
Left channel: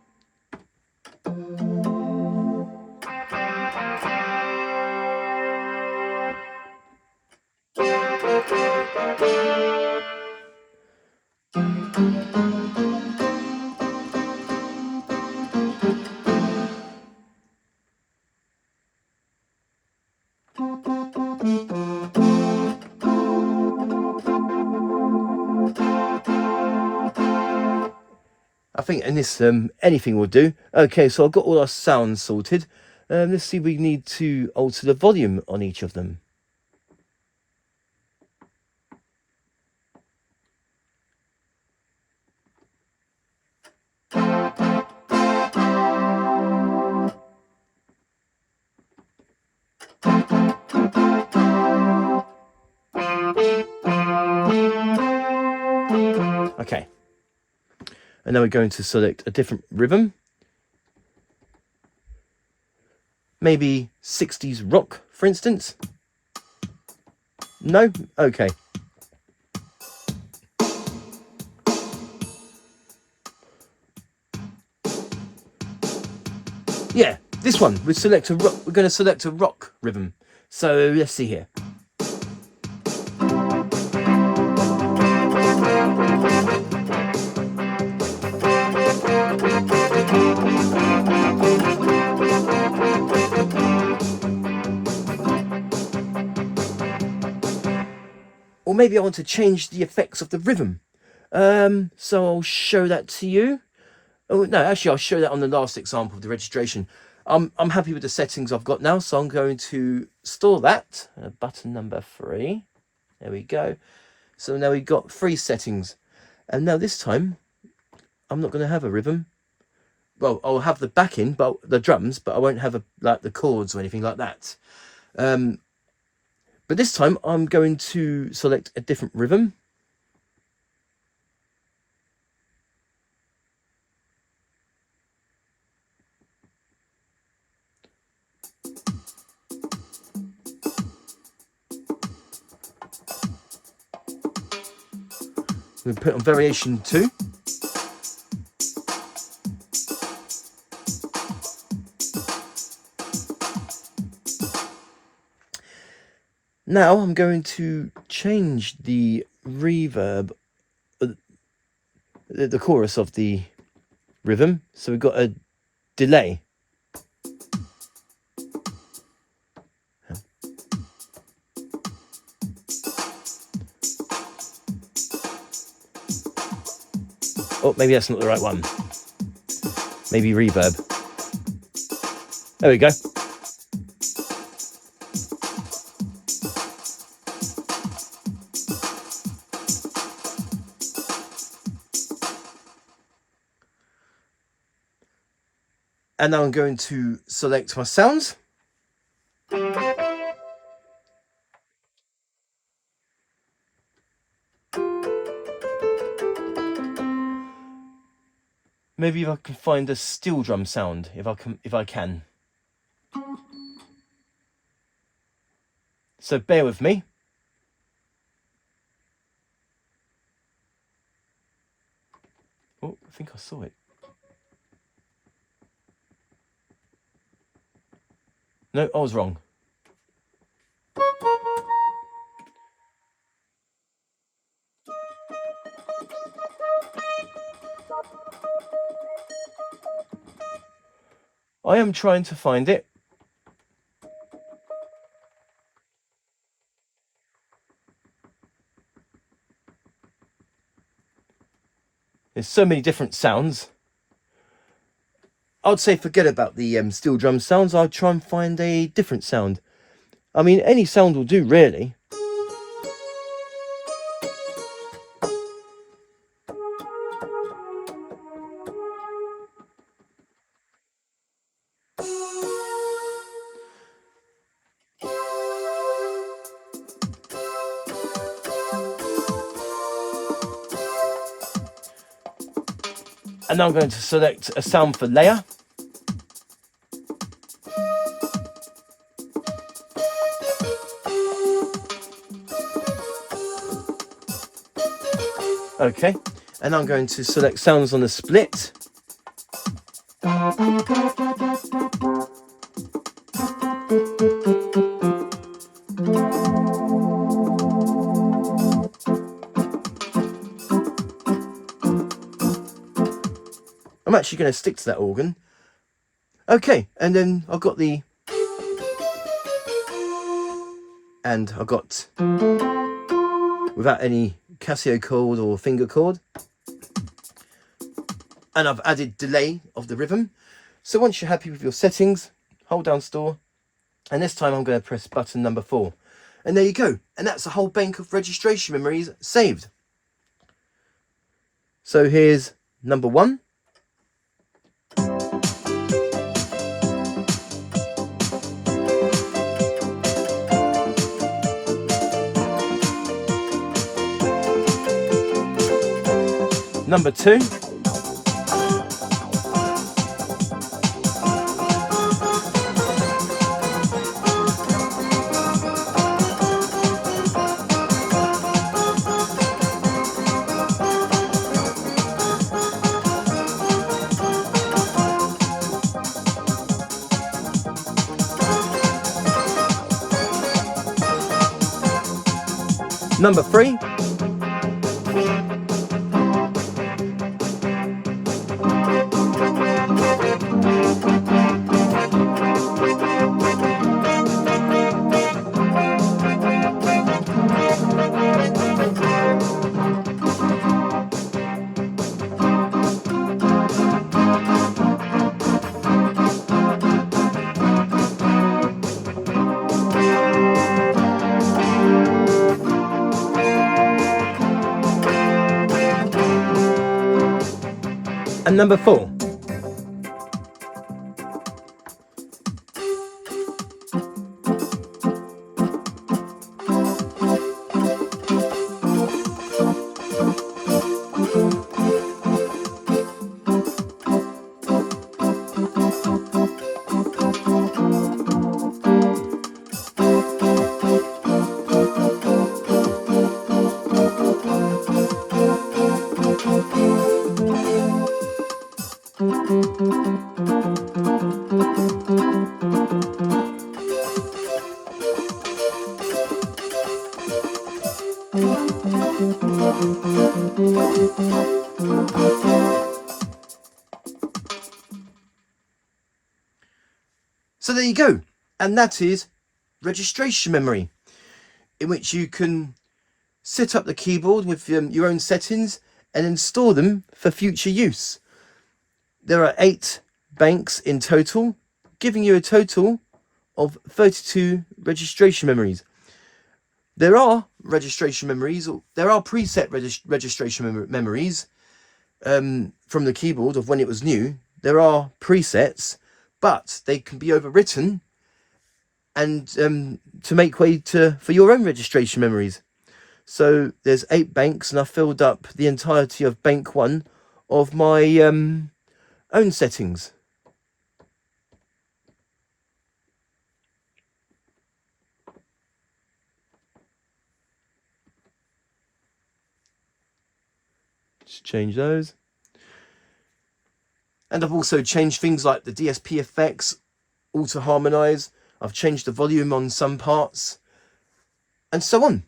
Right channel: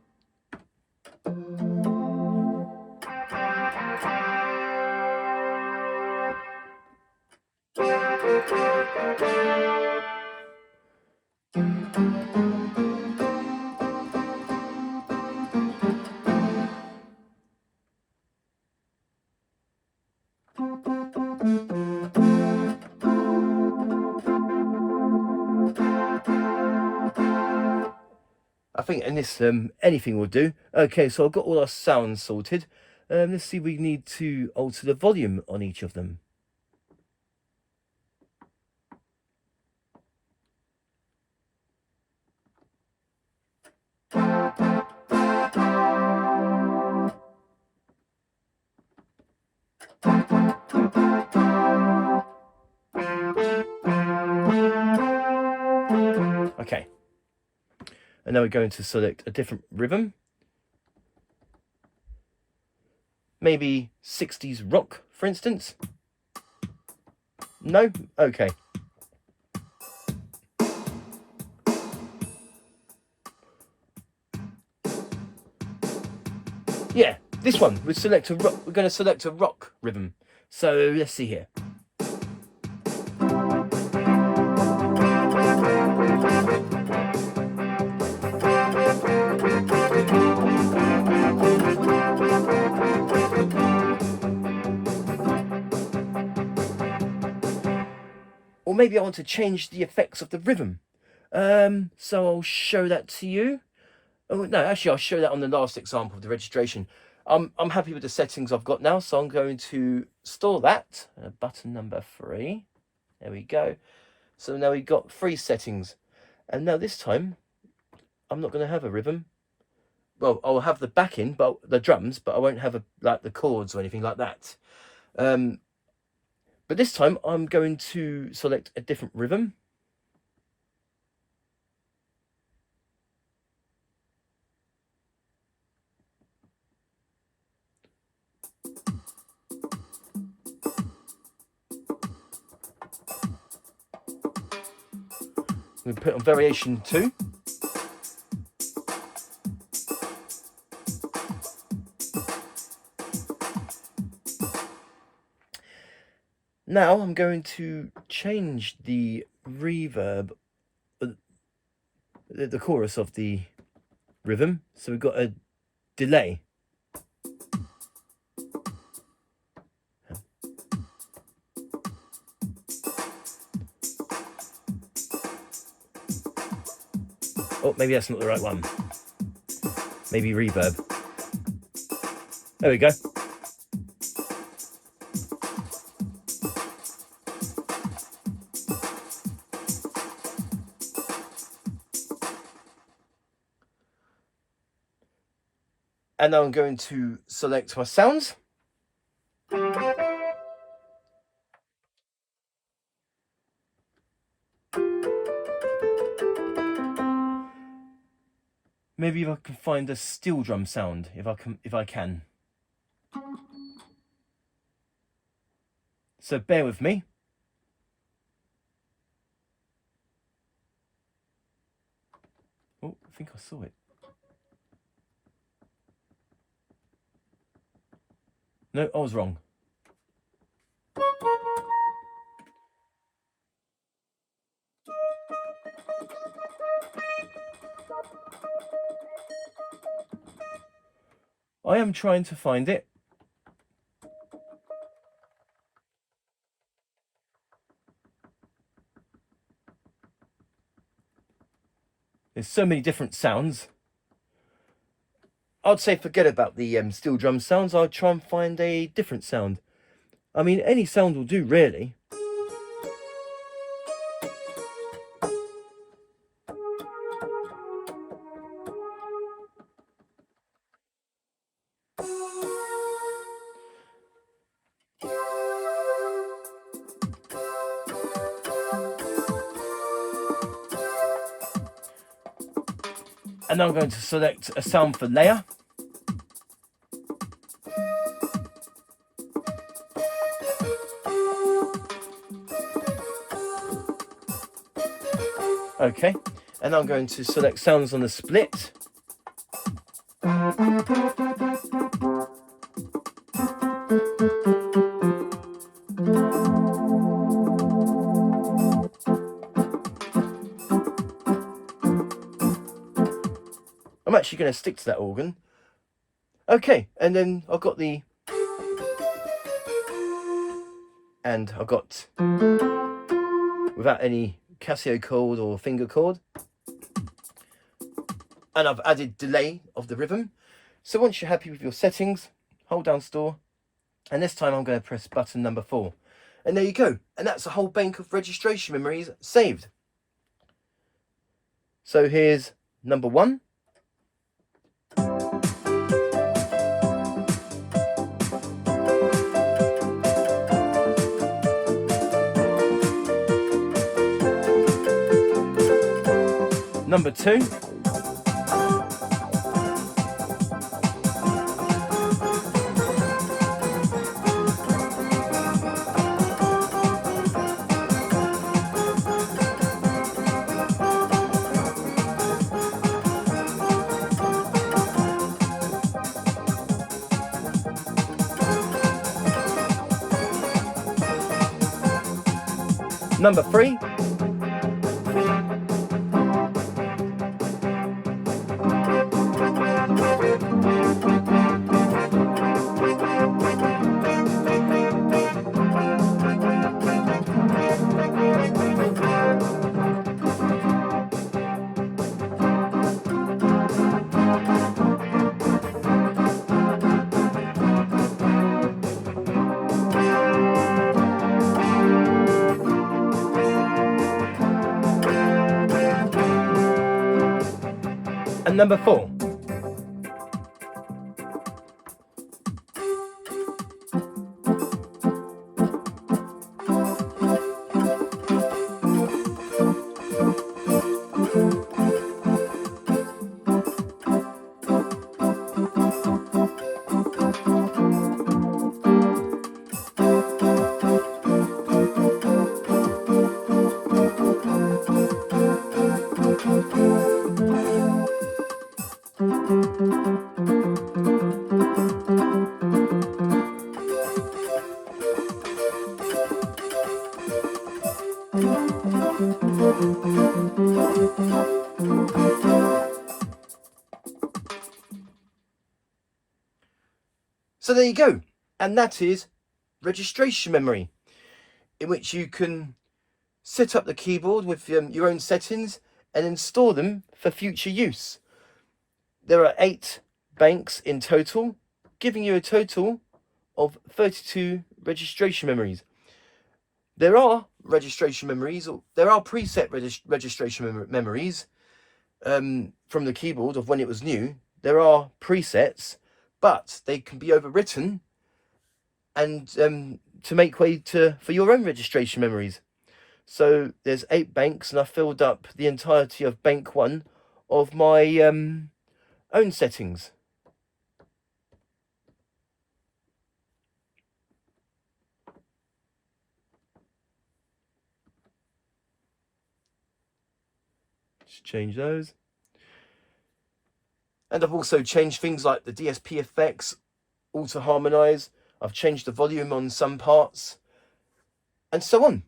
I think in this anything will do. Okay, so I've got all our sounds sorted. Let's see if we need to alter the volume on each of them. Okay. And now we're going to select a different rhythm. Maybe 60s rock, for instance. No? Okay. Yeah, this one. We're going to select a rock rhythm. So let's see here. Or maybe I want to change the effects of the rhythm. So I'll show that to you. Oh no, actually I'll show that on the last example of the registration. I'm happy with the settings I've got now, so I'm going to store that. Button number 3. There we go. So now we've got 3 settings. And now this time, I'm not going to have a rhythm. Well, I'll have the backing, but the drums, but I won't have like the chords or anything like that. But this time I'm going to select a different rhythm. I'm going to put on variation 2. Now I'm going to change the reverb, the chorus of the rhythm. So we've got a delay. Oh, maybe that's not the right one. Maybe reverb. There we go. And now I'm going to select my sounds. Maybe if I can find a steel drum sound, if I can. So bear with me. Oh, I think I saw it. No, I was wrong. I am trying to find it. There's so many different sounds. I'd say forget about the steel drum sounds. I'll try and find a different sound. I mean, any sound will do, really. And now I'm going to select a sound for layer. Okay, and I'm going to select sounds on the split. I'm actually going to stick to that organ. Okay, and then I've got the... And I've got... Without any Casio chord or finger chord. And I've added delay of the rhythm. So once you're happy with your settings, hold down store. And this time I'm going to press button number 4. And there you go. And that's a whole bank of registration memories saved. So here's number 1. Number 2. Number 3. And number 4. So there you go, and that is registration memory, in which you can set up the keyboard with your own settings and install them for future use. There are 8 banks in total, giving you a total of 32 registration memories. There are registration memories, or there are preset registration memories from the keyboard of when it was new. There are presets, but they can be overwritten and to make way for your own registration memories. So there's 8 banks, and I filled up the entirety of bank 1 of my own settings. Just change those. And I've also changed things like the DSP effects, auto harmonize. I've changed the volume on some parts, and so on.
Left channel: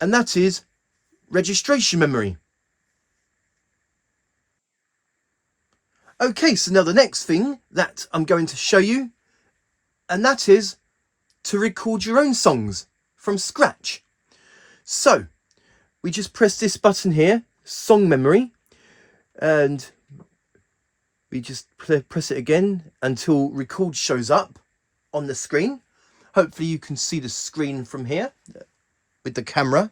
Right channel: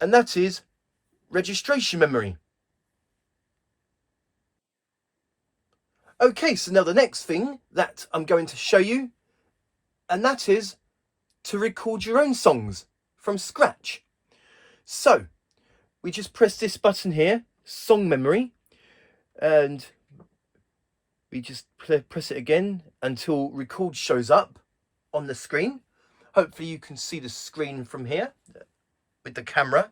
And that is registration memory. Okay, so now the next thing that I'm going to show you, and that is to record your own songs from scratch. So we just press this button here, song memory, and we just press it again until record shows up on the screen. Hopefully you can see the screen from here with the camera.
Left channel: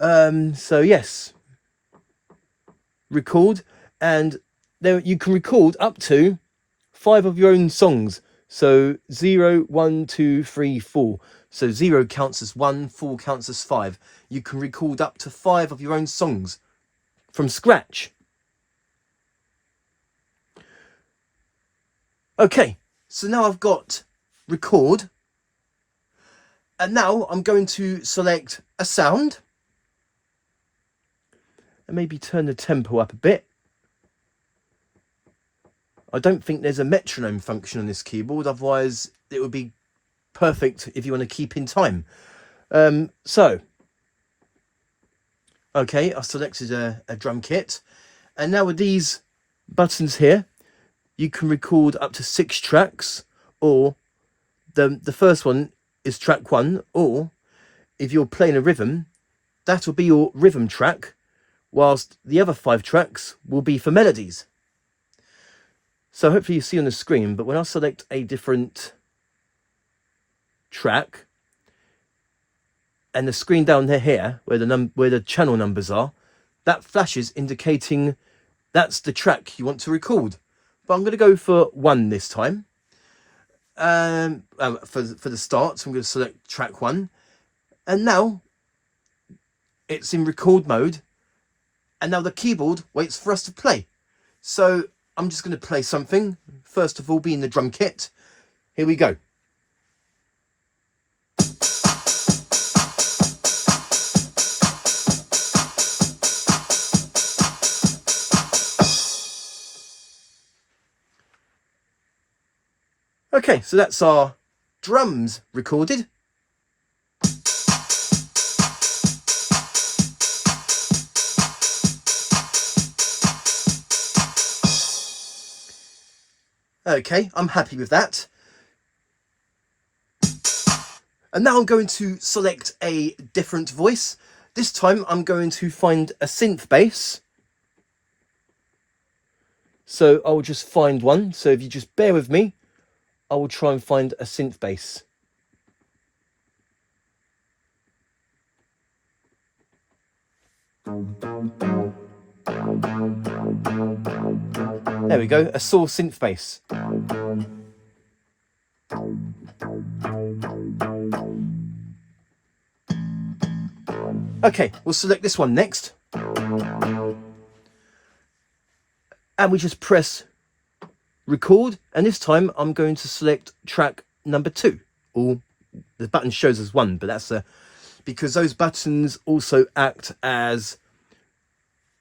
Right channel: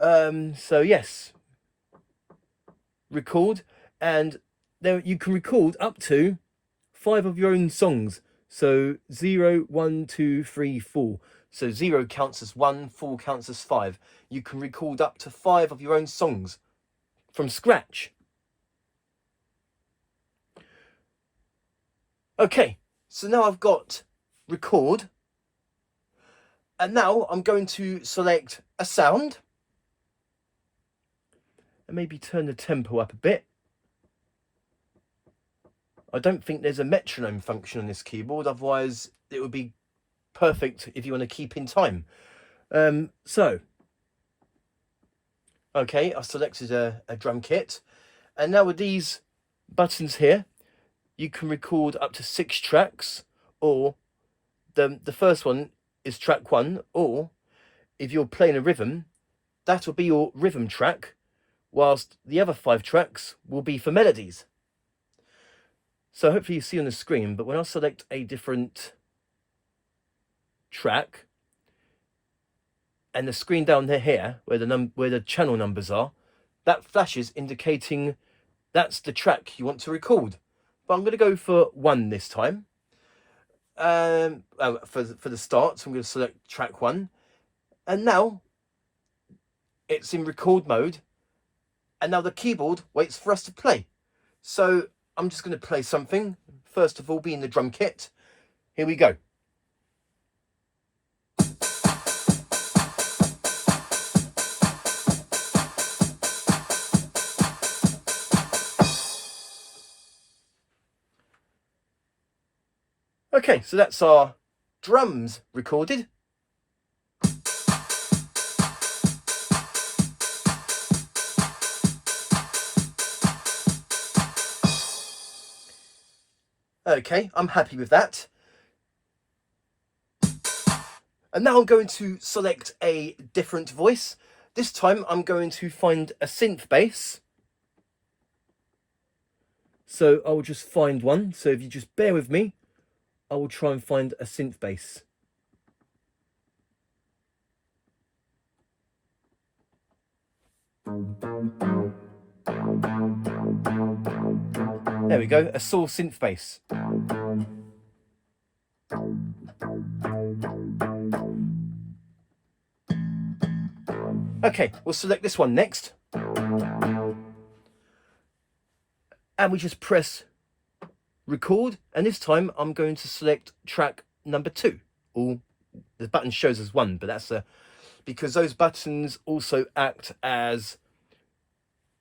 So yes, record, and there you can record up to 5 of your own songs. So 0, 1, 2, 3, 4. So 0 counts as 1, 4 counts as 5. You can record up to 5 of your own songs from scratch. Okay, so now I've got record, and now I'm going to select a sound and maybe turn the tempo up a bit. I don't think there's a metronome function on this keyboard, otherwise it would be perfect if you want to keep in time. Okay, I selected a drum kit, and now with these buttons here, you can record up to 6 tracks, or the first one is track 1, or if you're playing a rhythm, that'll be your rhythm track, whilst the other 5 tracks will be for melodies. So hopefully you see on the screen, but when I select a different track, and the screen down here where the channel numbers are, that flashes indicating that's the track you want to record. But I'm going to go for 1 this time. For the start, so I'm going to select track 1, and now it's in record mode, and now the keyboard waits for us to play. So I'm just going to play something, first of all being the drum kit. Here we go. Okay, so that's our drums recorded. Okay, I'm happy with that. And now I'm going to select a different voice. This time I'm going to find a synth bass. So I'll just find one. So if you just bear with me, I will try and find a synth bass. There we go, a saw synth bass. Okay, we'll select this one next. And we just press record, and this time I'm going to select track number 2. Or the button shows as 1, but that's because those buttons also act as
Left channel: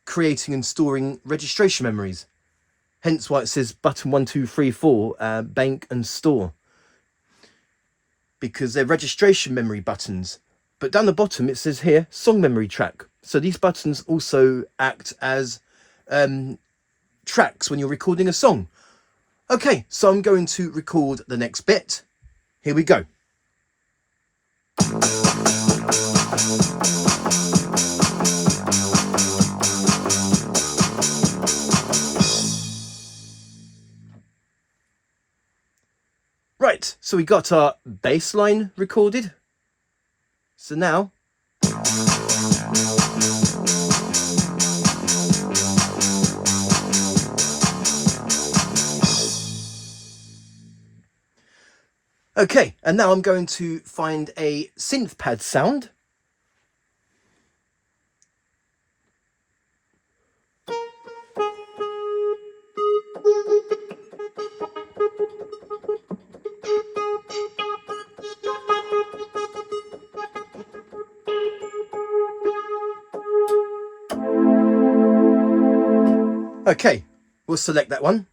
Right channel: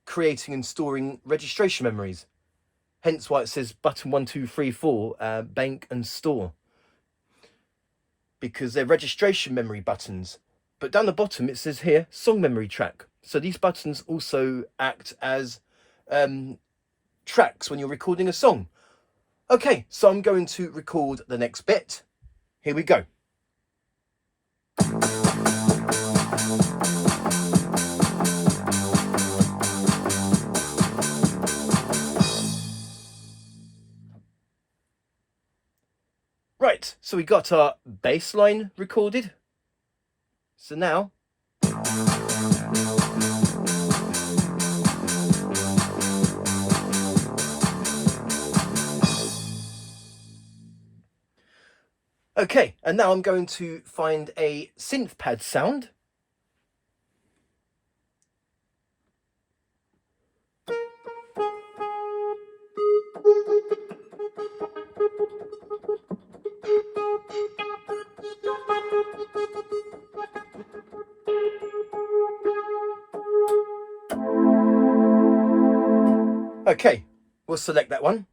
creating and storing registration memories. Hence why it says button 1, 2, 3, 4, bank and store, because they're registration memory buttons. But down the bottom it says here song memory track. So these buttons also act as tracks when you're recording a song. Okay, so I'm going to record the next bit. Here we go. Right, so we got our bass line recorded. So now Okay, and now I'm going to find a synth pad sound. Okay, we'll select that one.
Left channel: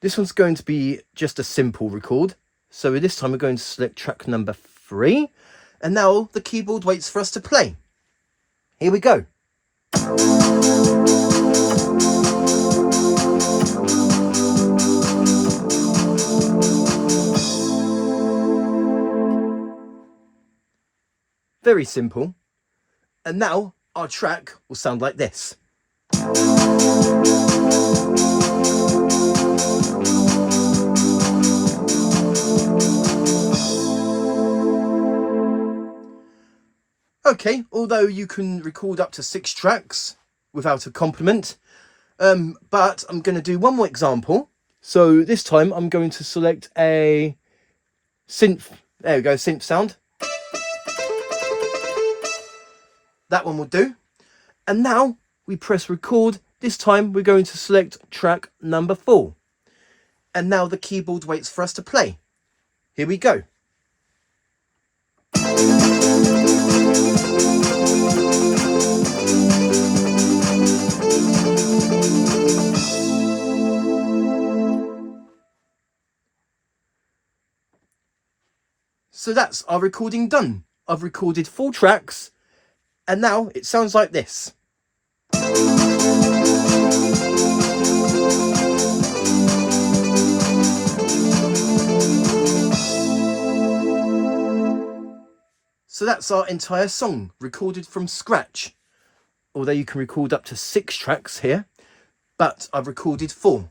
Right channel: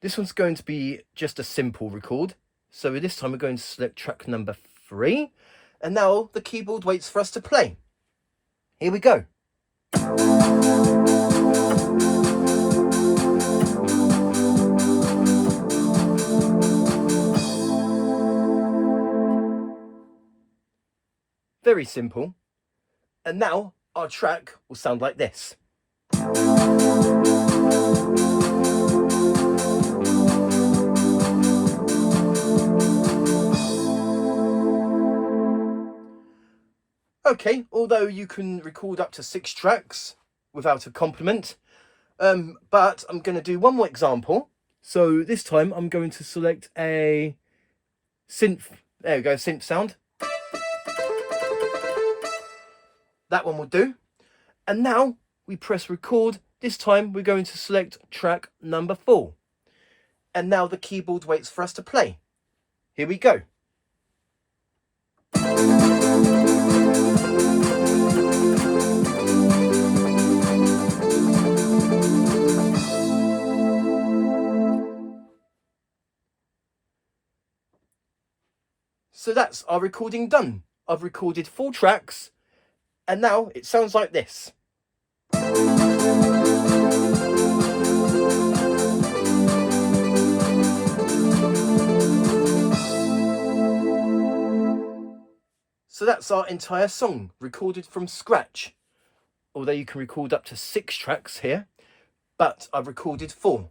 This one's going to be just a simple record. So this time we're going to select track number 3. And now the keyboard waits for us to play. Here we go. Very simple. And now our track will sound like this. Okay, although you can record up to 6 tracks without a complement, but I'm going to do one more example. So this time I'm going to select a synth, there we go, synth sound. That one will do. And now we press record. This time we're going to select track number 4. And now the keyboard waits for us to play. Here we go. So that's our recording done. I've recorded 4 tracks and now it sounds like this. So that's our entire song recorded from scratch. Although you can record up to 6 tracks here, but I've recorded 4.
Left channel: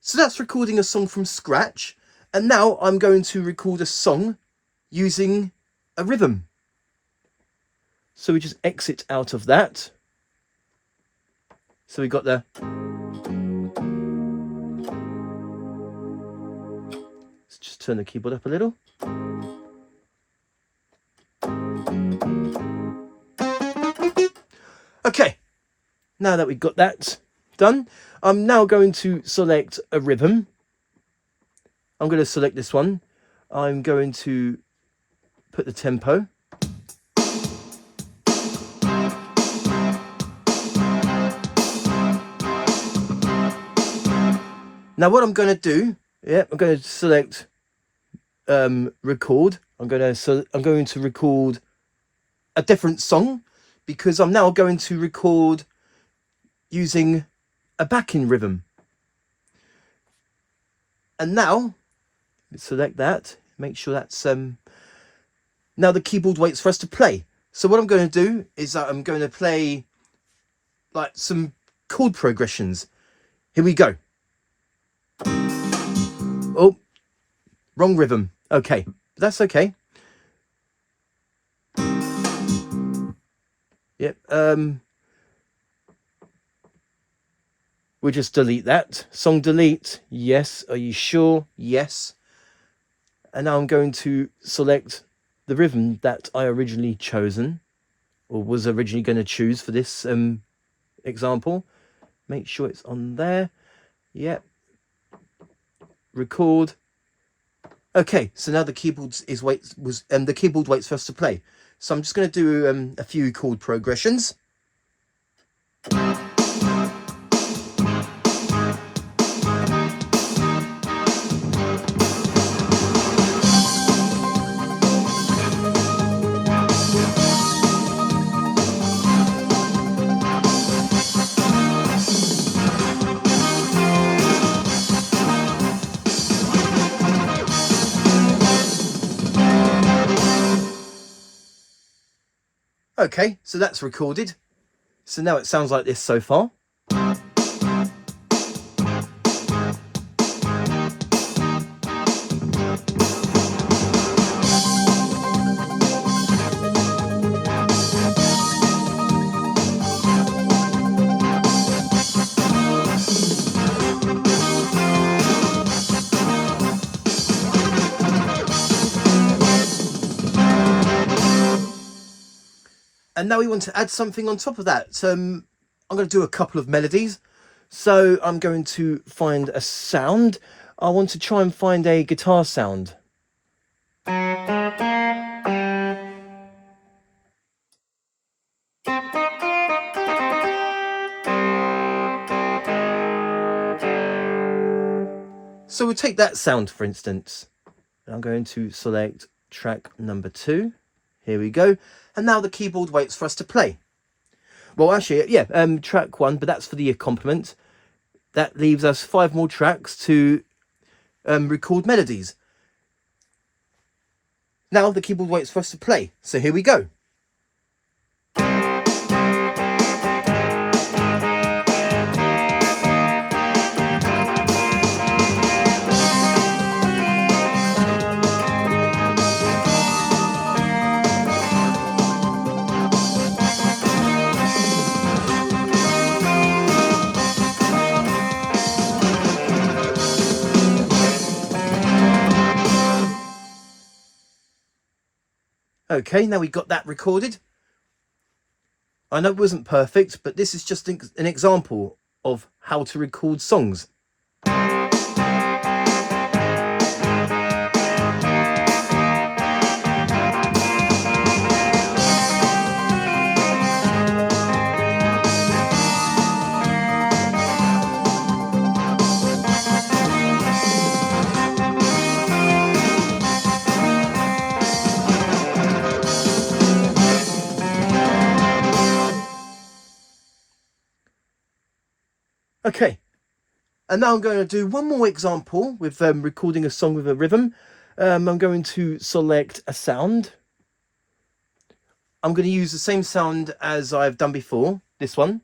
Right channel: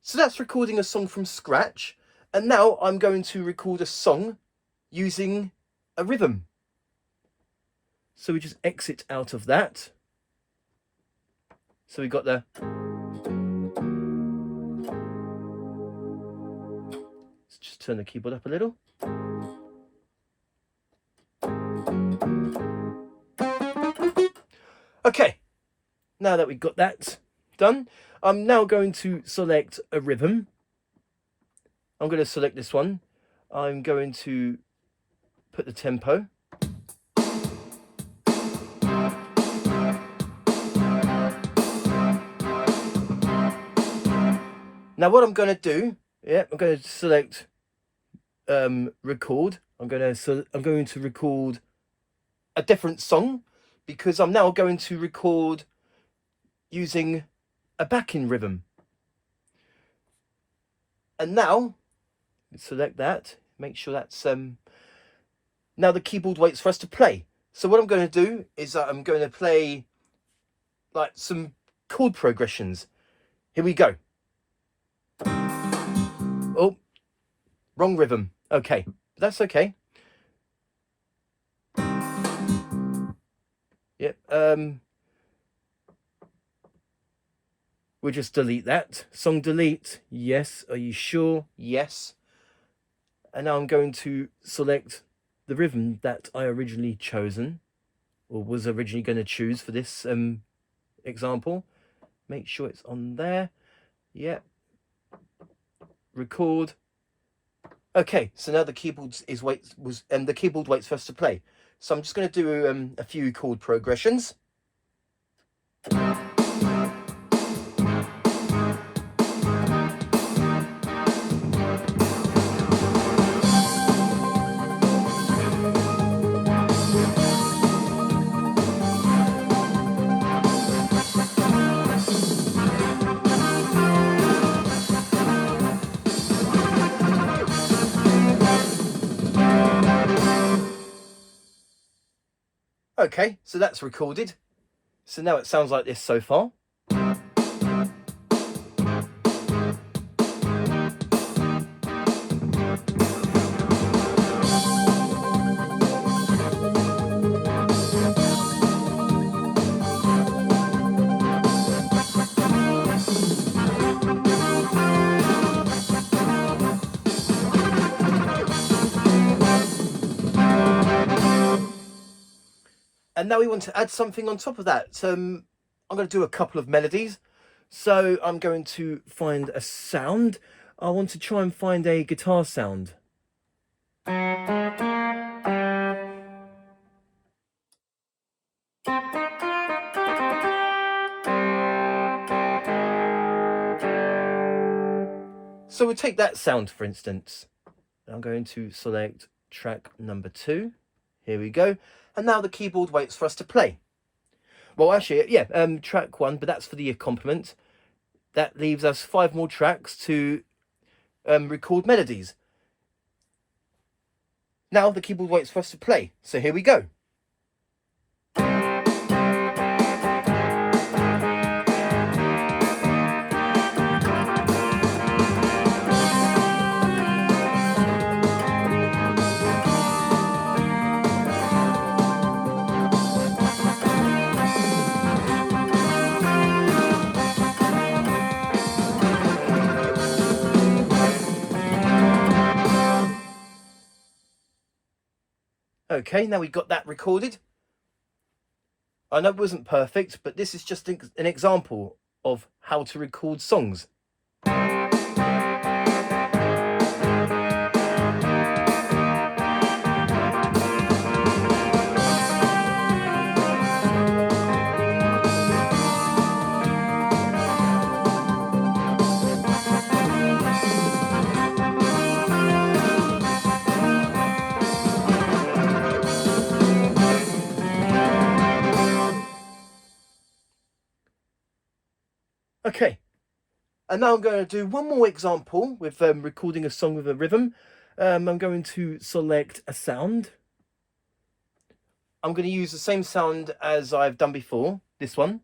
So that's recording a song from scratch. And now I'm going to record a song using a rhythm. So we just exit out of that. So we got the. Let's just turn the keyboard up a little. Okay, now that we've got that done, I'm now going to select a rhythm. I'm going to select this one. I'm going to put the tempo. Now what I'm going to do, I'm going to select record. I'm going to record a different song because I'm now going to record using a backing rhythm. And now select that, make sure that's now the keyboard waits for us to play. So what I'm going to do is I'm going to play like some chord progressions. Here we go. Oh, wrong rhythm. Okay, that's okay. Yep. We'll just delete that. Song delete. Yes. Are you sure? Yes. And now I'm going to select the rhythm that I originally chosen, or was originally going to choose for this example. Make sure it's on there. Yep. Record. Okay, so now the keyboard the keyboard waits for us to play. So I'm just going to do a few chord progressions. Okay, so that's recorded. So now it sounds like this so far. And now we want to add something on top of that. So I'm going to do a couple of melodies. So I'm going to find a sound. I want to try and find a guitar sound. So we'll take that sound, for instance. I'm going to select track number 2. Here we go. And now the keyboard waits for us to play. Well, actually, yeah, track 1, but that's for the accompaniment. That leaves us 5 more tracks to record melodies. Now the keyboard waits for us to play. So here we go. Okay, now we got that recorded. I know it wasn't perfect, but this is just an example of how to record songs. Okay, and now I'm going to do one more example with recording a song with a rhythm. I'm going to select a sound. I'm going to use the same sound as I've done before, this one.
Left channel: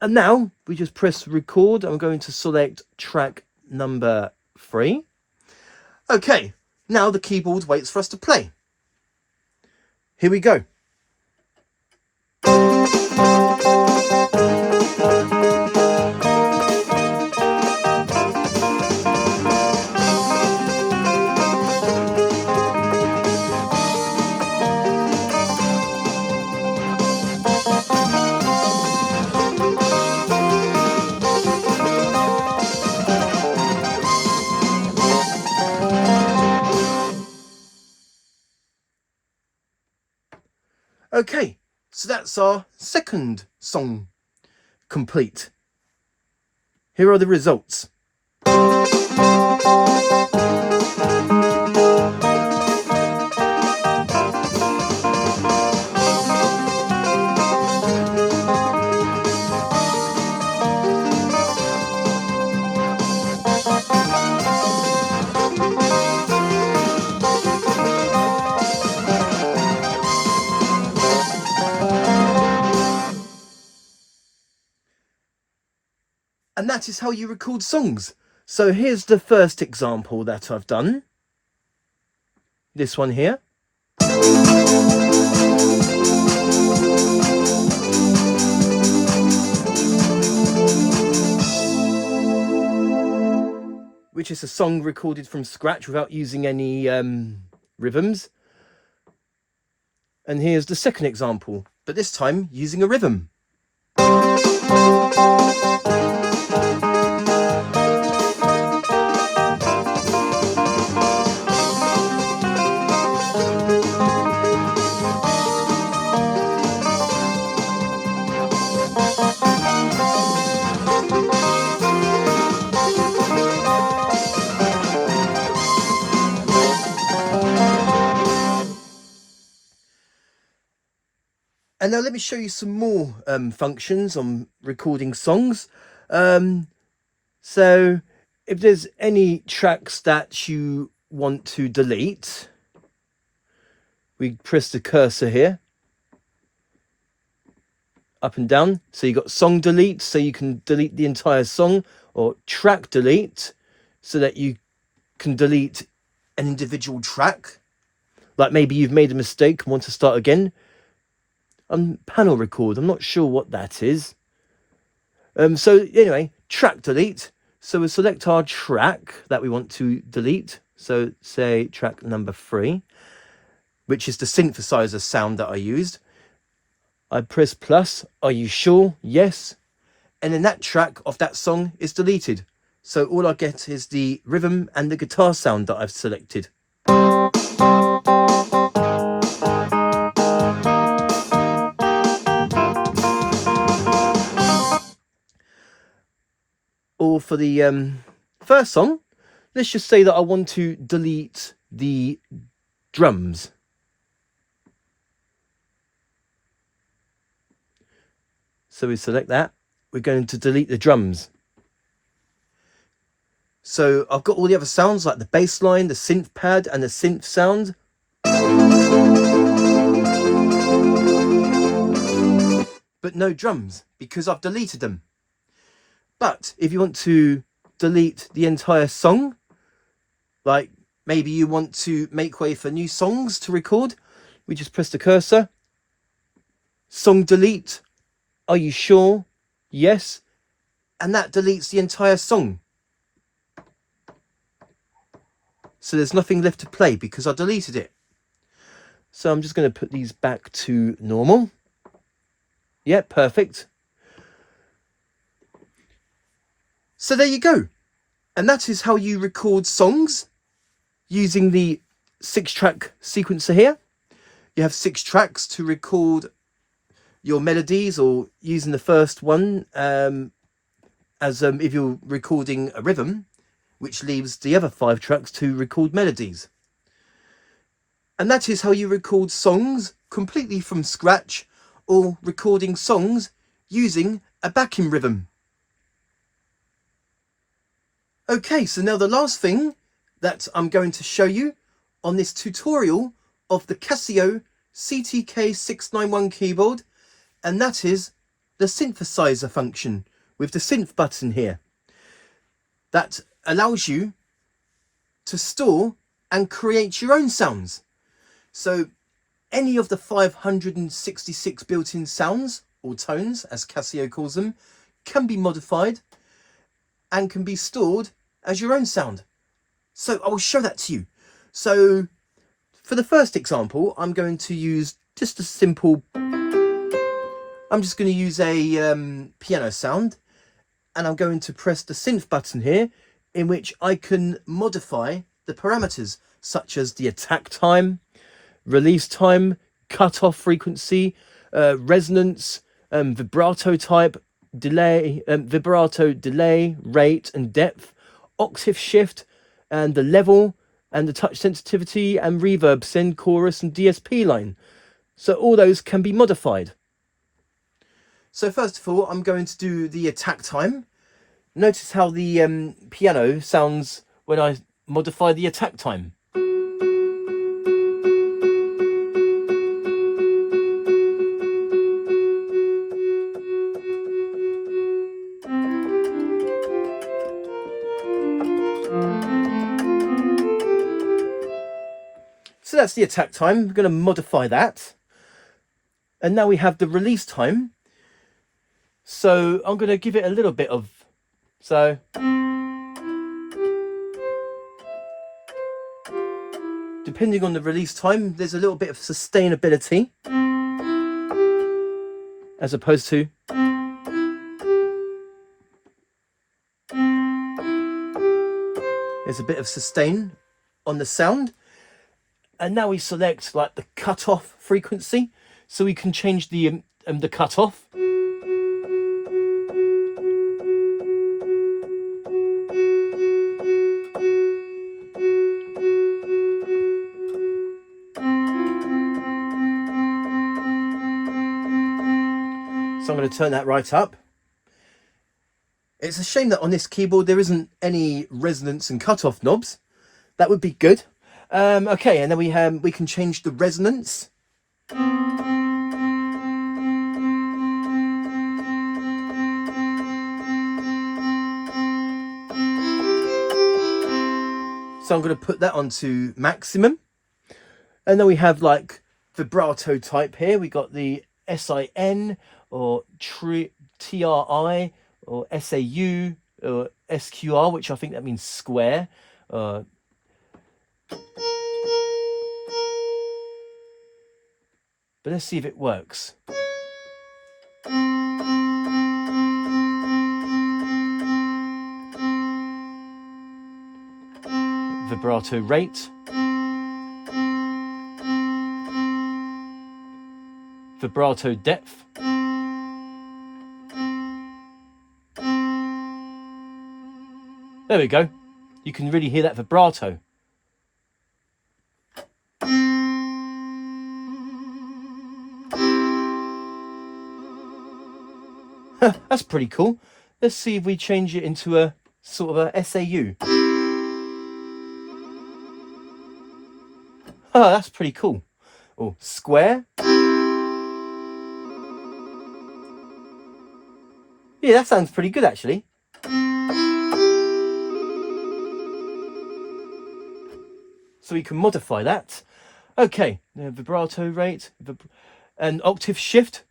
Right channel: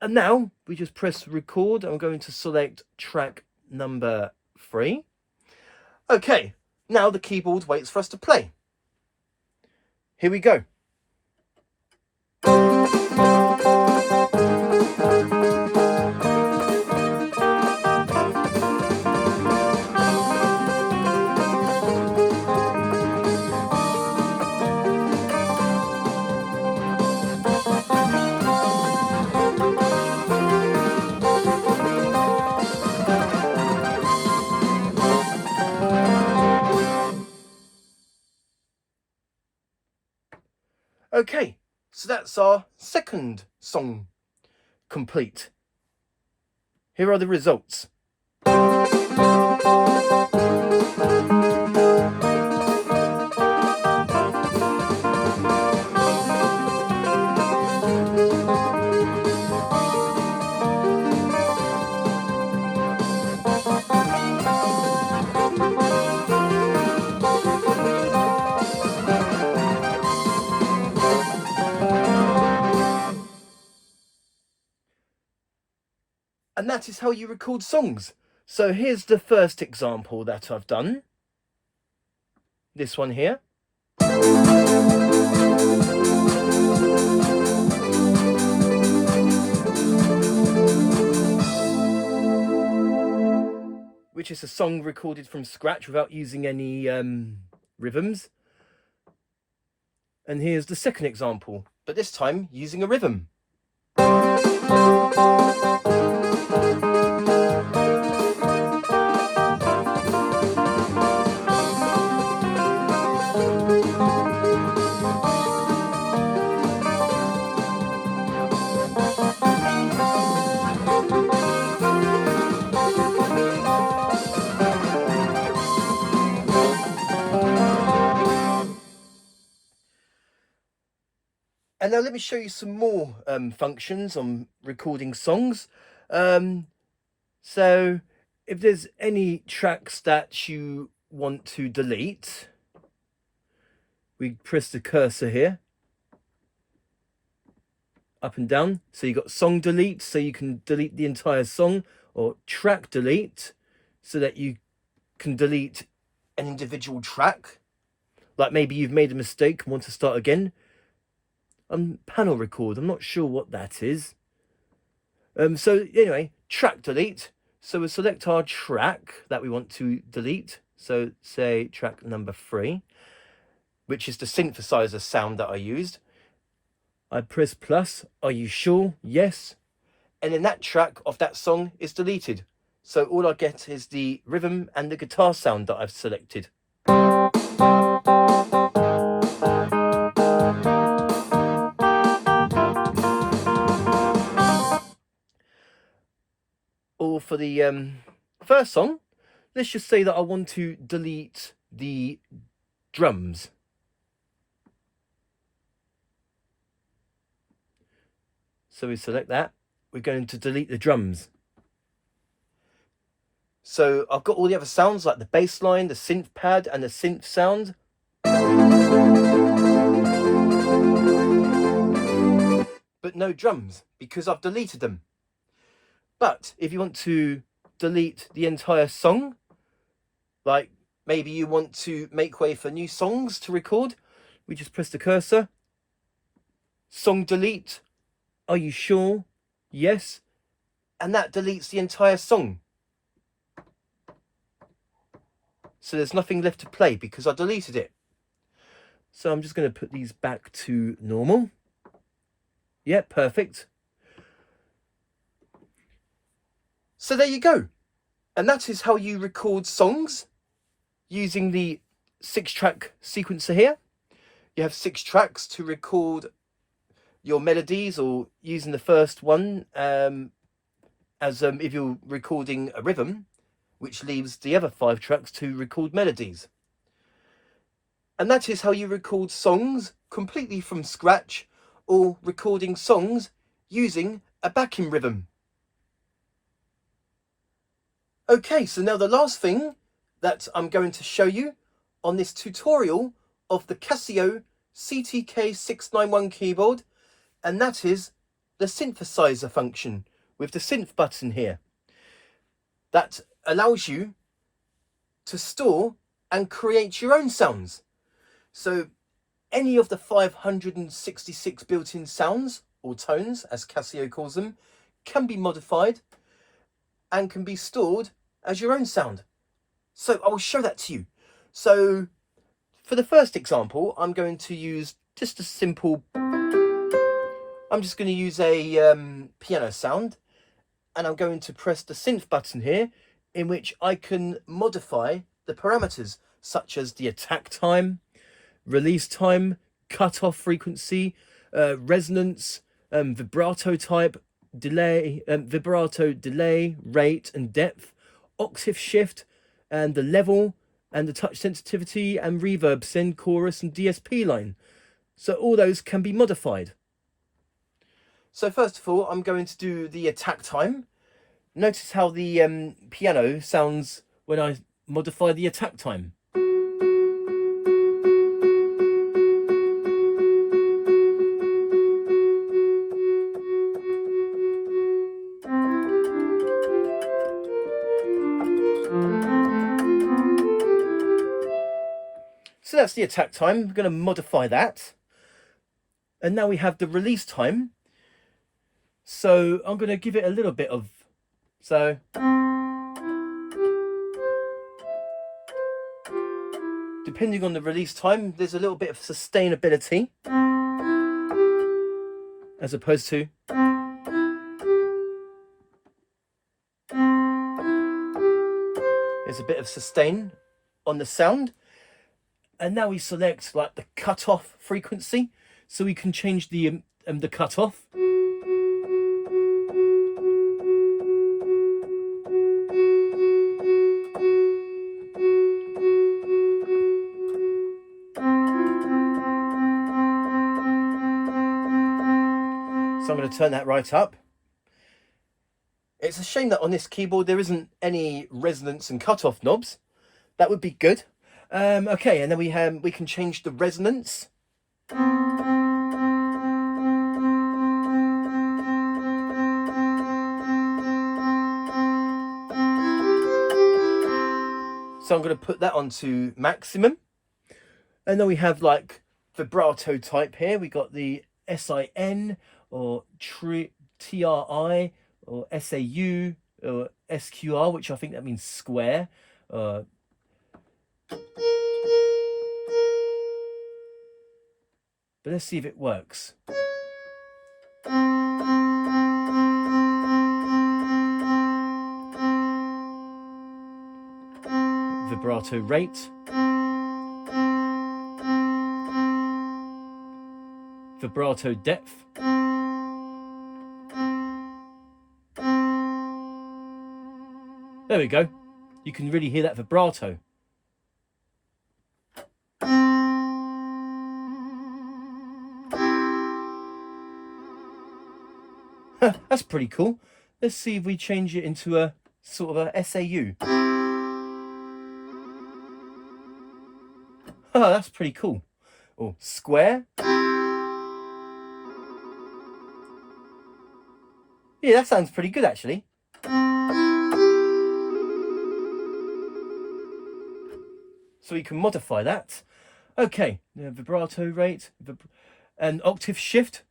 And now we just press record. I'm going to select track number 3. Okay, now the keyboard waits for us to play. Here we go. Okay, so that's our second song complete. Here are the results. And that is how you record songs. So here's the first example that I've done. This one here. Which is a song recorded from scratch without using any rhythms. And here's the second example, but this time using a rhythm. And now let me show you some more functions on recording songs. So if there's any tracks that you want to delete, we press the cursor here, up and down. So you got song delete, so you can delete the entire song, or track delete, so that you can delete an individual track. Like maybe you've made a mistake and want to start again. Panel record, I'm not sure what that is. So anyway, track delete. So we'll select our track that we want to delete. So say track number 3, which is the synthesizer sound that I used. I press plus, are you sure? Yes. And then that track of that song is deleted. So all I get is the rhythm and the guitar sound that I've selected. Or for the first song, let's just say that I want to delete the drums. So we select that. We're going to delete the drums. So I've got all the other sounds like the bass line, the synth pad and the synth sound. But no drums because I've deleted them. But if you want to delete the entire song, like maybe you want to make way for new songs to record, we just press the cursor, song delete, are you sure? Yes. And that deletes the entire song. So there's nothing left to play because I deleted it. So I'm just going to put these back to normal. Yeah, perfect. So there you go. And that is how you record songs using the 6-track sequencer here. You have 6 tracks to record your melodies, or using the first one as if you're recording a rhythm, which leaves the other 5 tracks to record melodies. And that is how you record songs completely from scratch, or recording songs using a backing rhythm. Okay, so now the last thing that I'm going to show you on this tutorial of the Casio CTK-691 keyboard, and that is the synthesizer function with the synth button here. That allows you to store and create your own sounds. So any of the 566 built-in sounds, or tones as Casio calls them, can be modified and can be stored as your own sound. So I'll show that to you. So for the first example, I'm going to use just a simple, I'm just going to use a piano sound, and I'm going to press the synth button here, in which I can modify the parameters such as the attack time, release time, cutoff frequency, resonance, vibrato type, delay, vibrato delay, rate and depth, octave shift, and the level, and the touch sensitivity, and reverb, send, chorus, and DSP line. So all those can be modified. So first of all, I'm going to do the attack time. Notice how the piano sounds when I modify the attack time. So that's the attack time. We're going to modify that. And now we have the release time. So I'm going to give it a little bit of, so depending on the release time, there's a little bit of sustainability as opposed to there's a bit of sustain on the sound. And now we select like the cutoff frequency, so we can change the cutoff. So I'm going to turn that right up. It's a shame that on this keyboard there isn't any resonance and cutoff knobs. That would be good. Okay, and then we can change the resonance. So I'm going to put that onto maximum. And then we have like vibrato type here. We got the SIN or TRI or SAU or SQR, which I think that means square. But let's see if it works. Vibrato rate. Vibrato depth. There we go. You can really hear that vibrato. That's pretty cool. Let's see if we change it into a sort of a SAU. Oh, that's pretty cool. Oh, square. Yeah, that sounds pretty good actually. So we can modify that. Okay, the vibrato rate and octave shift.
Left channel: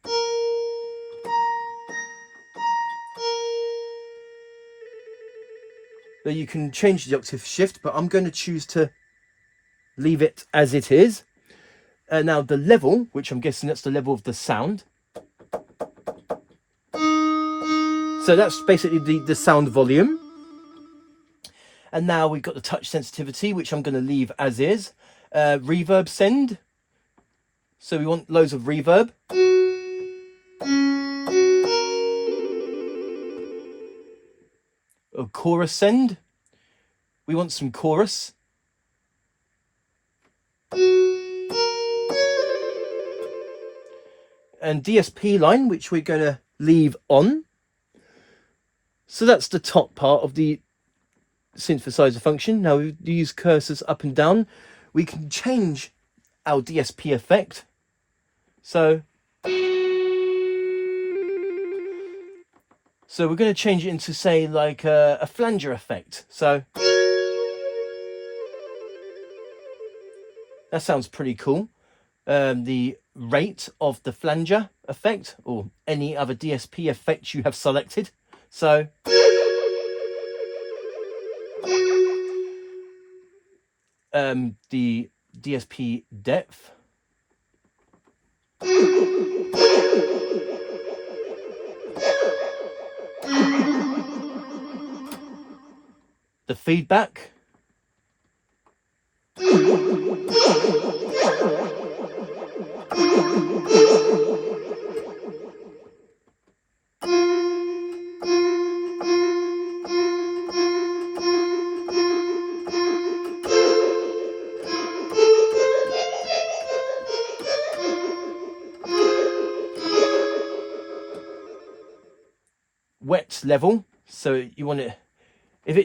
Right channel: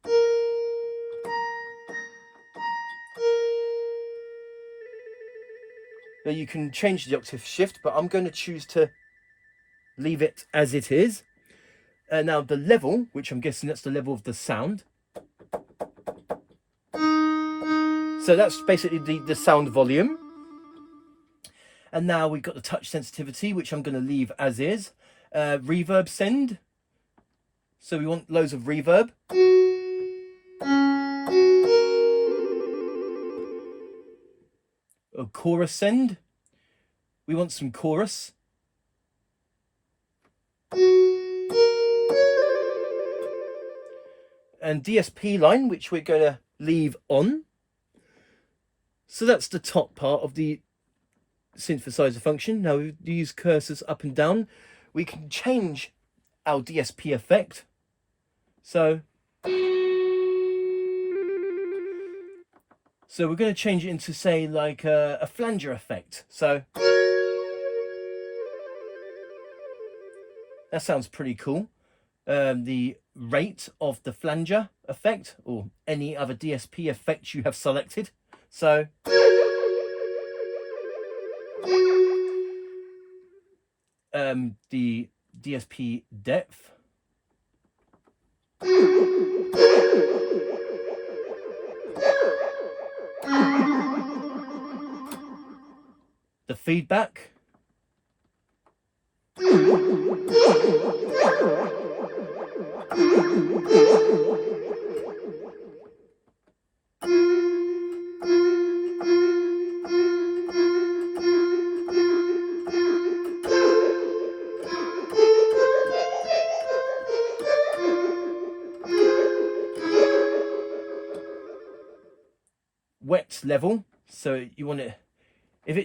Now you can change the octave shift, but I'm going to choose to leave it as it is. Now the level, which I'm guessing that's the level of the sound. So that's basically the sound volume. And now we've got the touch sensitivity, which I'm going to leave as is. Reverb send. So we want loads of reverb. A chorus send. We want some chorus. And DSP line, which we're going to leave on. So that's the top part of the synthesizer function. Now we use cursors up and down. We can change our DSP effect. So we're going to change it into, say, like a flanger effect. So that sounds pretty cool. The rate of the flanger effect, or any other DSP effect you have selected. So the DSP depth. The feedback. Wet level, so you want it if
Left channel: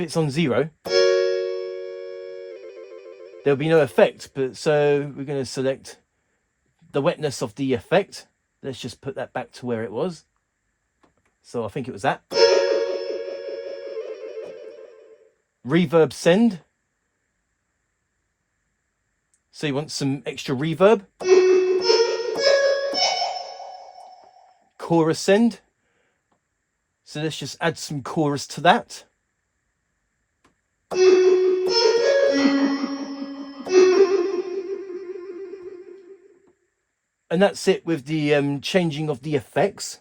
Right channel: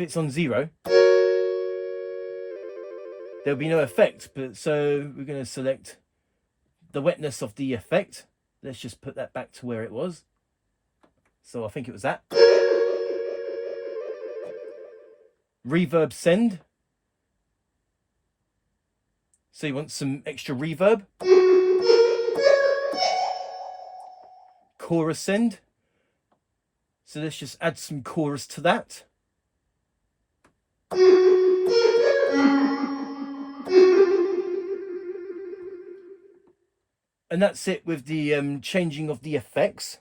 it's on 0, there'll be no effect, but so we're going to select the wetness of the effect. Let's just put that back to where it was. So I think it was that. Reverb send, so you want some extra reverb. Chorus send, so let's just add some chorus to that. And that's it with the changing of the effects.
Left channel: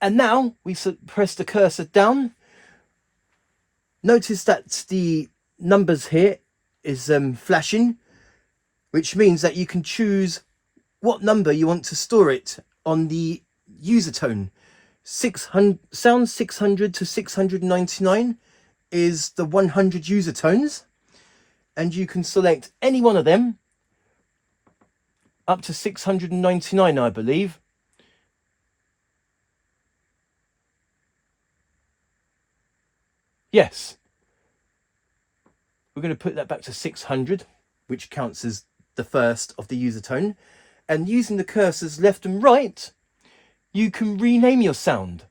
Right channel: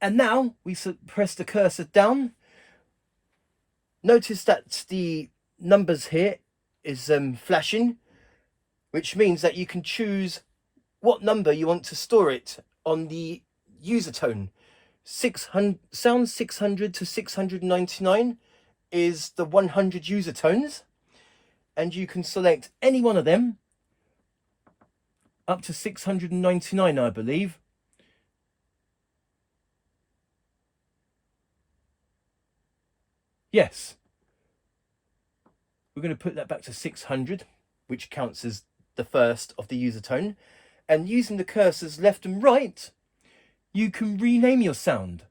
And now we press the cursor down. Notice that the numbers here is flashing, which means that you can choose what number you want to store it on the user tone. 600 sound 600 to 699 is the 100 user tones, and you can select any one of them up to 699, I believe. Yes, we're going to put that back to 600, which counts as the first of the user tone. And using the cursors left and right, you can rename your sound.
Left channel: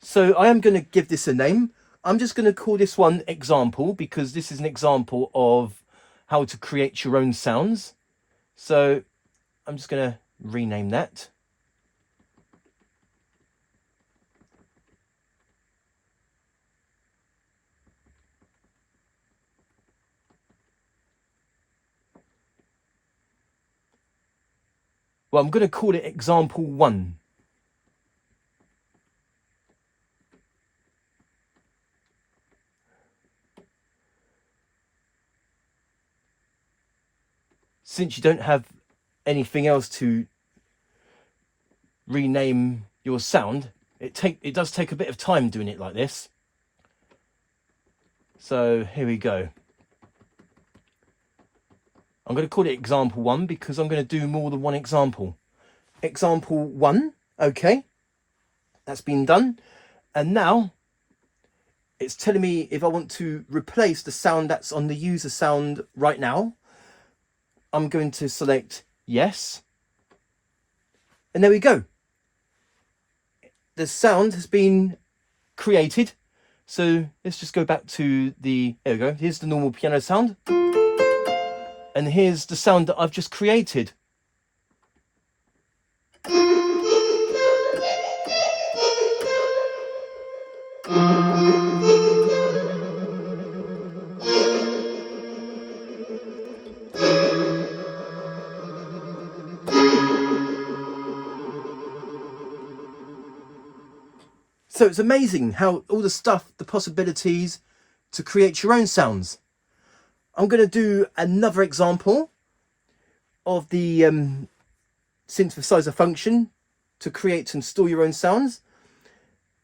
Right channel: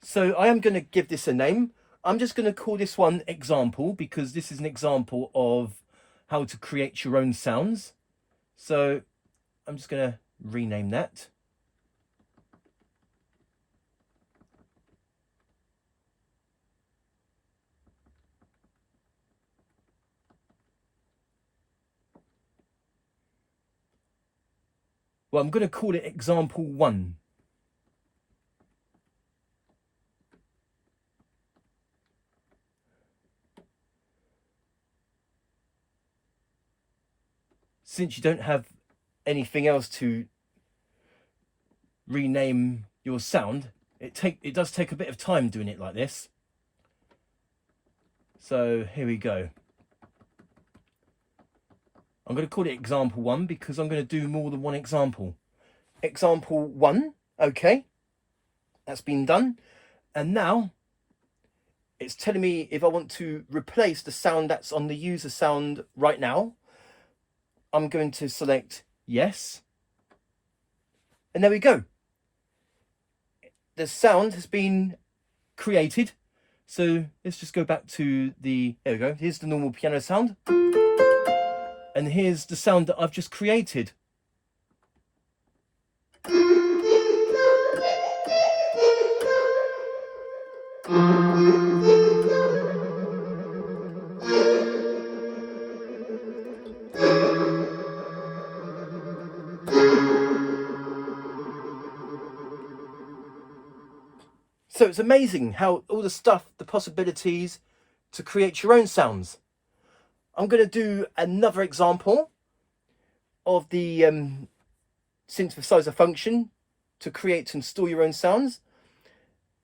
So I am going to give this a name. I'm just going to call this one example, because this is an example of how to create your own sounds. So I'm just going to rename that. Well, I'm going to call it example 1. Since you don't have anything else to rename your sound, it does take a bit of time doing it like this. So here we go. I'm going to call it example 1 because I'm going to do more than one example. Example 1, okay, that's been done. And now it's telling me if I want to replace the sound that's on the user sound right now. I'm going to select yes. And there we go. The sound has been created. So let's just go back to the, there we go. Here's the normal piano sound. And here's the sound that I've just created. So it's amazing how all the stuff, the possibilities to create your own sounds. I'm going to do another example of the synthesizer function to create and store your own sounds.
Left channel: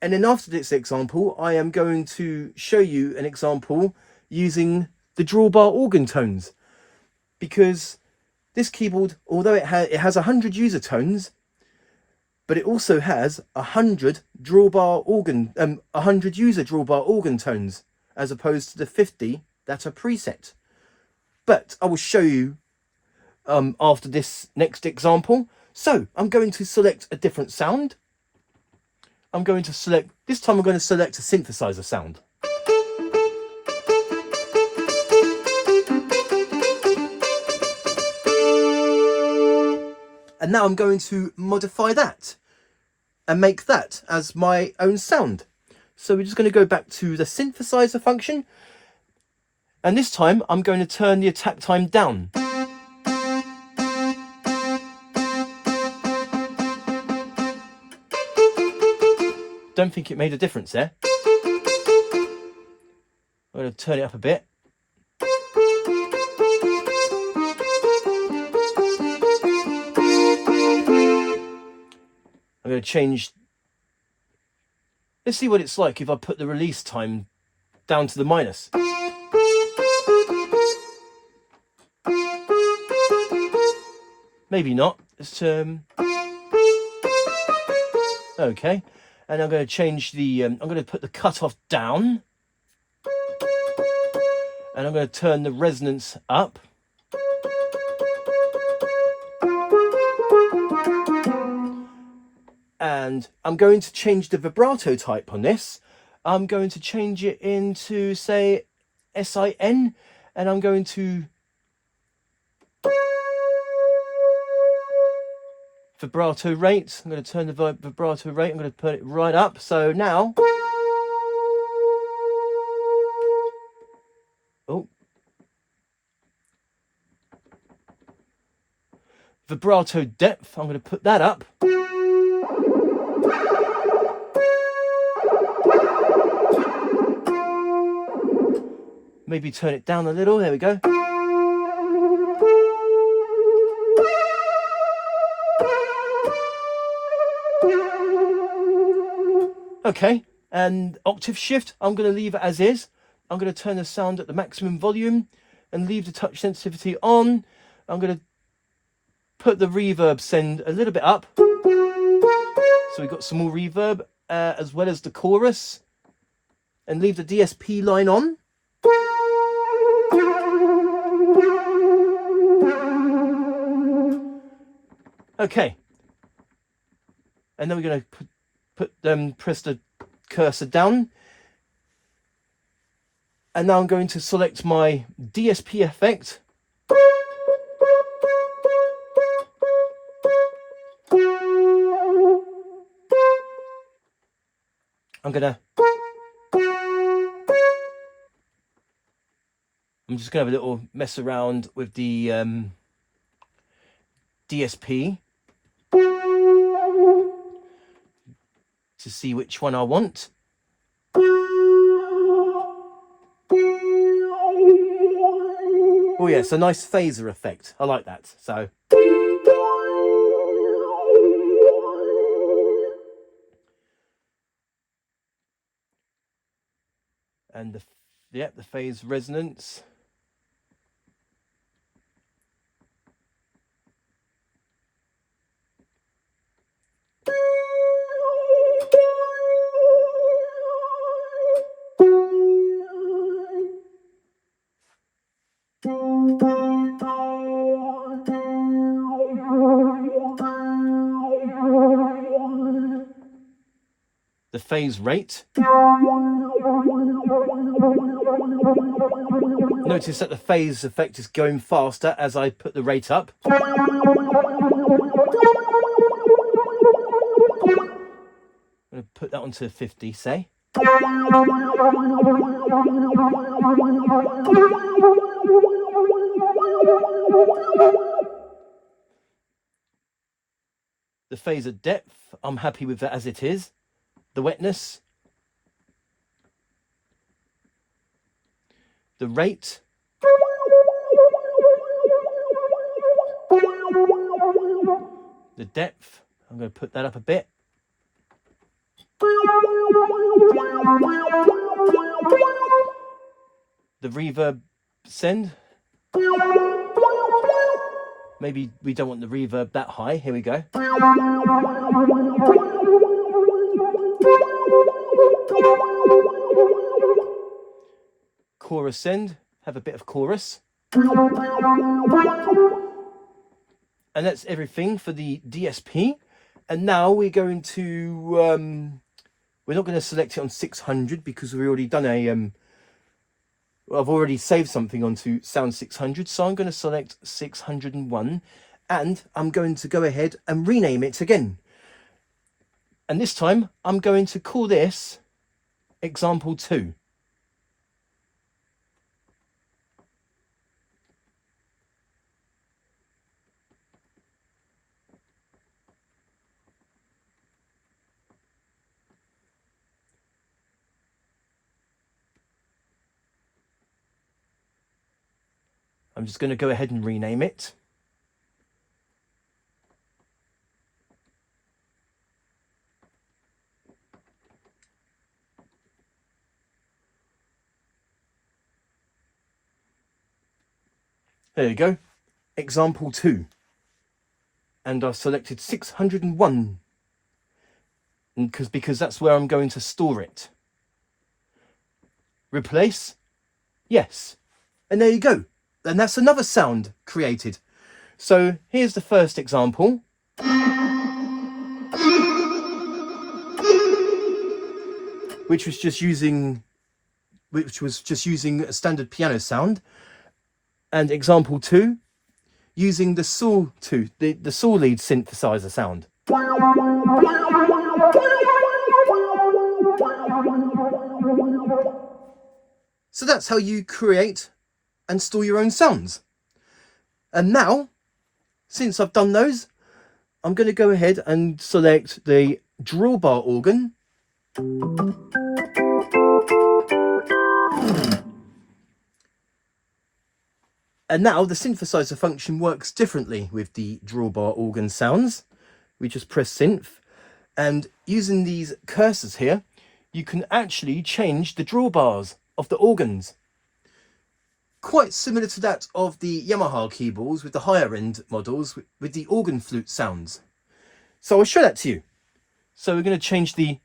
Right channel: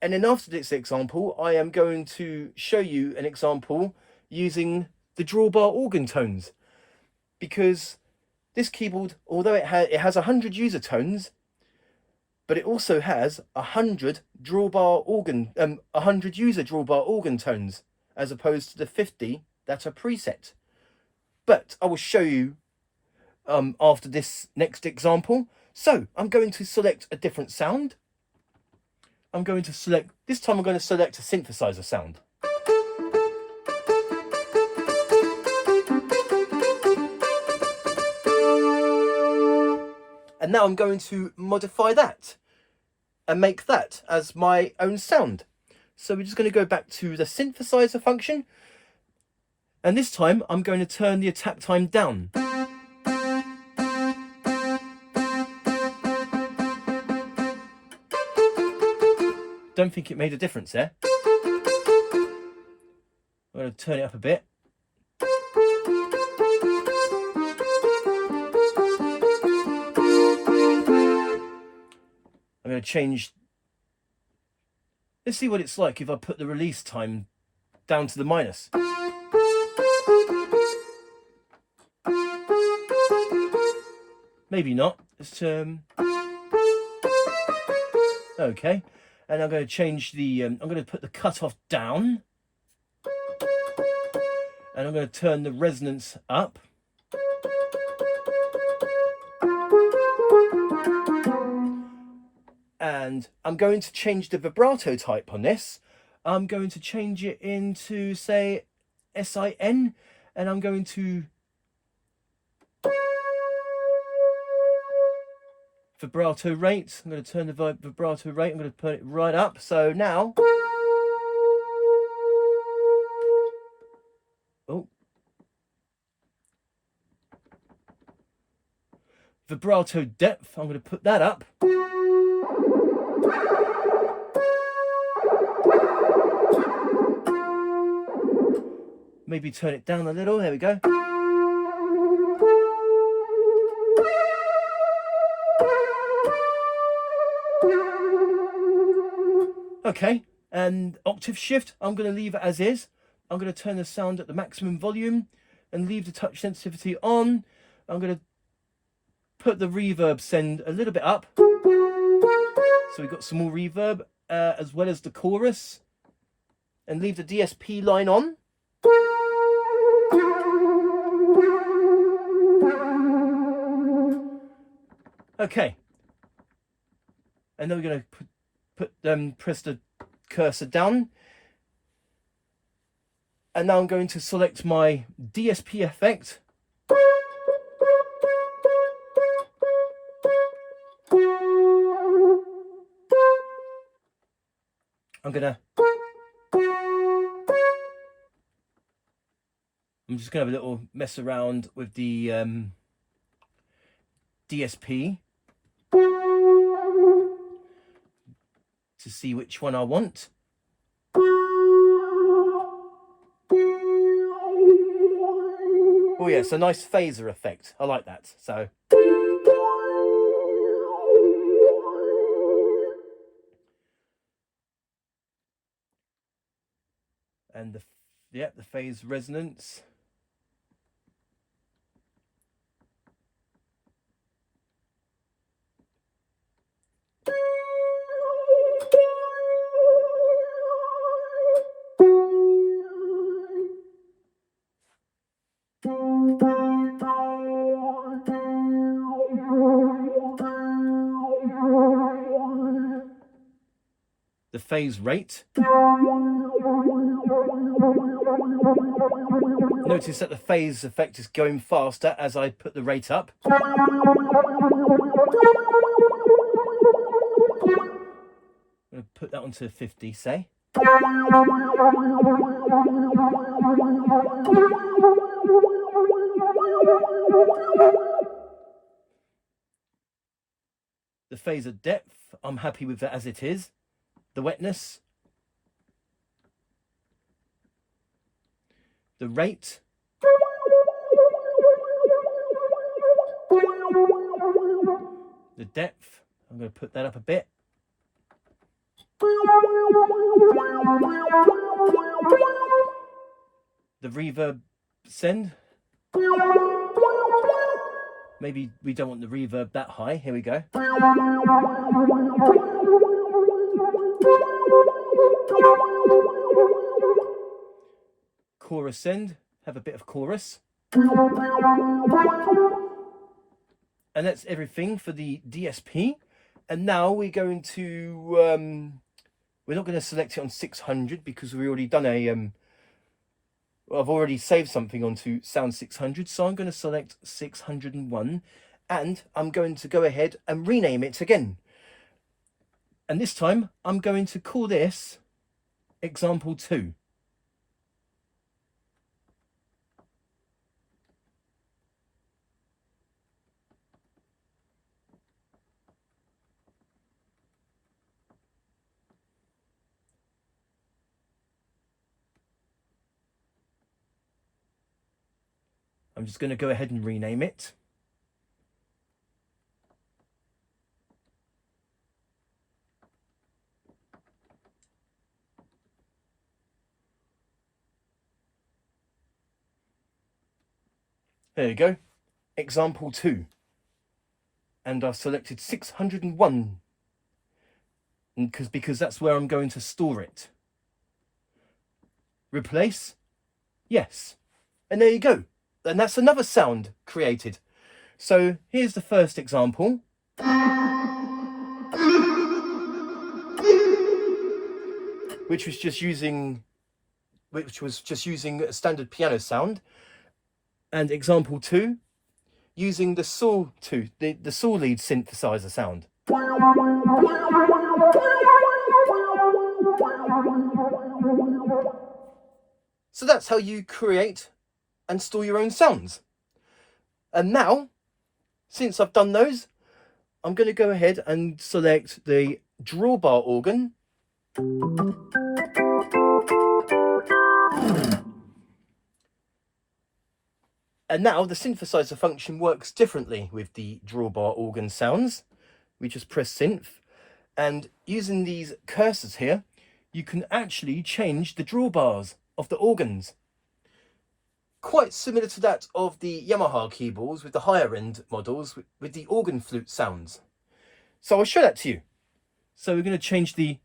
And then after this example, I am going to show you an example using the drawbar organ tones. Because this keyboard, although it has 100 user tones, but it also has 100 drawbar organ, 100 user drawbar organ tones, as opposed to the 50 that are preset. But I will show you after this next example. So I'm going to select a different sound. I'm going to select, this time I'm going to select a synthesizer sound. And now I'm going to modify that and make that as my own sound. So we're just going to go back to the synthesizer function. And this time I'm going to turn the attack time down. Don't think it made a difference there. I'm going to turn it up a bit. I'm going to change. Let's see what it's like if I put the release time down to the minus. Maybe not. Let's okay. And I'm going to change the, I'm going to put the cutoff down. And I'm going to turn the resonance up. And I'm going to change the vibrato type on this. I'm going to change it into, say, SIN. And I'm going to vibrato rate. I'm going to turn the vibrato rate. I'm going to put it right up. So now, oh, vibrato depth. I'm going to put that up. Maybe turn it down a little. There we go. Okay, and octave shift, I'm going to leave it as is. I'm going to turn the sound at the maximum volume and leave the touch sensitivity on. I'm going to put the reverb send a little bit up. So we've got some more reverb as well as the chorus. And leave the DSP line on. Okay. And then we're going to press the cursor down, and now I'm going to select my DSP effect. I'm just gonna have a little mess around with the DSP. to see which one I want. Oh yeah, it's a nice phaser effect. I like that. So and the phase resonance. The phase rate. Notice that the phase effect is going faster as I put the rate up. I'm going to put that onto 50, say. The phaser depth, I'm happy with that as it is. The wetness. The rate. The depth, I'm going to put that up a bit. The reverb send. Maybe we don't want the reverb that high. Here we go. Chorus send. Have a bit of chorus. And that's everything for the DSP. And now we're going to, we're not going to select it on 600 because we've already done a, I've already saved something onto Sound 600. So I'm going to select 601 and I'm going to go ahead and rename it again. And this time I'm going to call this example 2. I'm just going to go ahead and rename it. There you go. Example 2. And I've selected 601 because that's where I'm going to store it. Replace? Yes. And there you go. And that's another sound created. So here's the first example. Which was just using a standard piano sound. And example 2, using the saw tooth, the saw lead synthesizer sound. So that's how you create and store your own sounds. And now, since I've done those, I'm going to go ahead and select the drawbar organ. And now the synthesizer function works differently with the drawbar organ sounds. We just press synth, and using these cursors here, you can actually change the drawbars of the organs. Quite similar to that of the Yamaha keyboards with the higher end models with the organ flute sounds. So I'll show that to you. So we're going to change the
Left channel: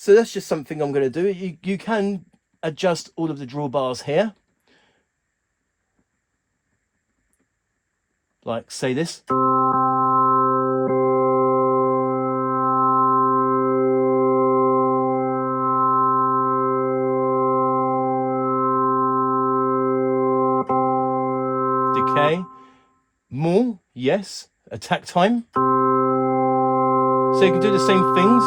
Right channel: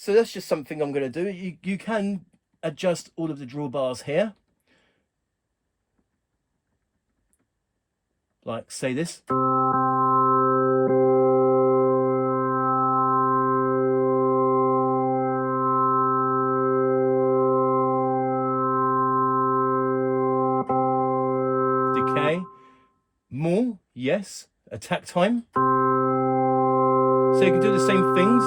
So that's just something I'm going to do. You can adjust all of the drawbars here. Like, say this. yes. Attack time. So you can do the same things.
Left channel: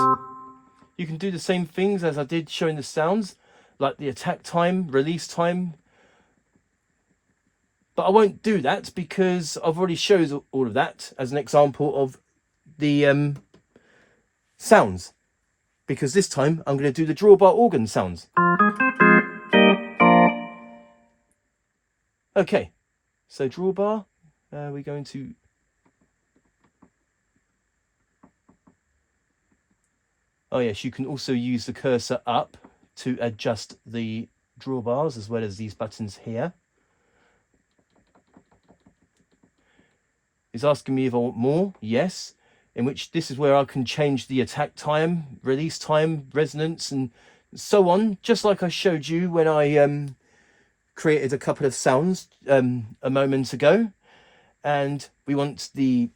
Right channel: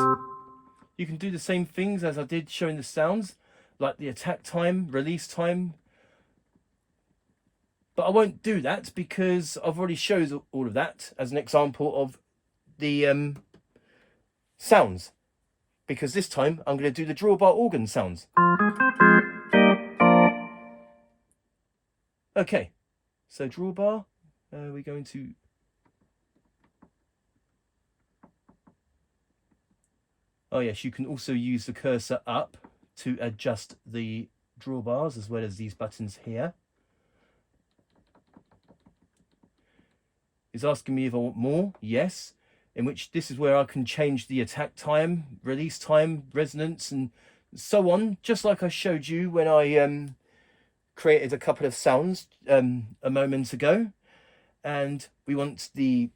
You can do the same things as I did showing the sounds, like the attack time, release time. But I won't do that because I've already showed all of that as an example of the sounds. Because this time I'm going to do the drawbar organ sounds. Okay, so drawbar, we're going to... Oh yes, you can also use the cursor up to adjust the drawbars as well as these buttons here. It's asking me if I want more. Yes. In which this is where I can change the attack time, release time, resonance, and so on. Just like I showed you when I created a couple of sounds a moment ago. And we want the...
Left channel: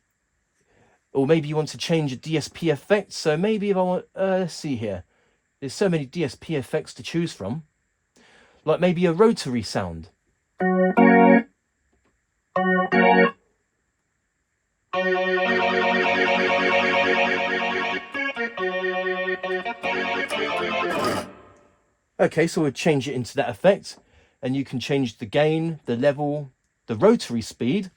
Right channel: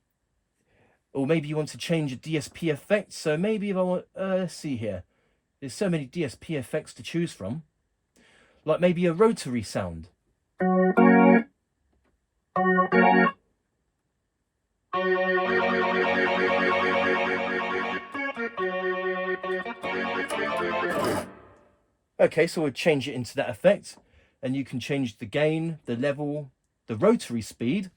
Or maybe you want to change a DSP effect. So maybe if I want... let's see here. There's so many DSP effects to choose from. Like maybe a rotary sound. Okay, so we'll change it into that effect. And you can change the gain, the level, the rotary speed.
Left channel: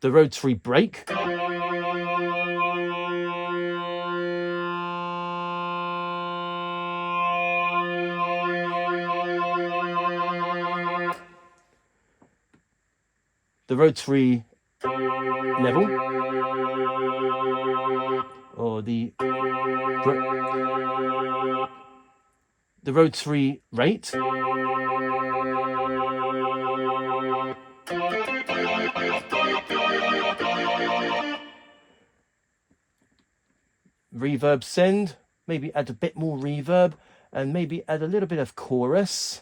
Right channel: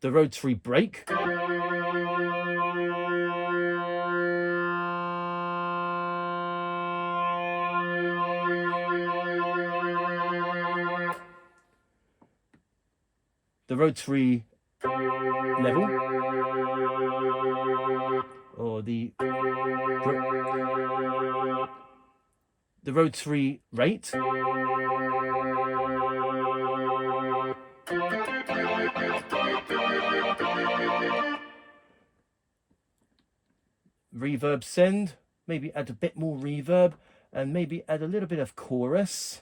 The rotary break. The rotary level, or the rotary rate, reverb send, maybe add a bit more reverb, and maybe add a little bit of chorus.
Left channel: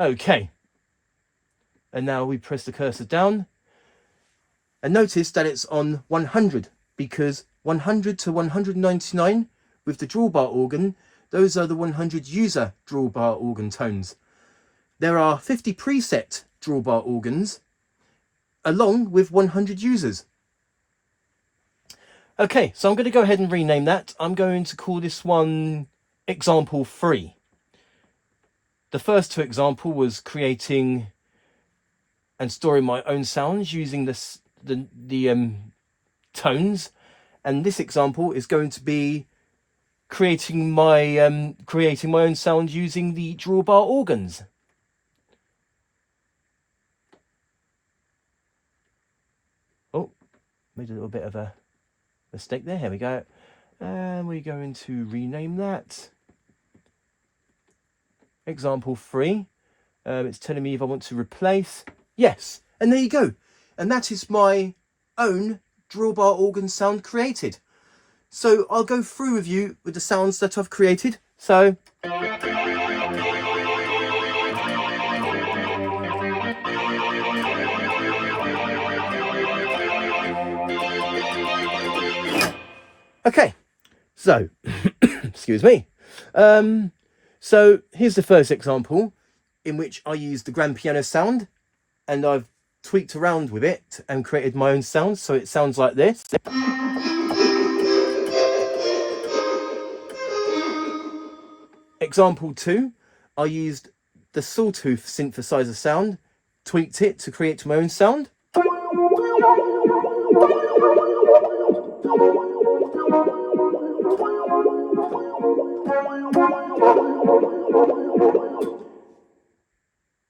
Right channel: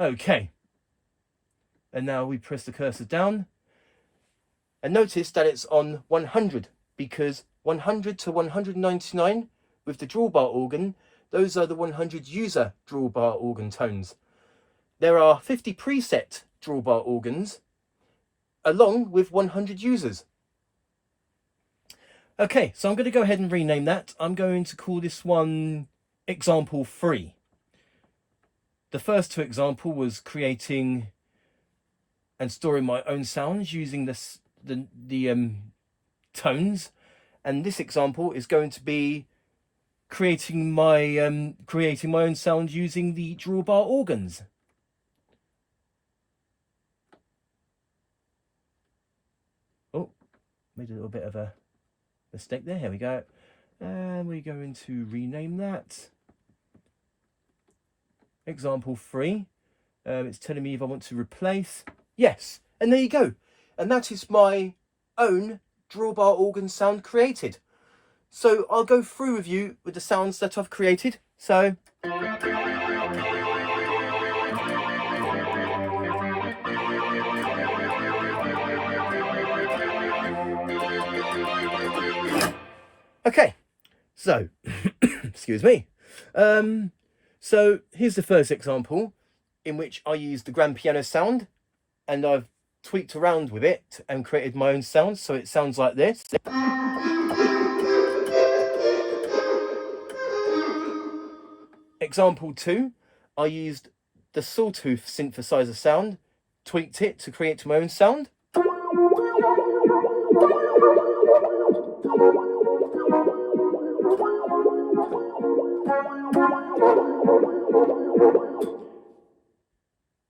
Okay, and now we press the cursor down and notice that it's on 100 because 100 to 199 with the drawbar organ, those are the 100 user drawbar organ tones. There are 50 preset drawbar organs along with 100 users. Okay, so I'm going to go ahead and rename that. I'm going to call this one example 3. The first two example was creating and storing my own sounds using the tones, and this example is going to be creating my own sound using the drawbar organs. Oh, made a little bit of a mistake there. Here we go, and we're going to rename that. Example 3. It's telling me if I want to replace. Yes, and there you go. And that is my own drawbar organ sound created. So I'll go through with you with the sounds that I've created. So okay, so excuse me. So here's the first example in which I used the grand piano sound and I've tweaked around with it and created my own sound. So it sounds like this. Example 2, I used the sawtooth synthesizer sound, tweaked it to create my own sound.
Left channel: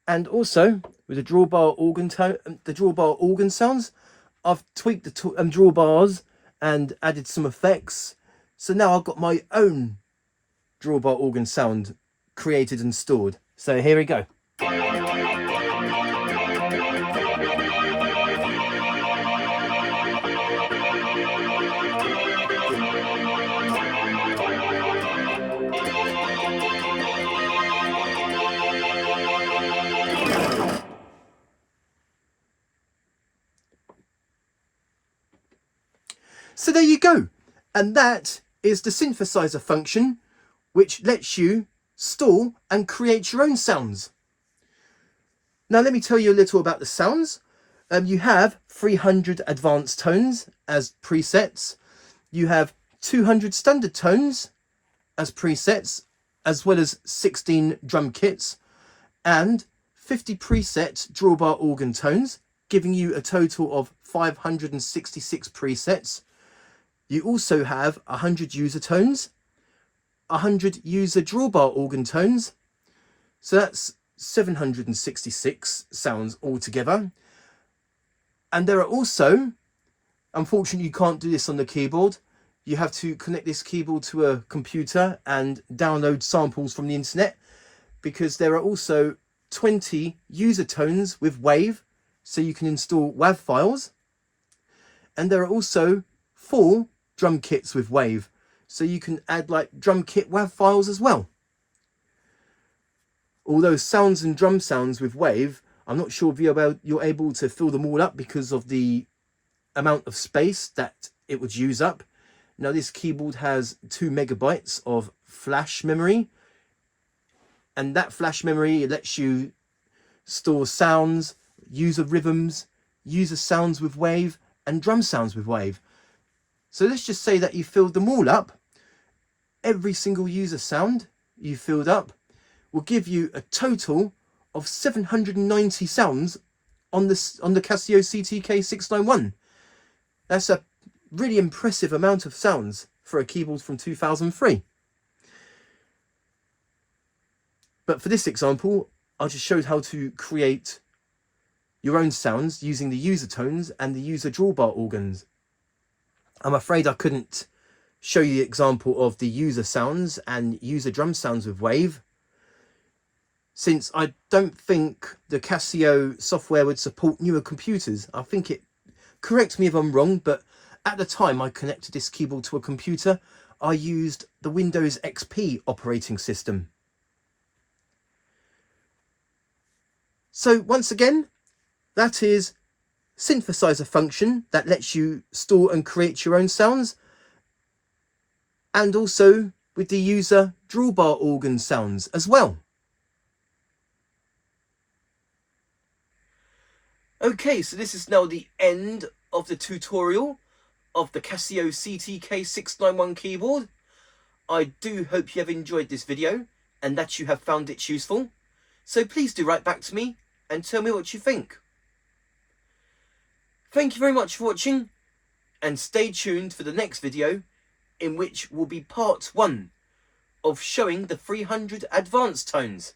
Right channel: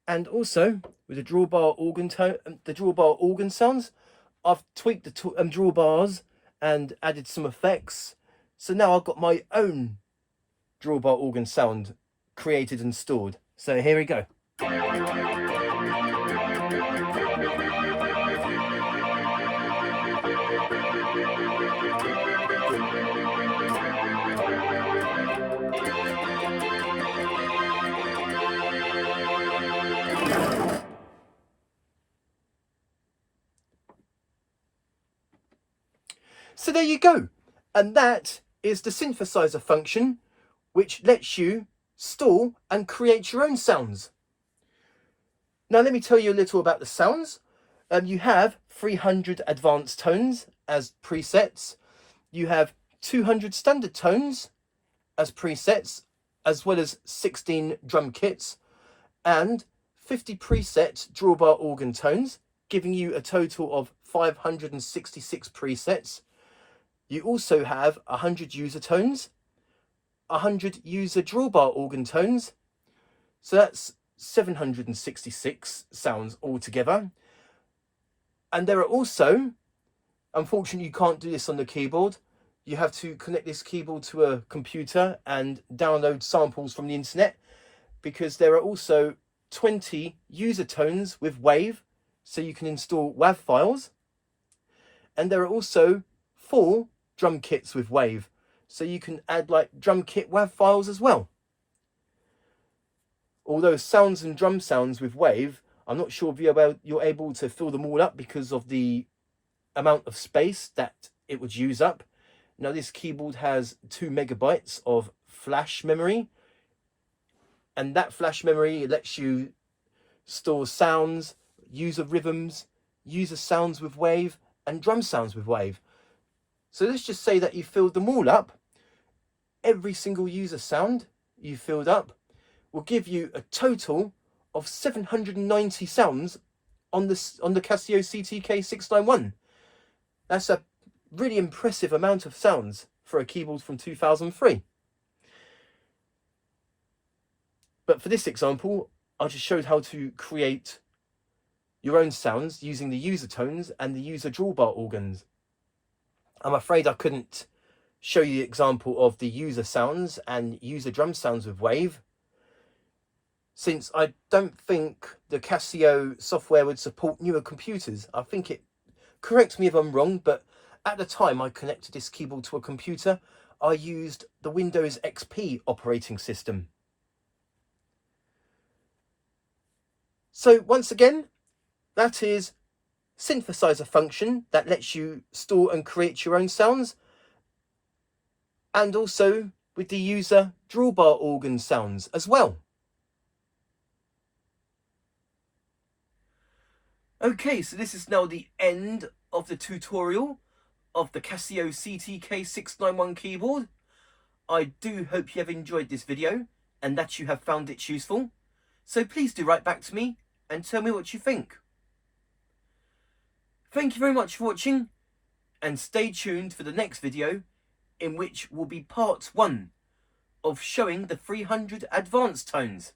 And also with the drawbar organ sounds, I've tweaked the drawbars and added some effects. So now I've got my own drawbar organ sound created and stored. So here we go. So there you go. And that is the synthesizer function, which lets you store and create your own sounds. Now let me tell you a little about the sounds. You have 300 advanced tones as presets. You have 200 standard tones as presets, as well as 16 drum kits and 50 preset drawbar organ tones, giving you a total of 566 presets. You also have 100 user tones, 100 user drawbar organ tones, so that's 766 sounds altogether. And there are also, unfortunately you can't do this on the keyboard, you have to connect this keyboard to a computer and download samples from the internet, because there are also 20 user tones with WAV, so you can install WAV files. And there are also 4 drum kits with WAV, so you can add like drum kit WAV files as well. Although sounds and drum sounds with WAV, I'm not sure if you're able to fill them all up because of the amount of space that it would use up. Now this keyboard has 2 megabytes of flash memory, and that flash memory lets you store sounds, user rhythms, user sounds with WAV, and drum sounds with WAV. So let's just say that you filled them all up. Every single user sound you filled up will give you a total of 790 sounds on the Casio CTK-691. That's a really impressive amount of sounds for a keyboard from 2003. But for this example, I just showed how to create your own sounds using the user tones and the user drawbar organs. I'm afraid I couldn't show you the example of the user sounds and user drum sounds with WAV, since I don't think the Casio software would support newer computers. I think it, correct me if I'm wrong, but at the time I connected this keyboard to a computer, I used the Windows XP operating system. So once again, that is synthesizer function that lets you store and create your own sounds, and also with the user drawbar organ sounds as well. Okay, so this is now the end of the tutorial of the Casio CTK-691 keyboard. I do hope you have enjoyed this video and that you have found it useful. So please do write back to me and tell me what you think. Thank you very much for watching, and stay tuned for the next video, in which will be part 1 of showing the 300 advanced tones.